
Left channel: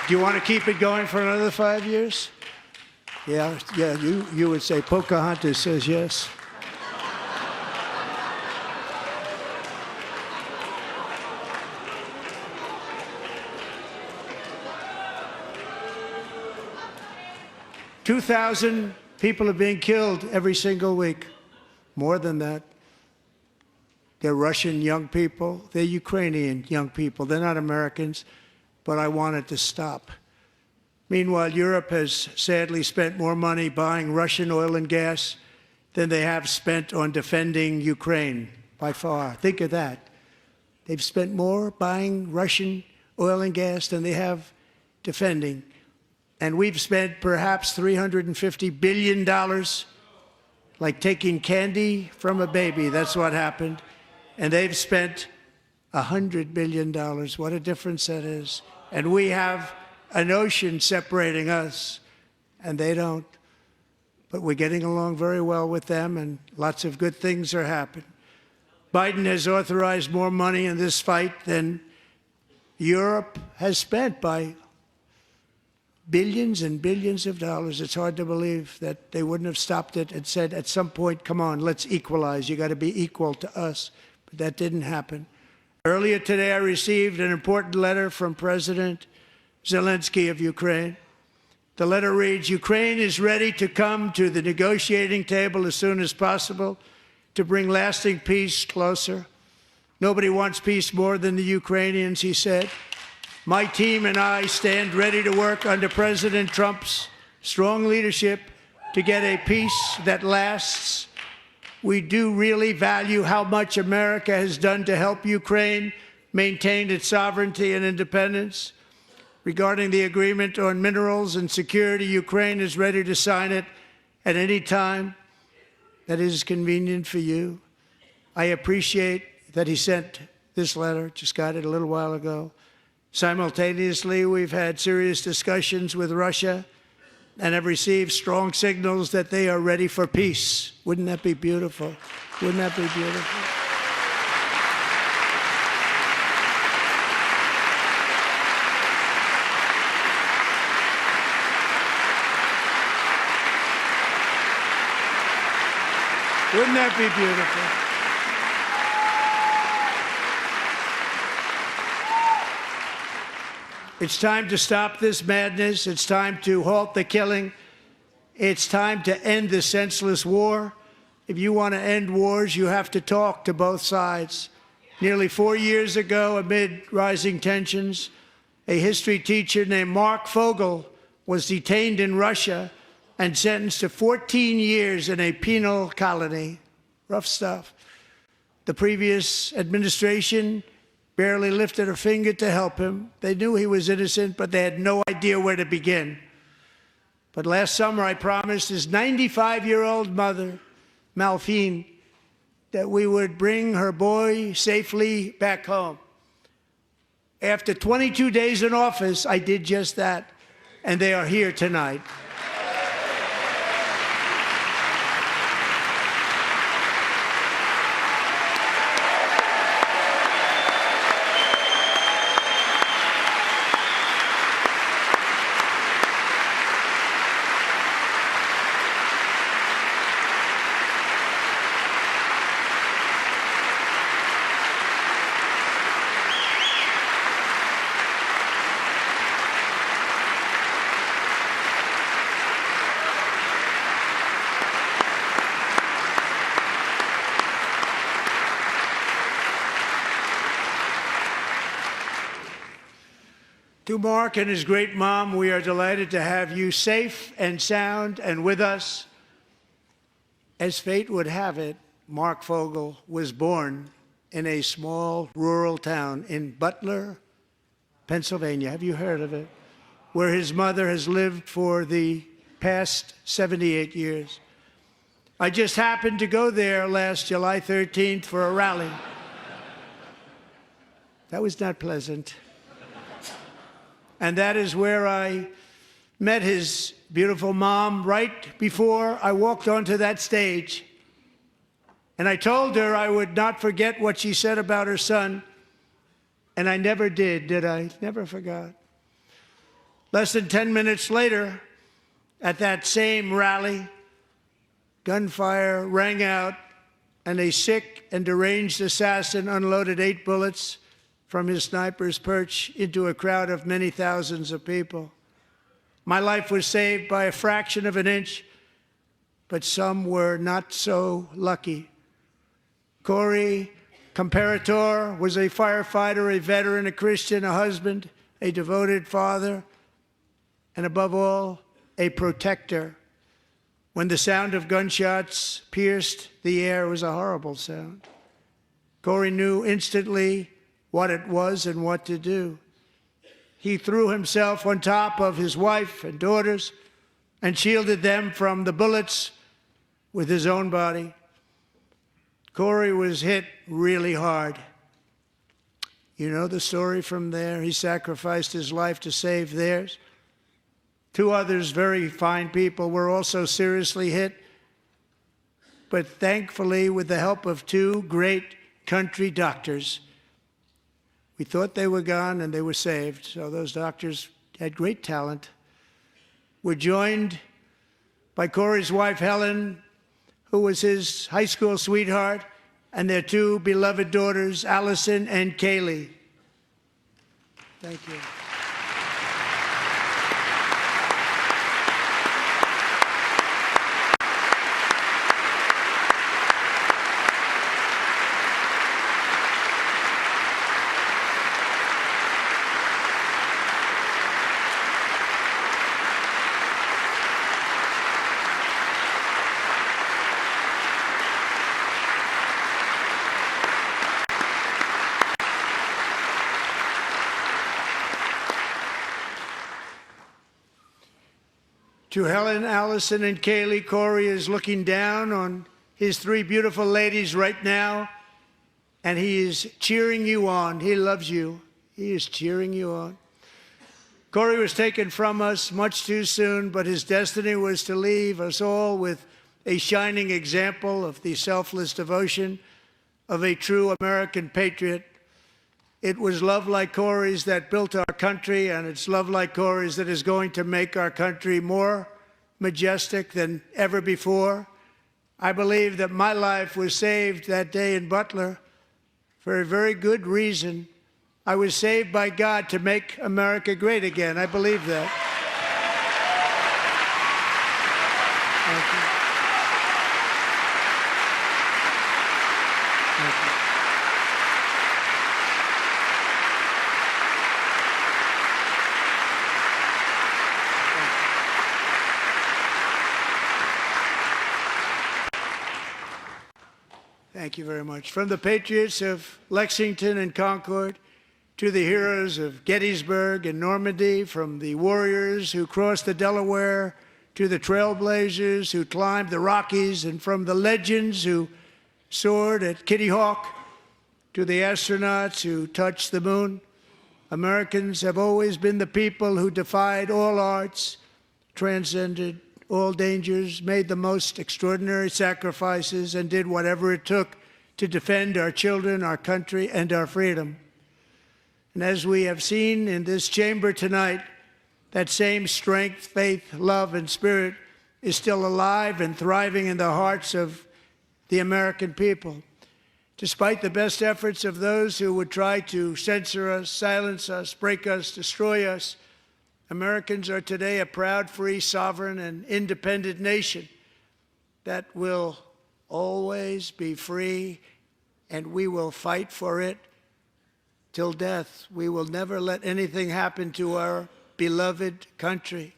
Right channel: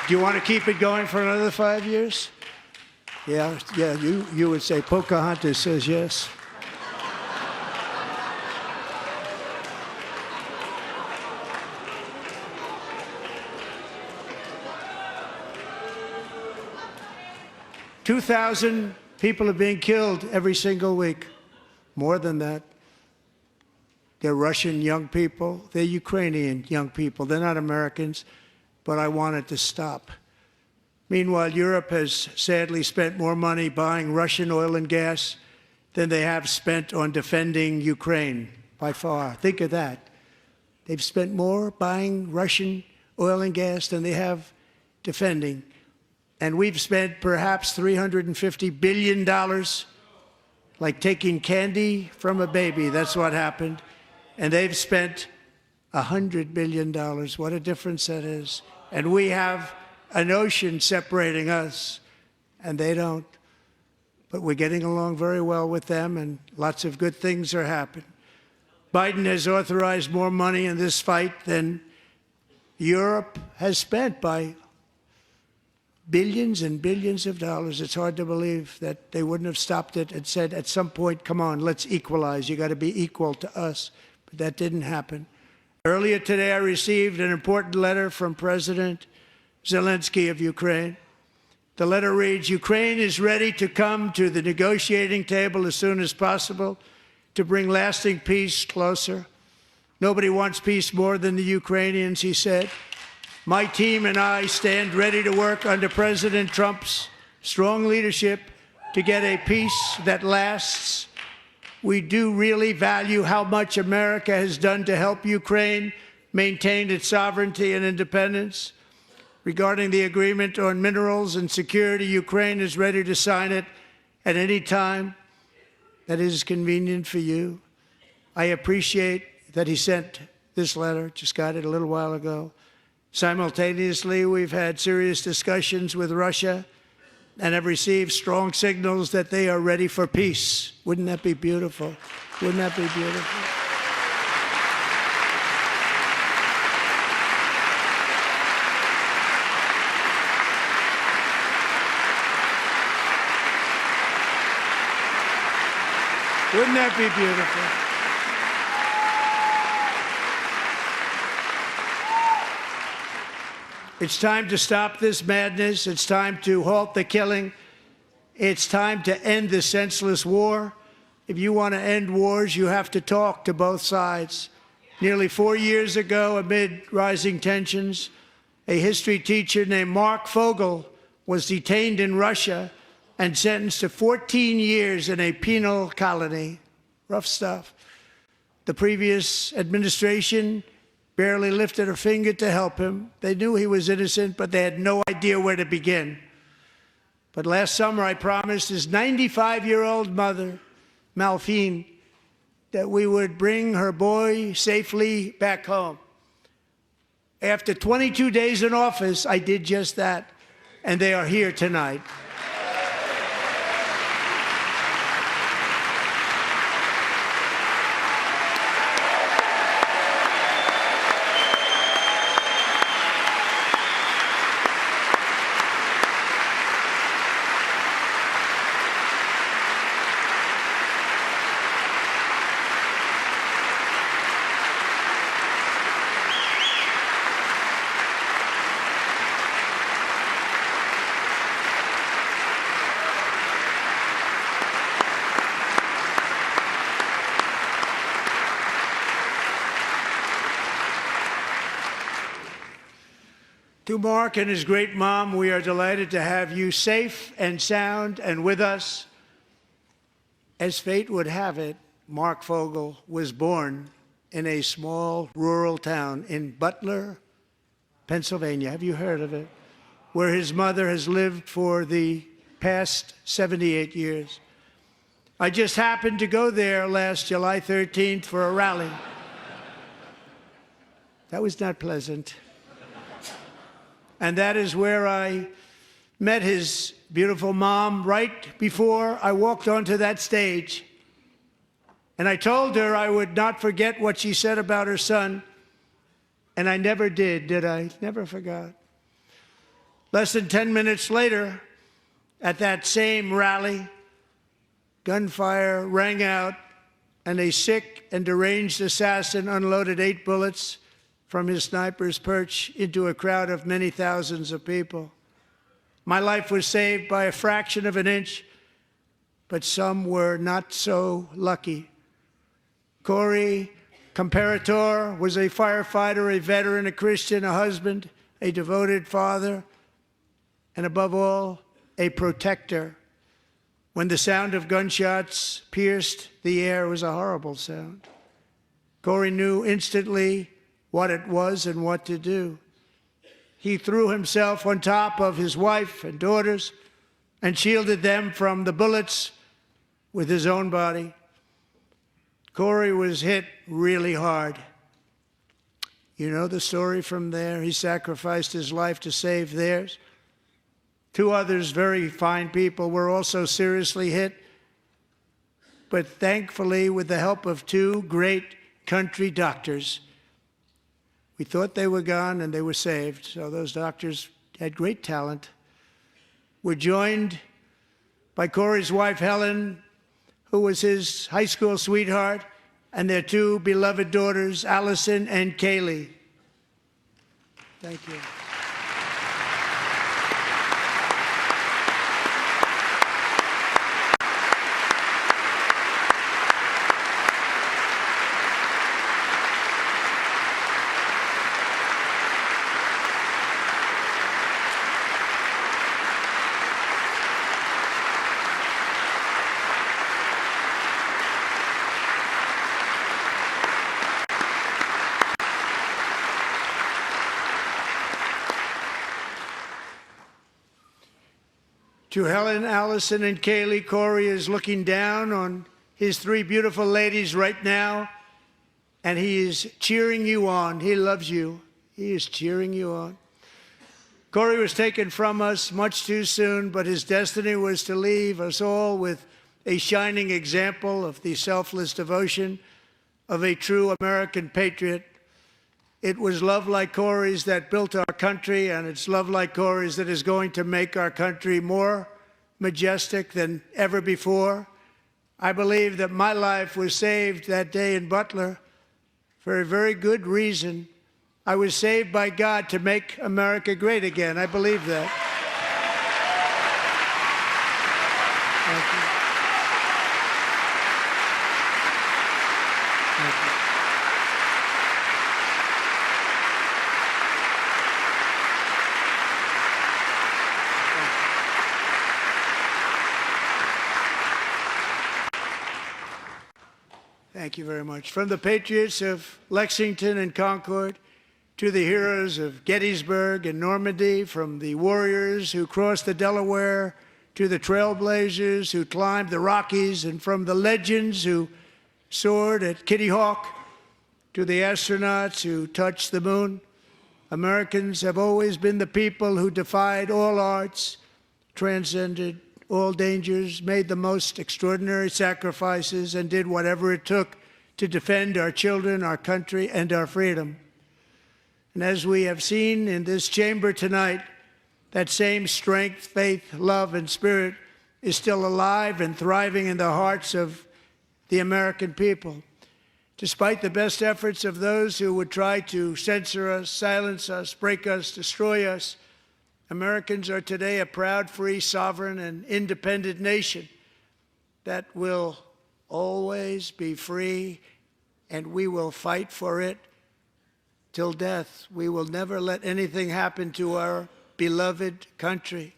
Do you want to keep it going for another 5 years? Yeah, you would say Pocahontas says yes. "2,000 people are being killed every single week. More than that. They're Russian young people. They're Ukrainian young people. They're not Americans. But I want it to stop. Meanwhile, Europe has sadly spent more money buying Russian oil and gas than they have spent on defending Ukraine, by far. Think of that. They've spent more buying Russian oil and gas than they have defending. And we've spent perhaps $350 billion, like taking candy from a baby. That's what happened. And they've spent $100 billion. What a difference that is. And we have an ocean separating us, and they don't. But we're getting along very well with them, and lots of good things are happening. Biden has authorized more money in this fight than Europe has spent, by billions and billions of dollars. It's hard to believe that they wouldn't have stopped it and said at some point, come on, let's equalize. You got to be equal to us. But that didn't happen. Earlier today, I received an important letter from President Zelensky of Ukraine. The letter reads, "Ukraine is ready to come to the negotiating table as soon as possible to bring lasting peace closer. Nobody wants peace more than the Ukrainians," he said. "My team and I stand ready to work under President Trump's strong leadership to get a peace that lasts. We do really value how much America has done to help Ukraine maintain its sovereignty and independence. Regarding the agreement on minerals and security, Ukraine is ready to sign it at any time that is convenient for you." I appreciate that he sent this letter, just got it a little while ago. Simultaneously, we've had serious discussions with Russia and have received strong signals that they are ready for peace. Wouldn't that be beautiful? Wouldn't that be beautiful? Wouldn't that be beautiful? It's time to stop this madness. It's time to halt the killing. It's time to end this senseless war. If you want to end wars, you have to talk to both sides. Nearly 4 years ago, amid rising tensions, a history teacher named Mark Fogel was detained in Russia and sentenced to 14 years in a penal colony. Rough stuff. The previous administration barely lifted a finger to help him. They knew he was innocent, but they had no idea where to begin. But last summer, I promised his 95-year-old mother, Malphine, that we would bring her boy safely back home. After 22 days in office, I did just that, and they are here tonight. To Mark and his great mom, we are delighted to have you safe and sound and with us. As fate would have it, Mark Fogel was born in a small rural town in Butler, Pennsylvania. Have you heard of it? Where his mother has lived for the past 78 years. I just happened to go there last July 13th for a rally. That was not pleasant. And that is where I met his beautiful mom right before I walked onto that stage. And I told her I would not forget what she said about her son. And I never did I? Never forgot. Less than 10 minutes later, at that same rally, gunfire rang out, and a sick and deranged assassin unloaded 8 bullets from his sniper's perch into a crowd of many thousands of people. My life was saved by a fraction of an inch, but some were not so lucky. Corey Comparator was a firefighter, a veteran, a Christian, a husband, a devoted father, and above all, a protector. When the sound of gunshots pierced the air, it was a horrible sound. Corey knew instantly what it was and what to do. He threw himself on top of his wife and daughters and shielded them from the bullets with his own body. Corey was hit really hard. You know the story from there. He sacrificed his life to save theirs. 2 others, very fine people, were also seriously hit. But thankfully, with the help of 2 great country doctors, we thought they were gone and they were saved. So those doctors had great talent. We're joined by Corey's wife, Helen, who was his high school sweetheart, and their 2 beloved daughters, Allison and Kaylee. Thank you. To Helen, Allison, and Kaylee, Corey is looking down on his 3 beautiful ladies right now, and he is cheering you on. He loves you. He is cheering you on. Corey was taken from us much too soon, but his destiny was to leave us all with a shining example of the selfless devotion of a true American patriot. It was love like Corey's that built our country, and it's love like Corey's that is going to make our country more majestic than ever before. I believe that my life was saved that day in Butler for a very good reason. I was saved by God to make America great again. I believe that. Thank you. Thank you. Thank you very much. From the patriots of Lexington and Concord to the heroes of Gettysburg and Normandy, from the warriors who crossed the Delaware to the trailblazers who climbed the Rockies, and from the legends who soared at Kitty Hawk to the astronauts who touched the moon, Americans have always been the people who defied all odds, transcended all dangers, made the most extraordinary sacrifices, and did whatever it took to defend our children, our country, and our freedom. And as we have seen in this chamber tonight, that same strength, faith, love, and spirit is still alive and thriving in the hearts of the American people. Despite the best efforts of those who would try to censor us, silence us, break us, destroy us, Americans are today a proud, free, sovereign, and independent nation that will always be free, and we will fight for it till death. We will never let anything happen to our beloved country,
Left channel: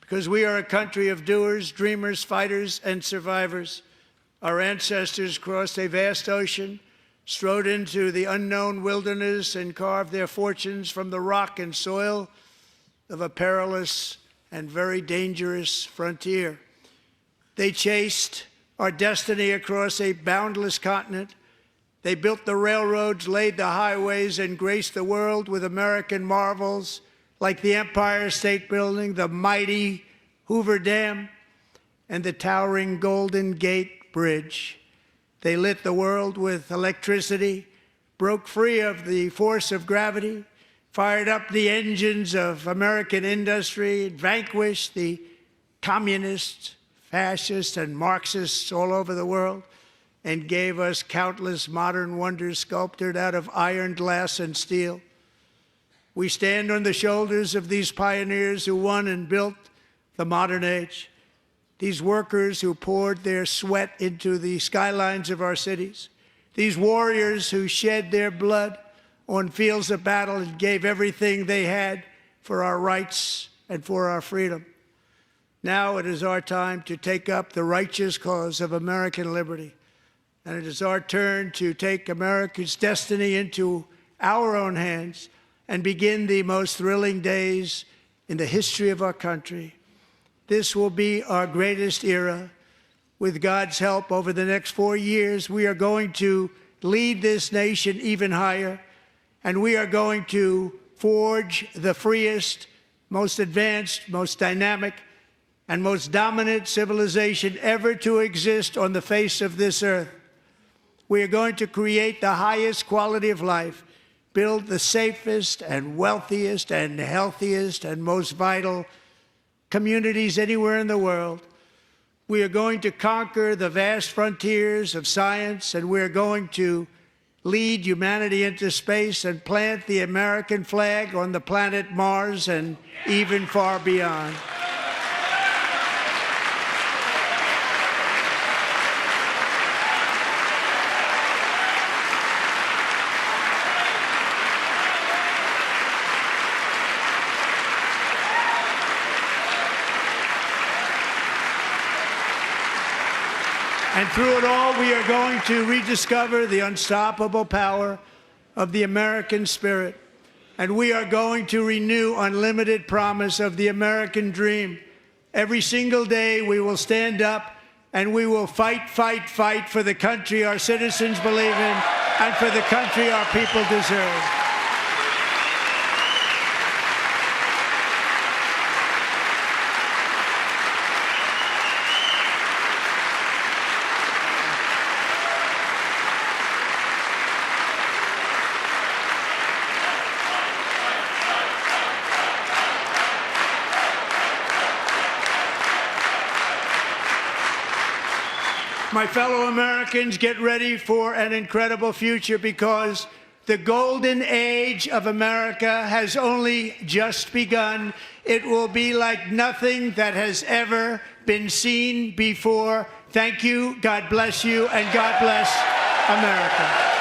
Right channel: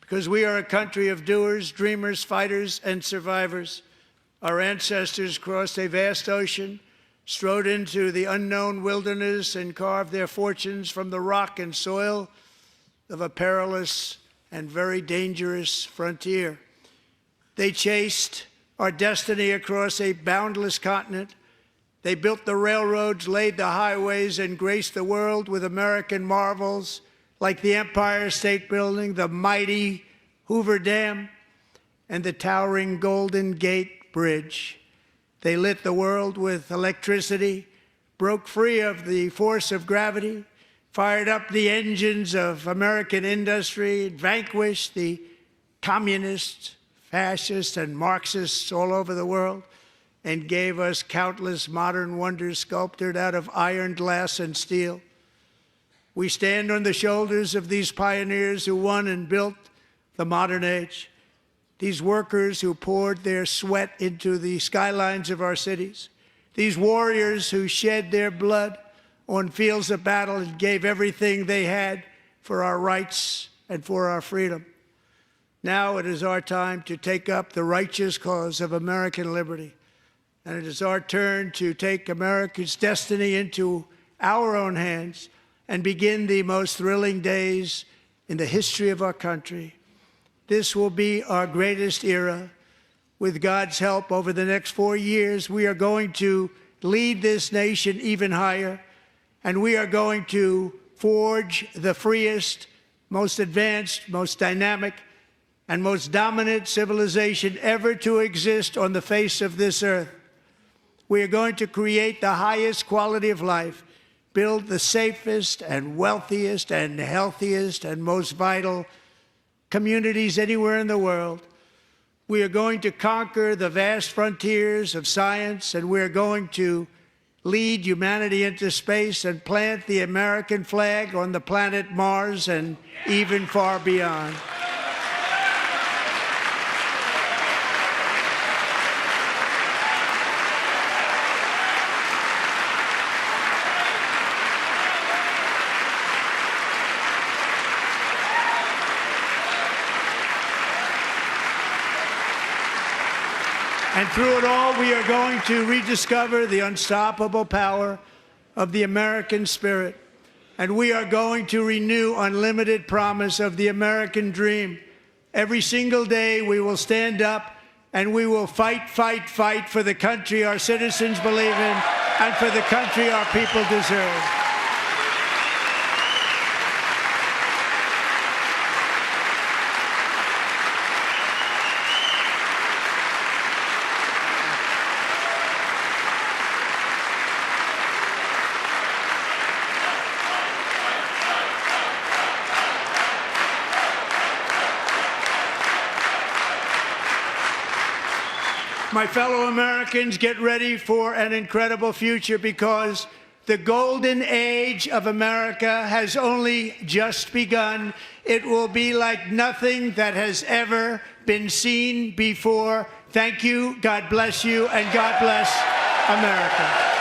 because we are a country of doers, dreamers, fighters, and survivors. Our ancestors crossed a vast ocean, strode into the unknown wilderness, and carved their fortunes from the rock and soil of a perilous and very dangerous frontier. They chased our destiny across a boundless continent. They built the railroads, laid the highways, and graced the world with American marvels like the Empire State Building, the mighty Hoover Dam, and the towering Golden Gate Bridge. They lit the world with electricity, broke free of the force of gravity, fired up the engines of American industry, vanquished the communists, fascists, and Marxists all over the world, and gave us countless modern wonders sculptured out of iron, glass, and steel. We stand on the shoulders of these pioneers who won and built the modern age, these workers who poured their sweat into the skylines of our cities, these warriors who shed their blood on fields of battle and gave everything they had for our rights and for our freedom. Now it is our time to take up the righteous cause of American liberty. And it is our turn to take America's destiny into our own hands and begin the most thrilling days in the history of our country. This will be our greatest era. With God's help, over the next 4 years, we are going to lead this nation even higher, and we are going to forge the freest, most advanced, most dynamic, and most dominant civilization ever to exist on the face of this earth. We are going to create the highest quality of life, build the safest and wealthiest and healthiest and most vital communities anywhere in the world. We are going to conquer the vast frontiers of science, and we are going to lead humanity into space and plant the American flag on the planet Mars and even far beyond. And through it all, we are going to rediscover the unstoppable power of the American spirit. And we are going to renew unlimited promise of the American dream. Every single day, we will stand up and we will fight, fight, fight for the country our citizens believe in and for the country our people deserve. My fellow Americans, get ready for an incredible future, because the golden age of America has only just begun. It will be like nothing that has ever been seen before. Thank you, God bless you, and God bless America.